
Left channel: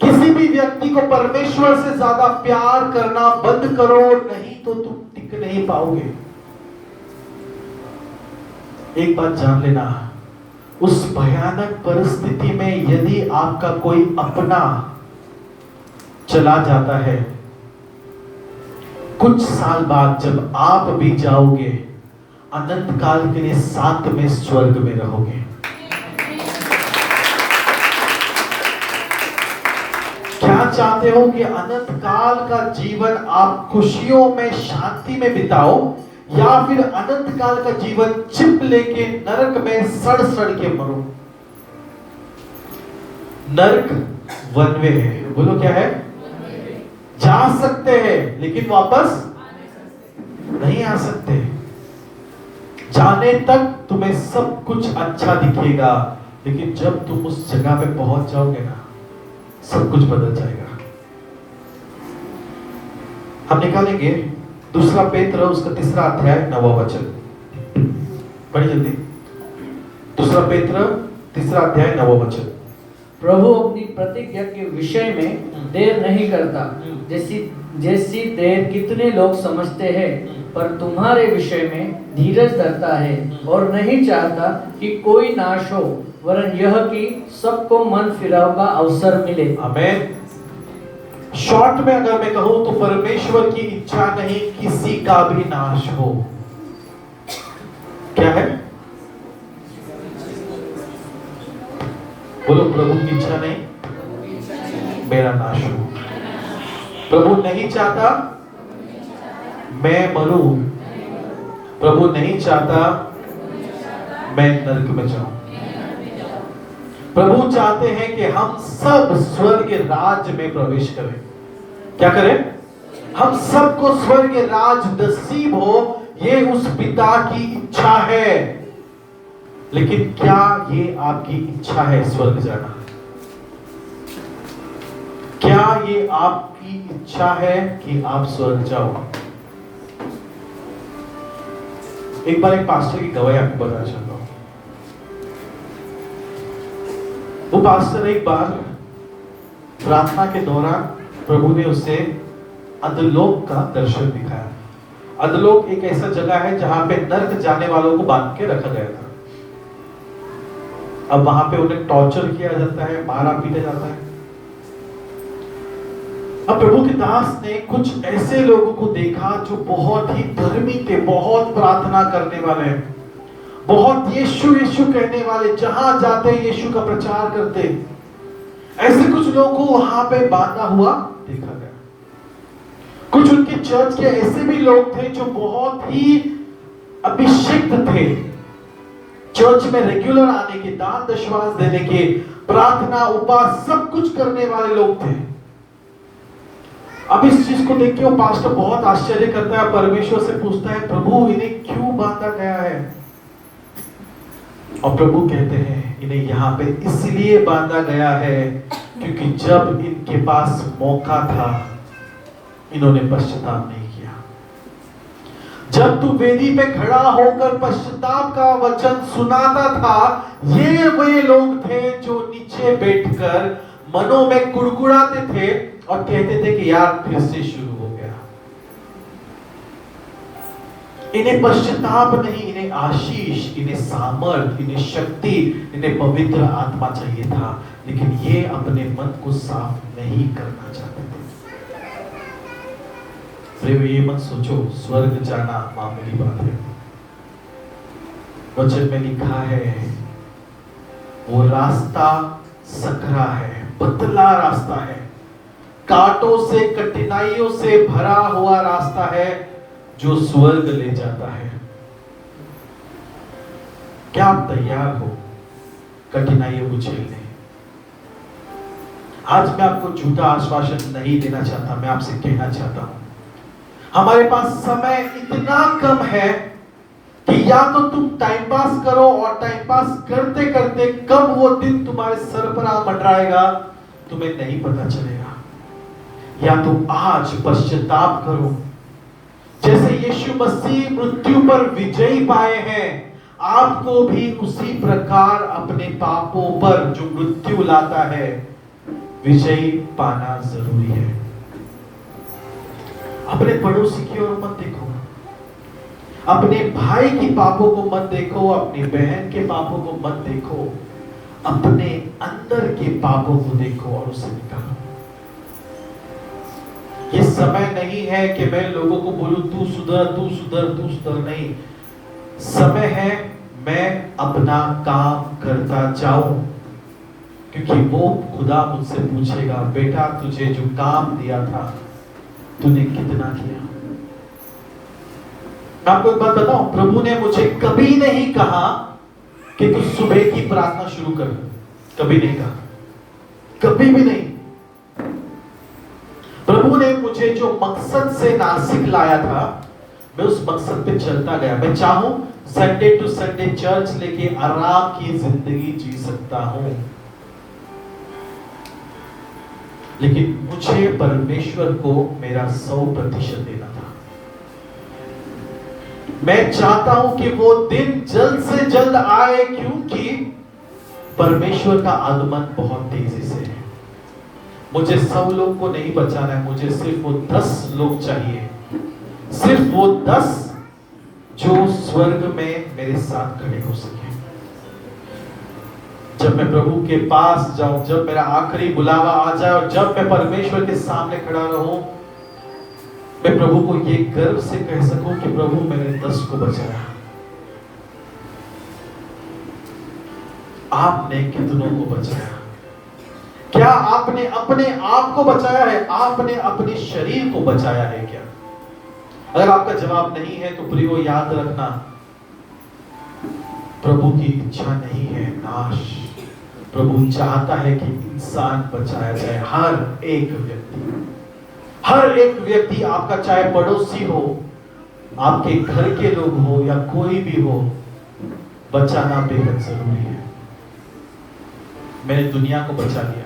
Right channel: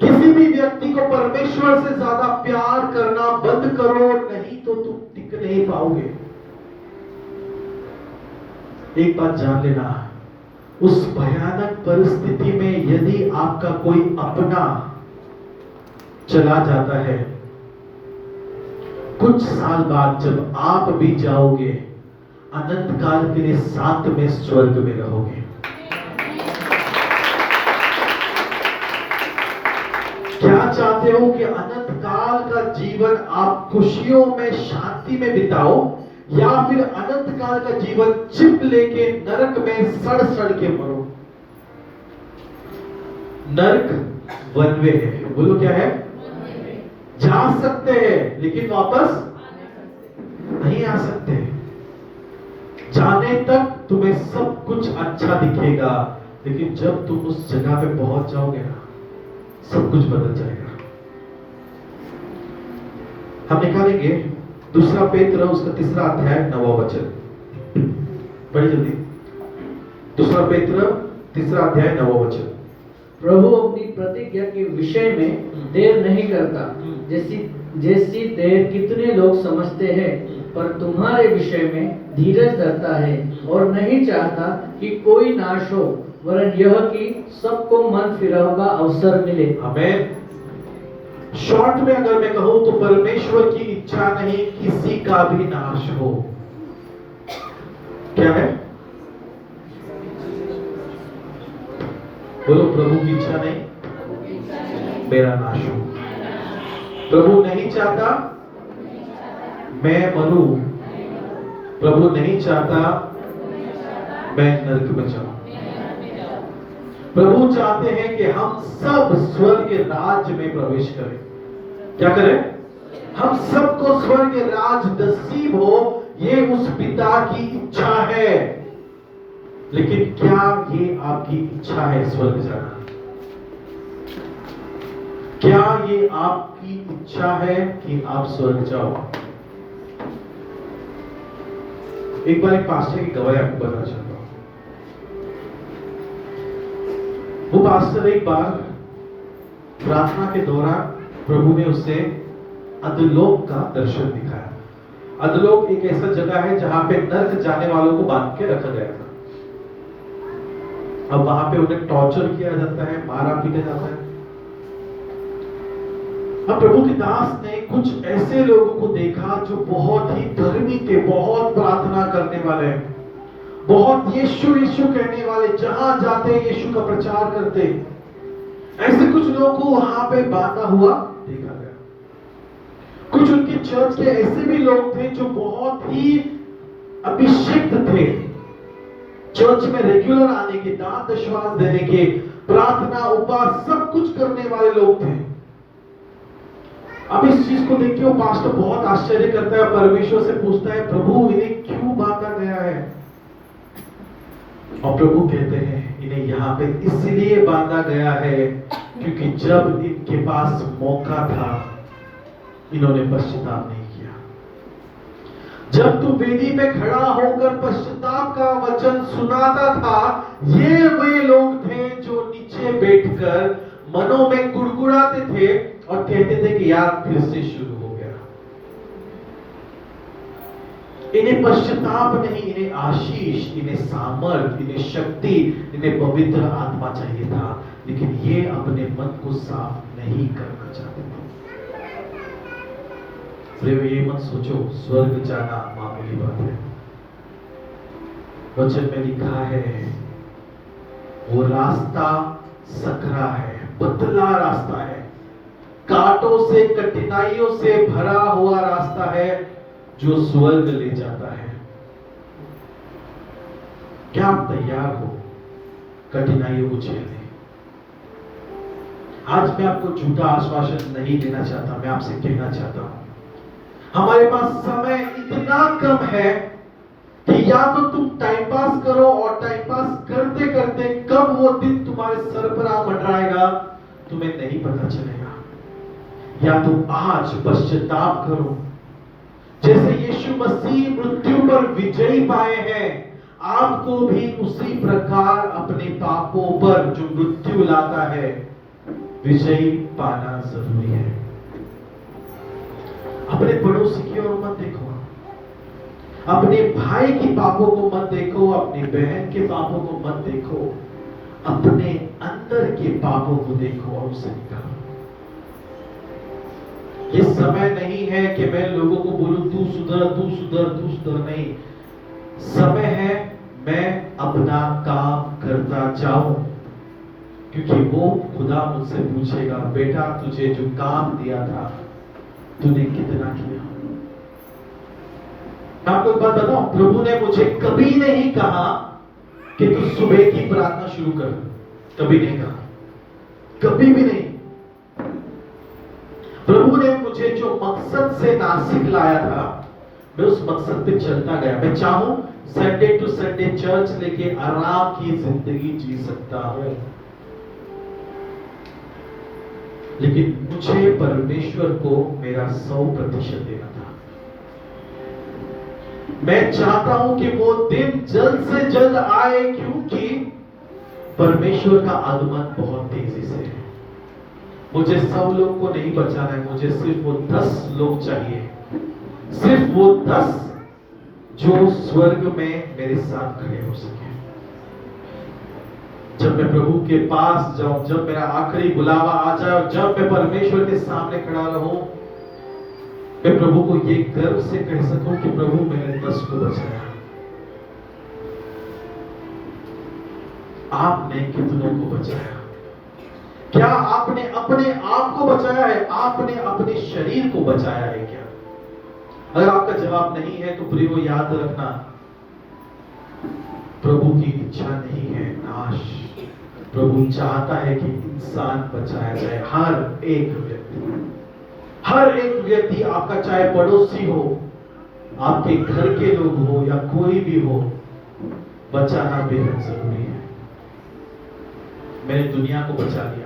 किसी भी व्यक्ति को परमेश्वर से ज्यादा प्यार करना बंद करो, नहीं तो तुम टिक नहीं पाओगे। एक बात जान लेना, उस भयानक परिस्थिति में यदि आपका कोई अपना चला जाता है, कुछ साल बाद जब आप भी जाओगे, अनंत काल के लिए साथ में स्वर्ग में रहोगे। क्या चाहते हो कि अनंत काल का जीवन आप खुशियों में, शांति में बिताओ, या फिर अनंत काल का जीवन चिप लेके नरक में सड़ सड़ के मरो? नरक वन वे है। बोलो क्या है? जा सकते हैं, लेकिन वापस नहीं आ सकते। जाने तक तुम्हें सब कुछ अच्छा दिखेगा, लेकिन जब तुम उस जगह पे पहुंच जाओगे ना, सब कुछ बदल जाएगा। हम निकालेंगे 2 पेत्र उसका 3 अध्याय 9वां वचन। बड़ी जल्दी 2 पेत्र 3 अध्याय 9वां वचन। प्रभु अपनी प्रतिज्ञा के विषय में देर नहीं करता, जैसी जैसी देर कितने लोग समझते हैं, पर तुम्हारे विषय में धीरज धरता है और नहीं चाहता कि कोई नाश हो, वरन यह कि सबको मन फिराव का अवसर मिले। आमेन। शॉर्ट में अगर मैं कहूं तो परमेश्वर की इच्छा नहीं किसी का भी नाश हो। क्या है? बोलो, प्रभु की इच्छा नहीं मेरा नाश हो। प्रभु नहीं चाहता मैं मरूं। प्रभु नहीं चाहता मैं नरक में जाऊं। प्रभु चाहते हैं कि हम सब स्वर्ग राज्य में प्रवेश करें। क्या करें? हम सबको स्वर्ग राज नसीब हो, ये उस पिता की इच्छा है। लेकिन क्या ये आपकी इच्छा है स्वर्ग जाना? क्या ये आपकी इच्छा है कि आप स्वर्ग जाओ? एक बार एक पास्टर की गवाही आपको बताना चाहता हूं। वो पास्टर एक बार प्रार्थना के दौरान प्रभु ने उसे अधलोक का दर्शन दिखाया। अधलोक एक ऐसा जगह है जहां पे नरक जाने वालों को बांध के रखा गया था। अब वहां पे उन्हें टॉर्चर किया जाता है, मारा पीटा जाता है। अब प्रभु के दास ने कुछ ऐसे लोगों को देखा जो बहुत ही धर्मी थे, बहुत प्रार्थना करने वाले, बहुत यीशु यीशु कहने वाले, जहां जाते यीशु का प्रचार करते। ऐसे कुछ लोगों को वहां पे बांधा हुआ देखा गया। कुछ उनके चर्च के ऐसे भी लोग थे जो बहुत ही अभिषिक्त थे, चर्च में रेगुलर आने के, दान दशवांश देने के, प्रार्थना उपवास सब कुछ करने वाले लोग थे। अब इस चीज को देख के वो पास्टर बहुत आश्चर्य करता है, परमेश्वर से पूछता है, प्रभु इन्हें क्यों बांधा गया है? और प्रभु कहते हैं, इन्हें यहाँ पे इसलिए बांधा गया है क्योंकि जब इनके पास मौका था इन्होंने पश्चाताप नहीं किया। जब तू वेदी पे खड़ा होकर पश्चाताप का वचन सुनाता था, ये वे लोग थे जो नीचे बैठकर मनों में कुड़कुड़ाते थे और कहते थे कि यार फिर से शुरू हो गया। इन्हें पश्चाताप नहीं, इन्हें आशीष, इन्हें सामर्थ, इन्हें शक्ति, इन्हें पवित्र आत्मा चाहिए था, लेकिन ये अपने मन को साफ नहीं करना चाहते थे। ये मत सोचो स्वर्ग जाना मामूली बात है। वचन में लिखा है वो रास्ता सकरा है, पतला रास्ता है, कांटों से, कठिनाइयों से भरा हुआ रास्ता है जो स्वर्ग ले जाता है। क्या आप तैयार हो कठिनाइयों को झेलने? आज मैं आपको झूठा आश्वासन नहीं देना चाहता, मैं आपसे कहना चाहता हूं हमारे पास समय इतना कम है कि या तो तुम टाइम पास करो, और टाइम पास करते करते कब वो दिन तुम्हारे सर पर आ मंडराएगा तुम्हें नहीं पता चलेगा। या तो आज पश्चाताप करो, जैसे यीशु मसीह मृत्यु पर विजय पाए हैं, आपको भी उसी प्रकार अपने पापों पर जो मृत्यु लाता है विजय पाना जरूरी है। अपने पड़ोसी की ओर मत देखो, अपने भाई के पापों को मत देखो, अपनी बहन के पापों को मत देखो, अपने अंदर के पापों को देखो और उसे निकालो। ये समय नहीं है कि मैं लोगों को बोलूं तू सुधर, तू सुधर, तू सुधर, नहीं। समय है मैं अपना काम करता जाऊं, क्योंकि वो खुदा मुझसे पूछेगा, बेटा तुझे जो काम दिया था तूने कितना किया? आपको एक बात बताऊं, प्रभु ने मुझे कभी नहीं कहा कि तू सुबह की प्रार्थना शुरू कर, कभी नहीं कहा, कभी भी नहीं। प्रभु ने मुझे जो मकसद से नासिक लाया था, मैं उस मकसद पे चलता गया। मैं चाहूं संडे टू संडे चर्च लेके आराम की जिंदगी जी सकता हूं, लेकिन मुझे परमेश्वर को मेरा 100% देना था। मैं चाहता हूं कि वो दिन जल्द से जल्द आए, क्योंकि परमेश्वर का आगमन बहुत तेजी से है। मुझे 100 लोग को नहीं बचाना है, मुझे सिर्फ वो 10 लोग चाहिए, सिर्फ वो 10 जो स्वर्ग में मेरे साथ खड़े हो सके। जब मैं प्रभु के पास जाऊं, जब मेरा आखिरी बुलावा आ जाए और जब मैं परमेश्वर के सामने खड़ा रहूं, मैं प्रभु को ये गर्व से कह सकूं कि प्रभु मैंने 10 को बचाया। आपने कितनों को बचाया? क्या आपने अपने आप को बचाया है? आपने अपने शरीर को बचाया है क्या? अगर आपका जवाब नहीं है तो प्रियो याद रखना, प्रभु की इच्छा नहीं है नाश। प्रभु चाहता है कि इंसान बचाया जाए। हर एक व्यक्ति आपका, चाहे पड़ोसी हो, आपके घर के लोग हो या कोई भी हो, बचाना बेहद जरूरी है। मैंने दुनिया को बचा लिया,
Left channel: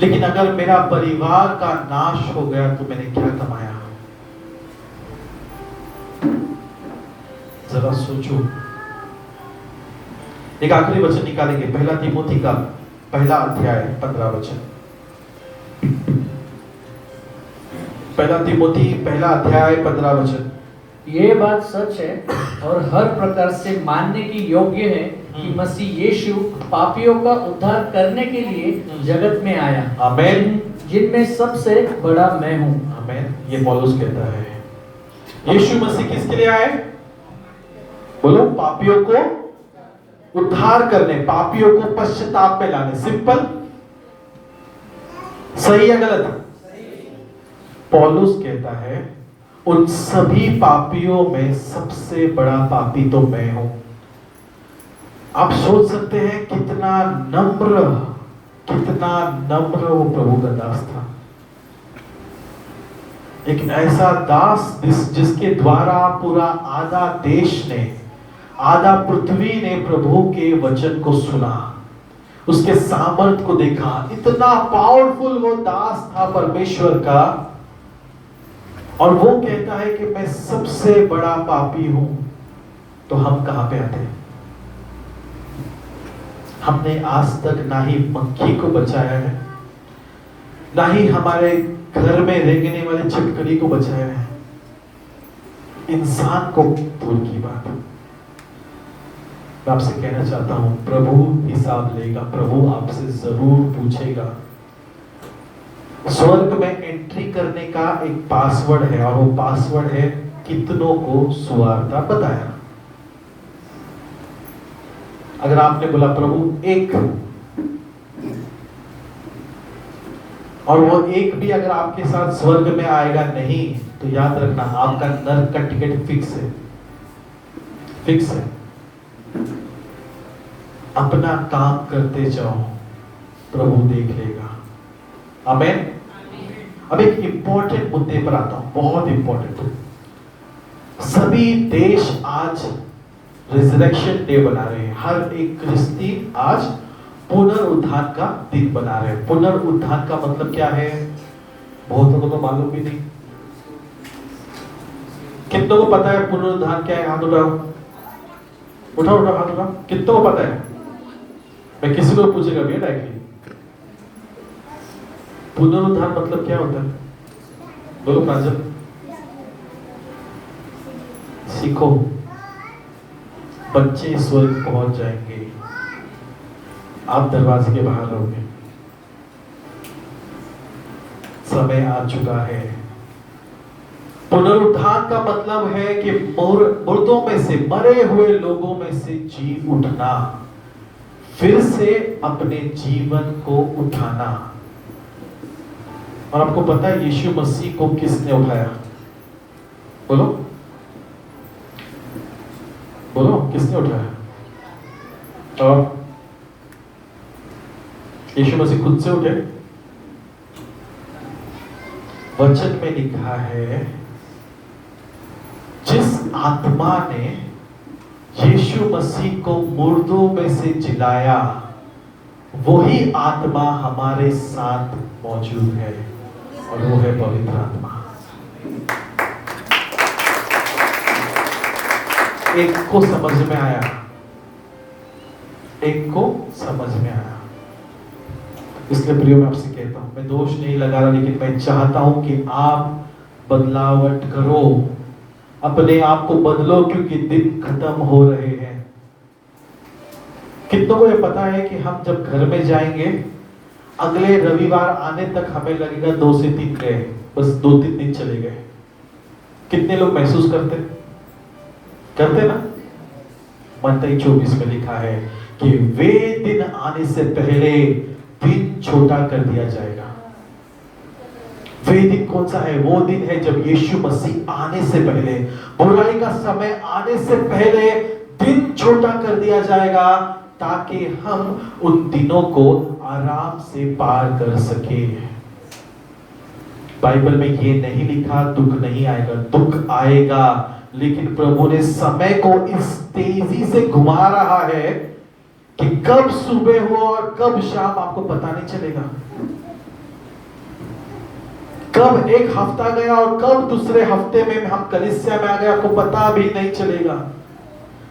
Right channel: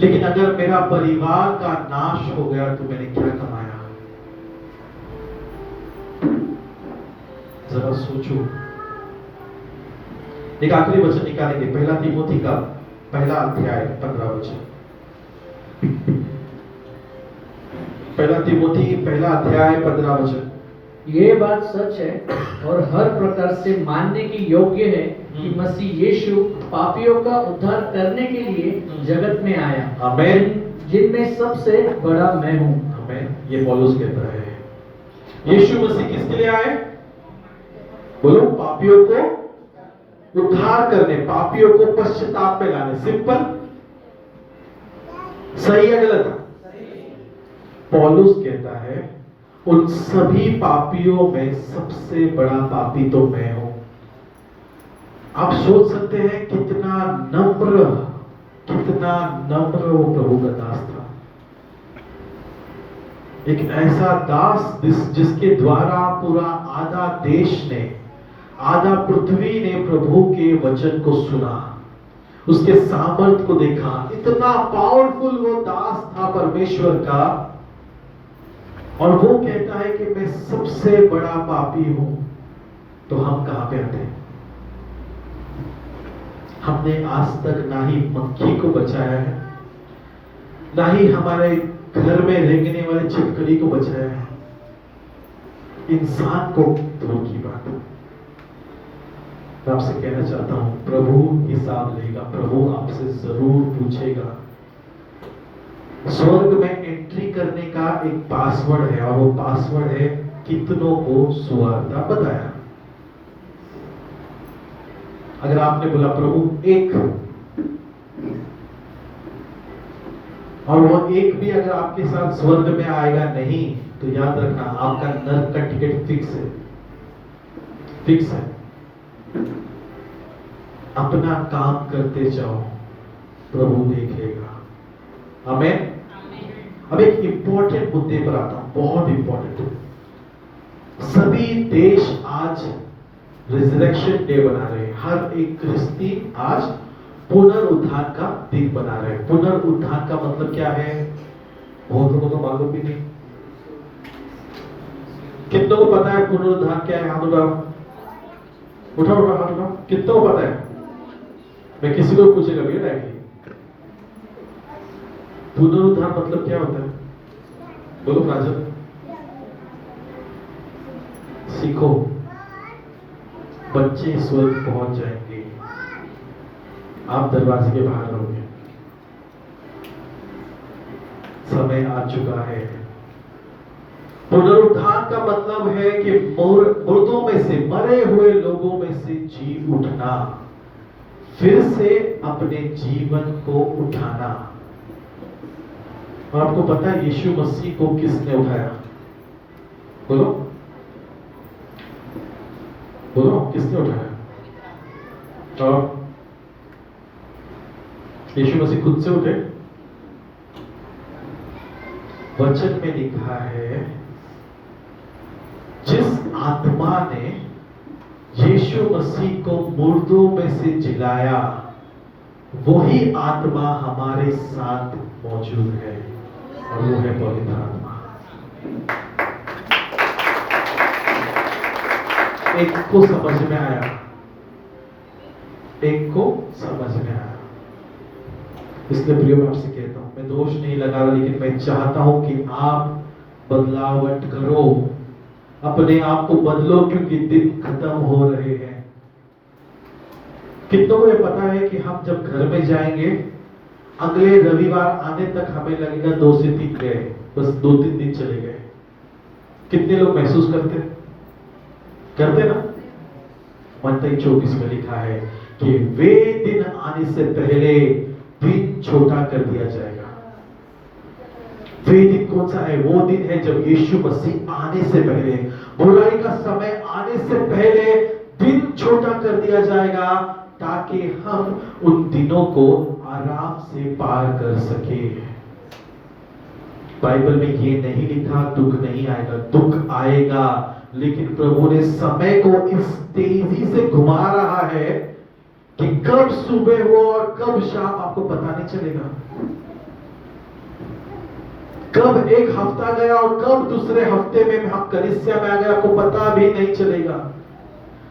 लेकिन अगर मेरा परिवार का नाश हो गया तो मैंने क्या कमाया? जरा सोचो। एक आखिरी वचन निकालेंगे, पहला तीमुथी का पहला अध्याय 15 वचन। पहला तीमुथी पहला अध्याय 15 वचन। ये बात सच है और हर प्रकार से मानने की योग्य है कि मसीह यीशु पापियों का उद्धार करने के लिए जगत में आया। आमीन। जिनमें सबसे बड़ा मैं हूँ। आमीन। ये पौलुस कहता है, यीशु मसीह किसके लिए आए? बोलो, पापियों को उद्धार करने, पापियों को पश्चाताप में लाने। सिंपल, सही है गलत? पौलुस कहता है उन सभी पापियों में सबसे बड़ा पापी तो मैं हूं। आप सोच सकते हैं कितना नम्र वो प्रभु का दास था। एक ऐसा दास जिसके द्वारा पूरा आधा देश ने, आधा पृथ्वी ने प्रभु के वचन को सुना, उसके सामर्थ को देखा। इतना पावरफुल वो दास था परमेश्वर का, और वो कहता है कि मैं सबसे बड़ा पापी हूं। तो हम कहां पे आते हैं? हमने आज तक ना ही मक्खी को बचाया है, ना ही हमारे घर में रेंगने वाले छिपकली को बचाया है। इंसान को दूर की बात। मैं आपसे कहना चाहता हूं, प्रभु हिसाब लेगा, प्रभु आपसे जरूर पूछेगा। स्वर्ग में एंट्री करने का एक पासवर्ड है, और वो पासवर्ड है कितनों को सुवार्ता बताया। अगर आपने बोला प्रभु एक, और वो एक भी अगर आपके साथ स्वर्ग में आएगा नहीं, तो याद रखना आपका नर्क का टिकट फिक्स है, फिक्स है। अपना काम करते जाओ, प्रभु देख लेगा। आमीन। अब एक इंपॉर्टेंट मुद्दे पर आता हूं, बहुत इंपॉर्टेंट। सभी देश आज रिजरेक्शन डे बना रहे हैं। हर एक क्रिस्ती आज पुनरुत्थान का दिन बना रहे हैं। पुनरुत्थान का मतलब क्या है? बहुत लोगों को मालूम भी नहीं। कितनों को पता है पुनरुत्थान क्या है? हाथ उठाओ, उठाओ उठाओ हाथ उठाओ। कितनों को पता है? मैं किसी को पूछेगा भी डायरेक्टली, पुनरुत्थान मतलब क्या होता है? बोलो राजन, सीखो। बच्चे स्वर्ग पहुंच जाएंगे, आप दरवाजे के बाहर रहोगे। समय आ चुका है। पुनरुत्थान का मतलब है कि मुर्दों में से, मरे हुए लोगों में से जी उठना, फिर से अपने जीवन को उठाना। और आपको पता है यीशु मसीह को किसने उठाया? बोलो बोलो, किसने उठाया? और यीशु मसीह खुद से उठे? वचन में लिखा है, जिस आत्मा ने यीशु मसीह को मुर्दों में से जिलाया, वही आत्मा हमारे साथ मौजूद है, और वो है पवित्र आत्मा। एक को समझ में आया? एक को समझ में आया। इसलिए प्रियो मैं आपसे कहता हूं, मैं दोष नहीं लगा रहा, लेकिन मैं चाहता हूं कि आप बदलावट करो, अपने आप को बदलो, क्योंकि दिन खत्म हो रहे हैं। कितनों को ये पता है कि हम जब घर में जाएंगे, अगले रविवार आने तक हमें लगेगा 2 से 3 गए, बस 2-3 दिन चले गए। कितने लोग महसूस करते ना? मत्ती 24 में लिखा है कि वे दिन आने से पहले दिन छोटा कर दिया जाएगा। वे दिन कौन सा है? वो दिन है जब यीशु मसीह आने से पहले, बुराई का समय आने से पहले दिन छोटा कर दिया जाएगा, ताकि हम उन दिनों को आराम से पार कर सके। बाइबल में ये नहीं लिखा दुख नहीं आएगा, दुख आएगा, लेकिन प्रभु ने समय को इस तेजी से घुमा रहा है कि कब सुबह हो और कब शाम आपको पता नहीं चलेगा। कब एक हफ्ता गया और कब दूसरे हफ्ते में हम कलीसिया में आ गए, आपको पता भी नहीं चलेगा।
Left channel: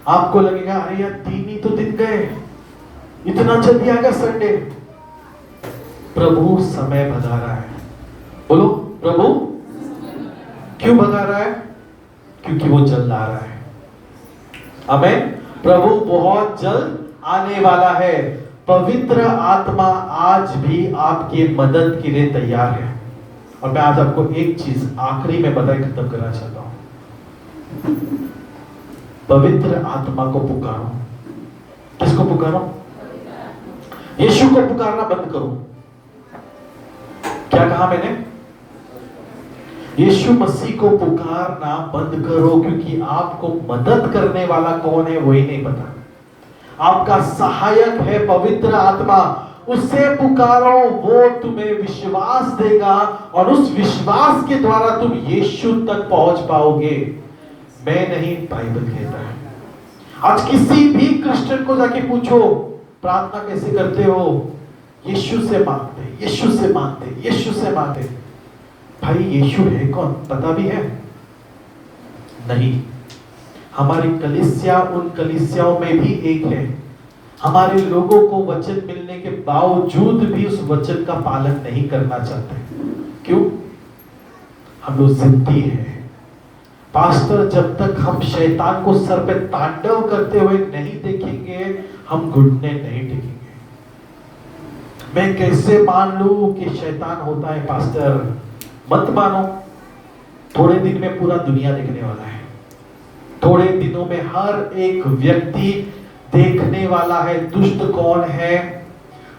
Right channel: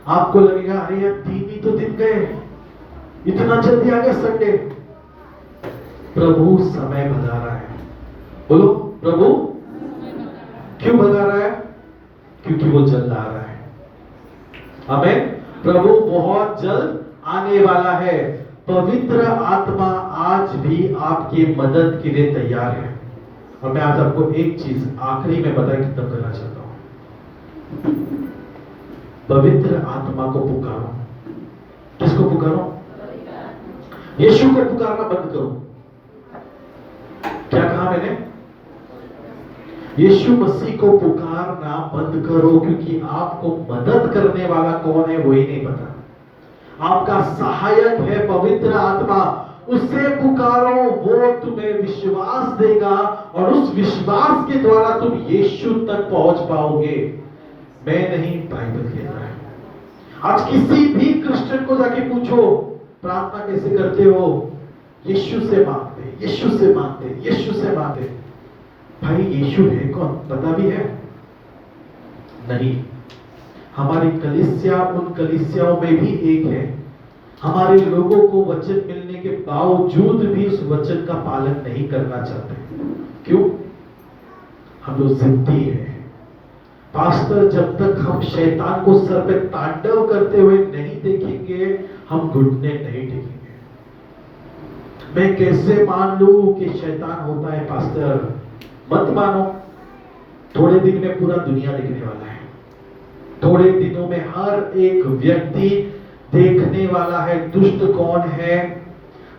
आपको लगेगा अरे यार 3 ही तो दिन गए, इतना जल्दी आ गया संडे। प्रभु समय भगा रहा है। बोलो, प्रभु क्यों भगा रहा है? क्योंकि वो जल्द आ रहा है। आमीन। प्रभु बहुत जल्द आने वाला है। पवित्र आत्मा आज भी आपकी मदद के लिए तैयार है। और मैं आज आपको एक चीज आखिरी में बताए खत्म करना चाहता हूं। पवित्र आत्मा को पुकारो। किसको पुकारो? यीशु को पुकारना बंद करो। क्या कहा मैंने? यीशु मसीह को पुकारना बंद करो, क्योंकि आपको मदद करने वाला कौन है वही नहीं पता। आपका सहायक है पवित्र आत्मा, उससे पुकारो, वो तुम्हें विश्वास देगा और उस विश्वास के द्वारा तुम यीशु तक पहुंच पाओगे। मैं नहीं, बाइबल कहता है। आज किसी भी क्रिश्चियन को जाके पूछो प्रार्थना कैसे करते हो? यीशु से मांगते, यीशु से मांगते, यीशु से मांगते। भाई यीशु है कौन? पता भी है? नहीं। हमारी कलीसिया उन कलीसियाओं में भी एक है। हमारे लोगों को वचन मिलने के बावजूद भी उस वचन का पालन नहीं करना चाहते। क्यों? हम लोग जिद्दी है। पास्टर, जब तक हम शैतान को सर पे तांडव करते हुए नहीं देखेंगे, हम घुटने नहीं टेकेंगे। मैं कैसे मान लूं कि शैतान होता है? पास्टर मत मानो। थोड़े दिन में पूरा दुनिया देखने वाला है। थोड़े दिनों में हर एक व्यक्ति देखने वाला है दुष्ट कौन है,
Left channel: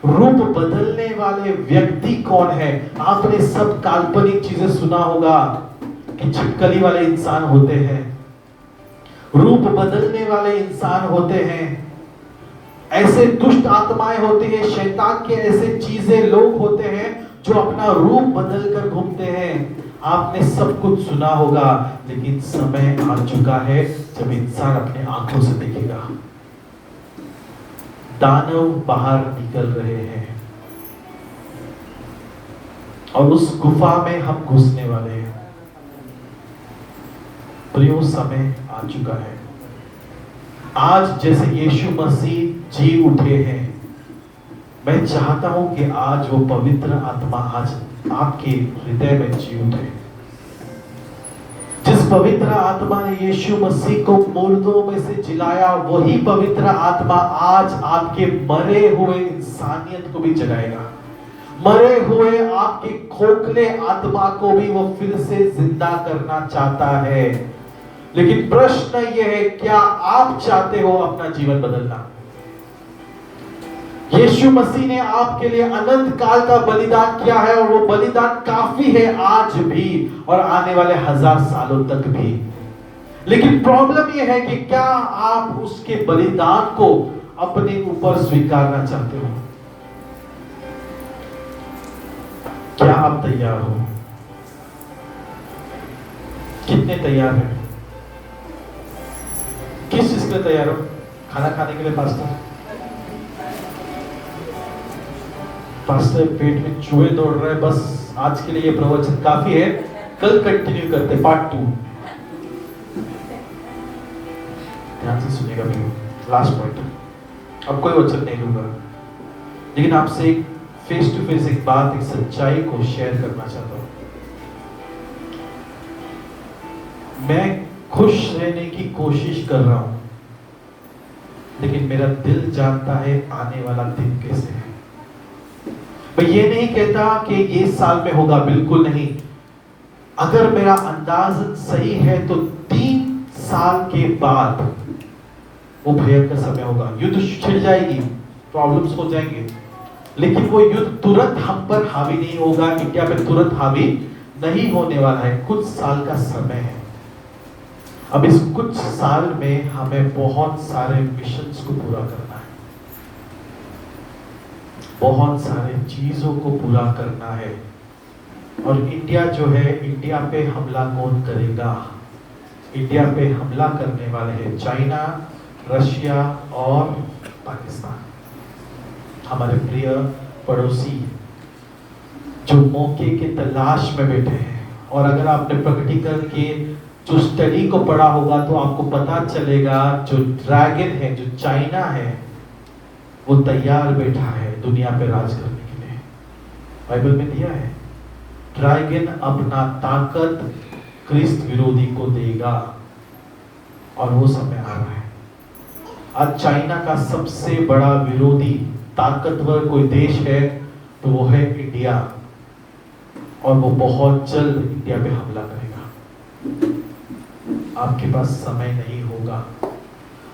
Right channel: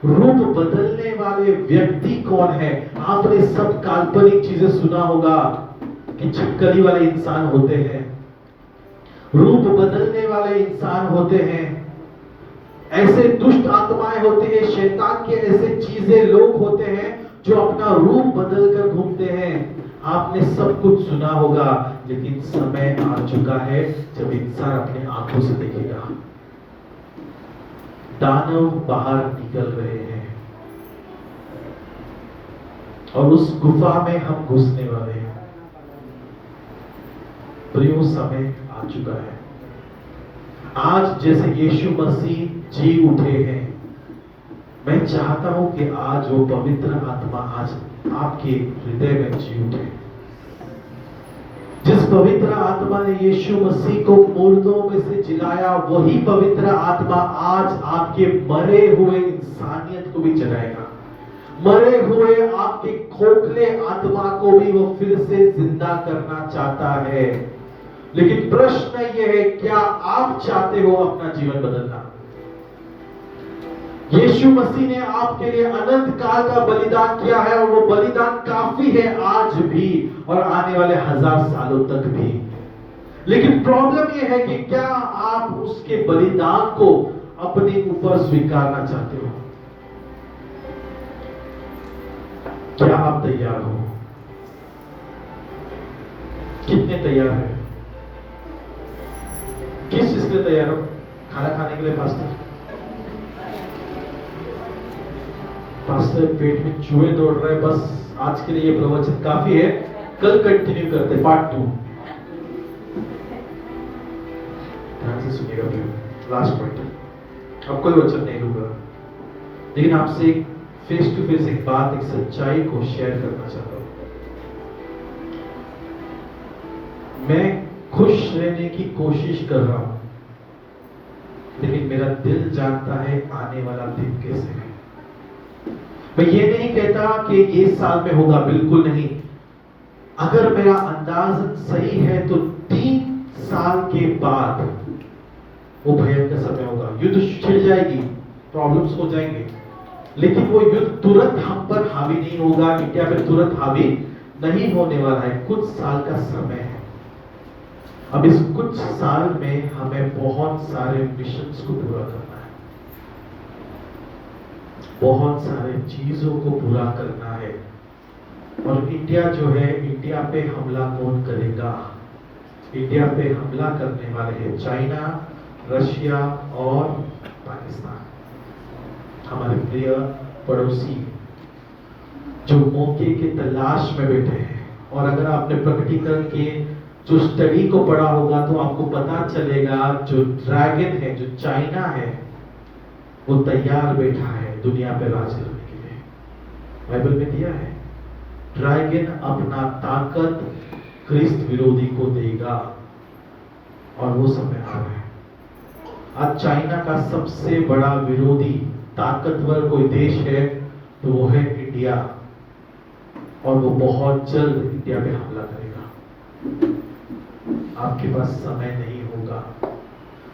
रूप बदलने वाले व्यक्ति कौन है। आपने सब काल्पनिक चीजें सुना होगा कि छिपकली वाले इंसान होते हैं, रूप बदलने वाले इंसान होते हैं, ऐसे दुष्ट आत्माएं होते हैं, शैतान के ऐसे चीजें लोग होते हैं जो अपना रूप बदल कर घूमते हैं। आपने सब कुछ सुना होगा, लेकिन समय आ चुका है जब इंसान अपने आंखों से देखेगा। दानव बाहर निकल रहे हैं और उस गुफा में हम घुसने वाले हैं। तो ये वो समय आ चुका है। आज जैसे यीशु मसीह जी उठे हैं, मैं चाहता हूं कि आज वो पवित्र आत्मा आज आपके हृदय में जी उठे। जिस पवित्र आत्मा ने यीशु मसीह को मुर्दों में से जिलाया, वही पवित्र आत्मा आज आपके मरे हुए इंसानियत को भी जगाएगा। मरे हुए आपके खोखले आत्मा को भी वो फिर से जिंदा करना चाहता है। लेकिन प्रश्न यह है, क्या आप चाहते हो अपना जीवन बदलना? यीशु मसीह ने आपके लिए अनंत काल का बलिदान किया है और वो बलिदान काफी है आज भी और आने वाले 1000 सालों तक भी। लेकिन प्रॉब्लम ये है कि क्या आप उसके बलिदान को अपने ऊपर स्वीकारना चाहते हो? क्या आप तैयार हो? कितने तैयार हैं? किस चीज के लिए तैयार हो? खाना खाने के लिए पास्टर? पास्टर पेट में चूहे दौड़ रहे हैं, बस आज के लिए ये प्रवचन काफी है, कल कंटिन्यू करते हैं पार्ट 2। ध्यान से सुनिएगा। लास्ट पॉइंट, अब कोई वचन नहीं दूंगा, लेकिन आपसे एक फेस टू फेस एक बात, एक सच्चाई को शेयर करना चाहता हूं। मैं खुश रहने की कोशिश कर रहा हूं, लेकिन मेरा दिल जानता है आने वाला दिन कैसे है। मैं ये नहीं कहता कि ये साल में होगा, बिल्कुल नहीं। अगर मेरा अंदाज सही है तो 3 साल के बाद वो भयंकर समय होगा। युद्ध छिड़ जाएगी, प्रॉब्लम्स हो जाएंगे, लेकिन वो युद्ध तुरंत हम पर हावी नहीं होगा, इंडिया पे तुरंत हावी नहीं होने वाला है। कुछ साल का समय है। अब इस कुछ साल में हमें बहुत सारे मिशंस को पूरा करना है, बहुत सारे चीजों को पूरा करना है। और इंडिया जो है, इंडिया पे हमला कौन करेगा? इंडिया पे हमला करने वाले हैं चाइना, रशिया और पाकिस्तान, हमारे प्रिय पड़ोसी जो मौके के तलाश में बैठे हैं। और अगर आपने प्रकटीकरण के जो स्टडी को पढ़ा होगा तो आपको पता चलेगा जो ड्रैगन है, जो चाइना है, वो तैयार बैठा है दुनिया पे राज करने के लिए। बाइबल में दिया है, ड्रैगन अपना ताकत क्रिस्त विरोधी को देगा, और वो समय आ रहा है। आज चाइना का सबसे बड़ा विरोधी ताकतवर कोई देश है तो वो है इंडिया, और वो बहुत जल्द इंडिया पे हमला करेगा। आपके पास समय नहीं होगा।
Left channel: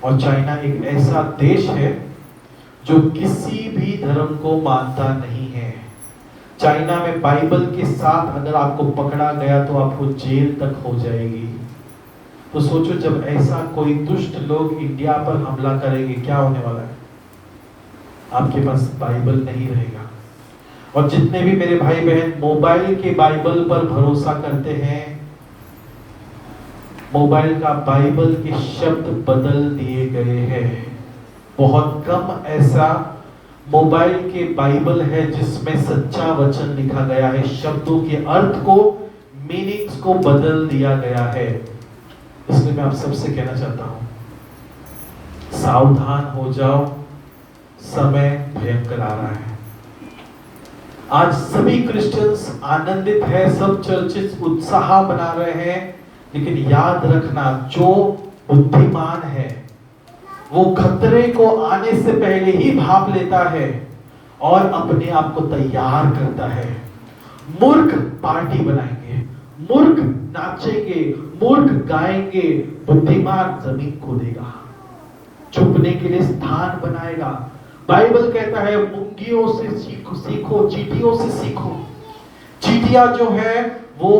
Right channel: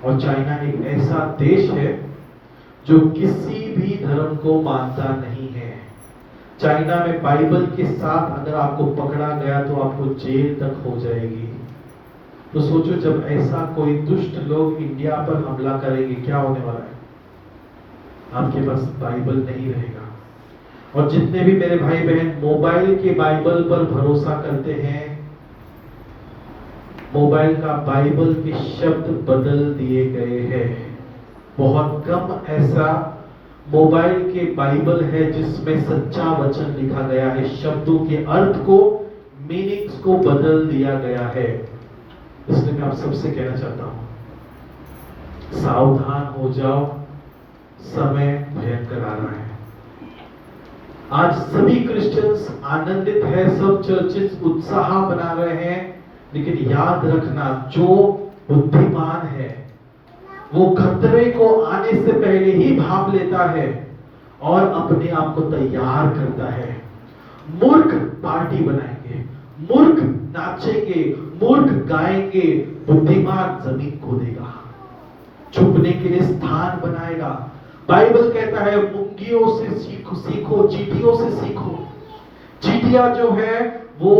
और चाइना एक ऐसा देश है जो किसी भी धर्म को मानता नहीं है। चाइना में बाइबल के साथ अगर आपको पकड़ा गया तो आपको जेल तक हो जाएगी। तो सोचो, जब ऐसा कोई दुष्ट लोग इंडिया पर हमला करेंगे, क्या होने वाला है? आपके पास बाइबल नहीं रहेगा। और जितने भी मेरे भाई बहन मोबाइल के बाइबल पर भरोसा करते हैं, मोबाइल का बाइबल के शब्द बदल दिए गए हैं। बहुत कम ऐसा मोबाइल के बाइबल है जिसमें सच्चा वचन लिखा गया है। शब्दों के अर्थ को, मीनिंग्स को बदल दिया गया है। इसलिए मैं आप सबसे कहना चाहता हूं, सावधान हो जाओ, समय भयंकर आ रहा है। आज सभी क्रिश्चियंस आनंदित है, सब चर्चेस उत्साह बना रहे हैं, लेकिन याद रखना, जो बुद्धिमान है वो खतरे को आने से पहले ही भाप लेता है और अपने आप को तैयार करता है। मूर्ख पार्टी बनाएंगे, मूर्ख नाचेंगे, मूर्ख गाएंगे, बुद्धिमान जमीन खोदेगा, छुपने के लिए स्थान बनाएगा। बाइबल कहता है मुंगियों से सीखो, चींटियों से सीखो। चींटियां जो है वो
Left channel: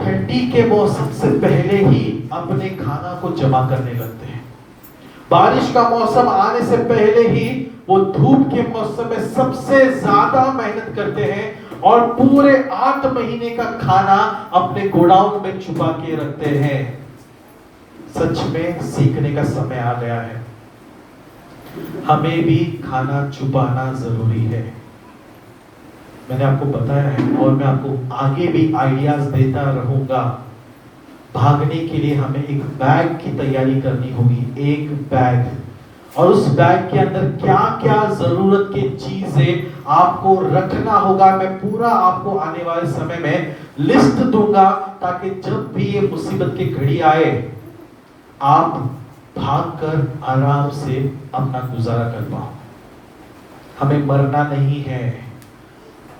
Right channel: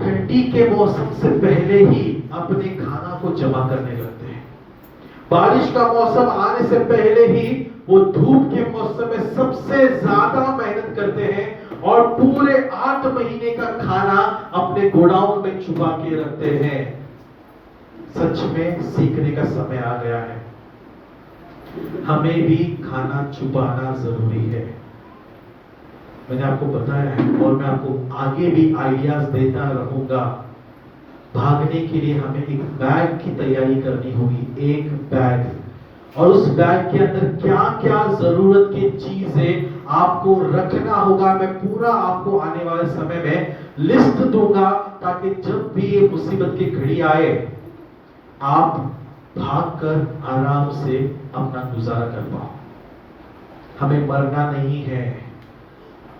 ठंडी के मौसम से पहले ही अपने खाना को जमा करने लगते हैं। बारिश का मौसम आने से पहले ही वो धूप के मौसम में सबसे ज्यादा मेहनत करते हैं और पूरे 8 महीने का खाना अपने गोडाउन में छुपा के रखते हैं। सच में सीखने का समय आ गया है। हमें भी खाना छुपाना जरूरी है। मैंने आपको बताया है और मैं आपको आगे भी आइडियाज देता रहूंगा। भागने के लिए हमें एक बैग की तैयारी करनी होगी, एक बैग, और उस बैग के अंदर क्या क्या जरूरत की चीजें आपको रखना होगा। मैं पूरा आपको आने वाले समय में लिस्ट दूंगा, ताकि जब भी ये मुसीबत की घड़ी आए आप भागकर आराम से अपना गुजारा कर पाओ। हमें मरना नहीं है,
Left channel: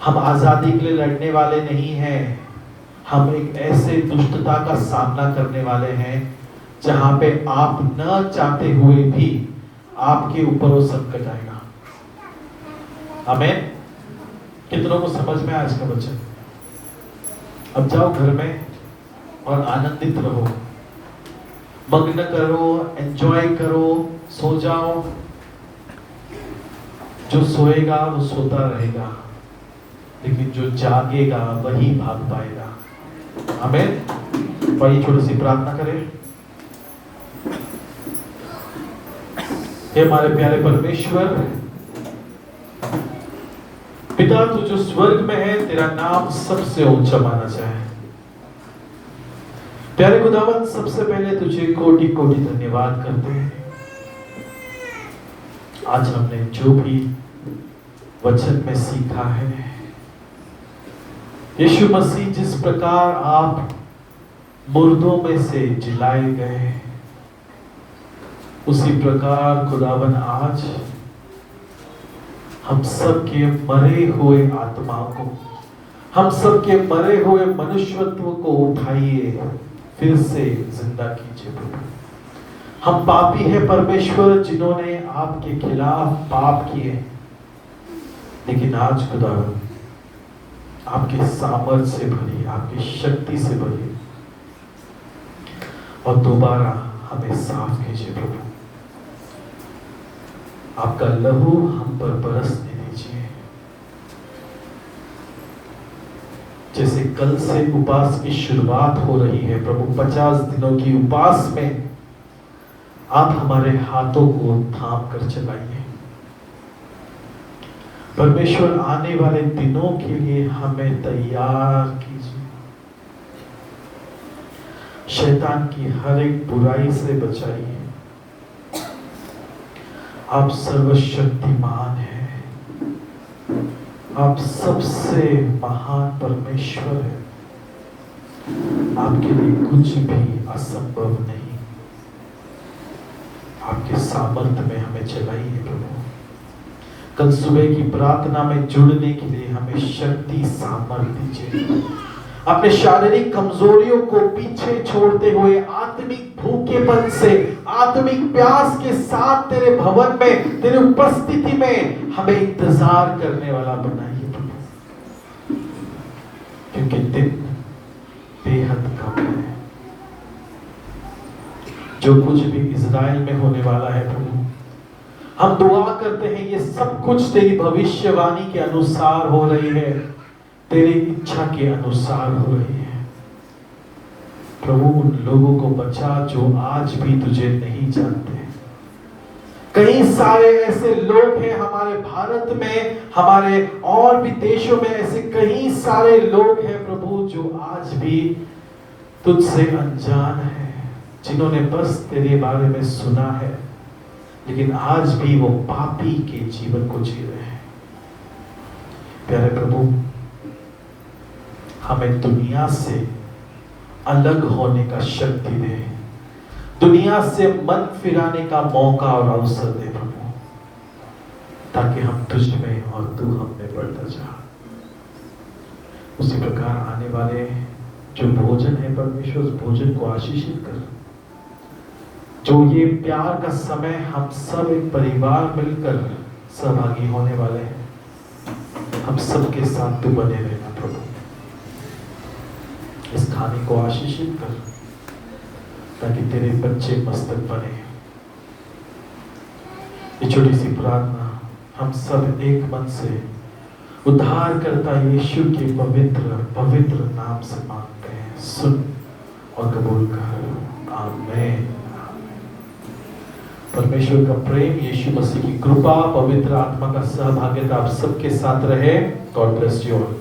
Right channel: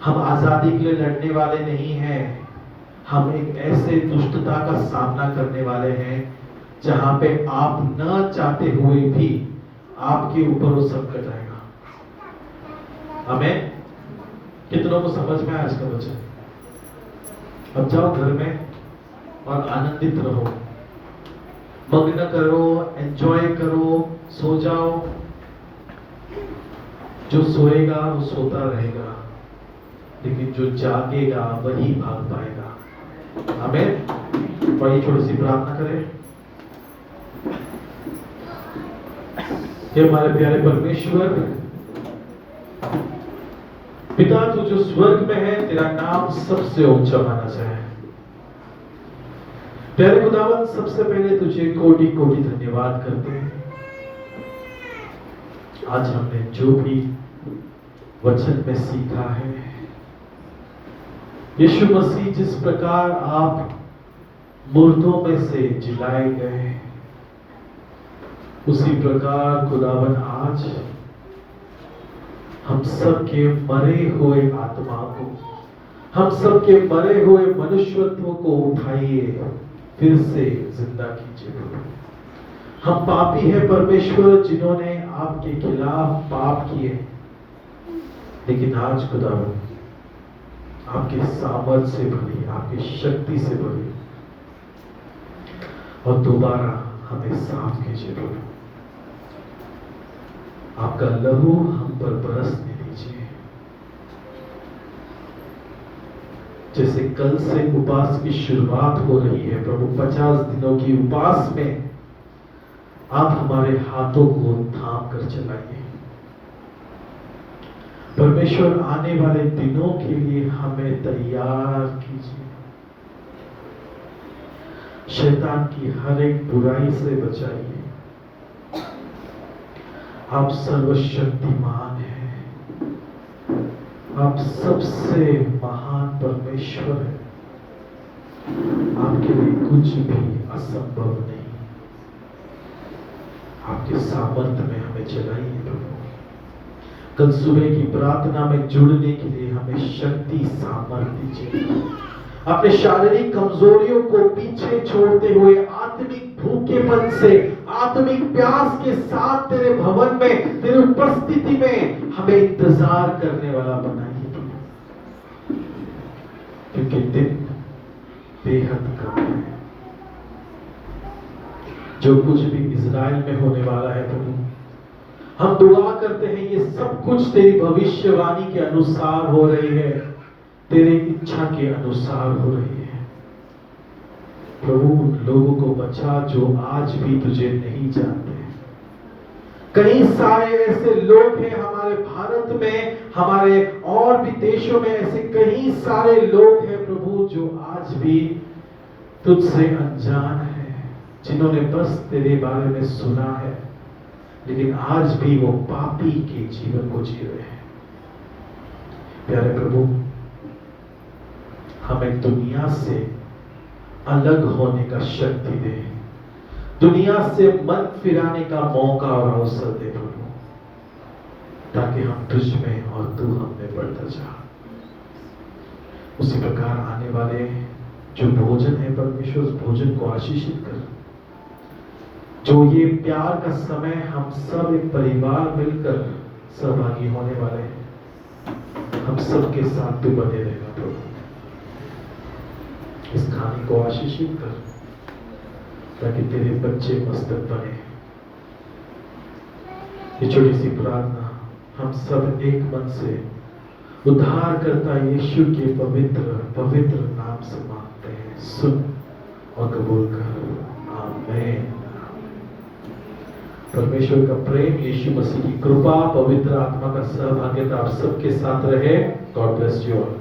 हम आजादी के लिए लड़ने वाले नहीं हैं। हम एक ऐसे दुष्टता का सामना करने वाले हैं जहां पे आप न चाहते हुए भी आपके ऊपर वो संकट आएगा। आमीन। कितनों को समझ में आज का वचन? अब जाओ घर में और आनंदित रहो, मग्न करो, एंजॉय करो, सो जाओ। जो सोएगा वो सोता रहेगा, लेकिन जो जागेगा वही भाग पाएगा। आमीन। वही छोटी सी प्रार्थना करें। हे हमारे प्यारे परमेश्वर, पिता तू जो स्वर्ग में है, तेरा नाम सबसे ऊंचा माना जाए। प्यारे खुदावंद, सबसे पहले तुझे कोटि कोटि धन्यवाद करते हैं। आज हमने जो भी वचन में सीखा है, यीशु मसीह जिस प्रकार आप मुर्दों में से जिलाए गए, उसी प्रकार खुदावन आज हम सबके मरे हुए आत्माओं को, हम सबके मरे हुए मनुष्यत्व को उठाइए, फिर से जिंदा कीजिए प्रभु। हम पापी हैं परमेश्वर, जिन्होंने आपके खिलाफ पाप किए, लेकिन आज खुदावन आपके सामर्थ से भरी, आपकी शक्ति से भरी, और दोबारा हमें साफ कीजिए प्रभु। आपका लहू हम पर बरसने दीजिए। जैसे कल से उपवास की शुरुआत हो रही है प्रभु, 50 दिनों की उपवास में आप हमारे हाथों को थाम कर चलाइए परमेश्वर। आने वाले दिनों के लिए हमें तैयार कीजिए। शैतान की हर एक बुराई से बचाइए। आप सर्वशक्तिमान हैं, आप सबसे महान परमेश्वर हैं, आपके लिए कुछ भी असंभव नहीं। आपके सामर्थ्य में हमें चलाइए प्रभु। कल सुबह की प्रार्थना में जुड़ने के लिए हमें शक्ति सामर्थ्य दीजिए। अपने शारीरिक कमजोरियों को पीछे छोड़ते हुए आत्मिक भूखेपन से, आत्मिक प्यास के साथ तेरे भवन में, तेरे उपस्थिति में हमें इंतजार करने वाला बनाइए प्रभु, क्योंकि दिन बेहद कम है। जो कुछ भी इज़राइल में होने वाला है प्रभु, हम दुआ करते हैं ये सब कुछ तेरी भविष्यवाणी के अनुसार हो रही है, तेरी इच्छा के अनुसार हो रही है प्रभु। उन लोगों को बचा जो आज भी तुझे नहीं जानते। कई सारे ऐसे लोग हैं हमारे भारत में, हमारे और भी देशों में ऐसे कई सारे लोग हैं प्रभु, जो आज भी तुझसे अनजान है, जिन्होंने बस तेरे बारे में सुना है, लेकिन आज भी वो पापी के जीवन को जी रहे हैं। प्यारे प्रभु, हमें दुनिया से अलग होने का शक्ति दे, दुनिया से मन फिराने का मौका और अवसर दे प्रभु, ताकि हम तुझ में और तू हम में बढ़ता जा। उसी प्रकार आने वाले जो भोजन है परमेश्वर, उस भोजन को आशीषित कर। जो ये प्यार का समय हम सब एक परिवार मिलकर सहभागी होने वाले हैं, हम सबके साथ तू बने रहना प्रभु। इस खाने को आशीषित कर, ताकि तेरे बच्चे मस्तक बने। ये छोटी सी प्रार्थना हम सब एक मन से उद्धारकर्ता यीशु के पवित्र पवित्र नाम से मांगते हैं। सुन और कबूल कर। आमीन। परमेश्वर का प्रेम, यीशु मसीह की कृपा, पवित्र आत्मा का सहभागिता आप सबके साथ रहे। God bless you all.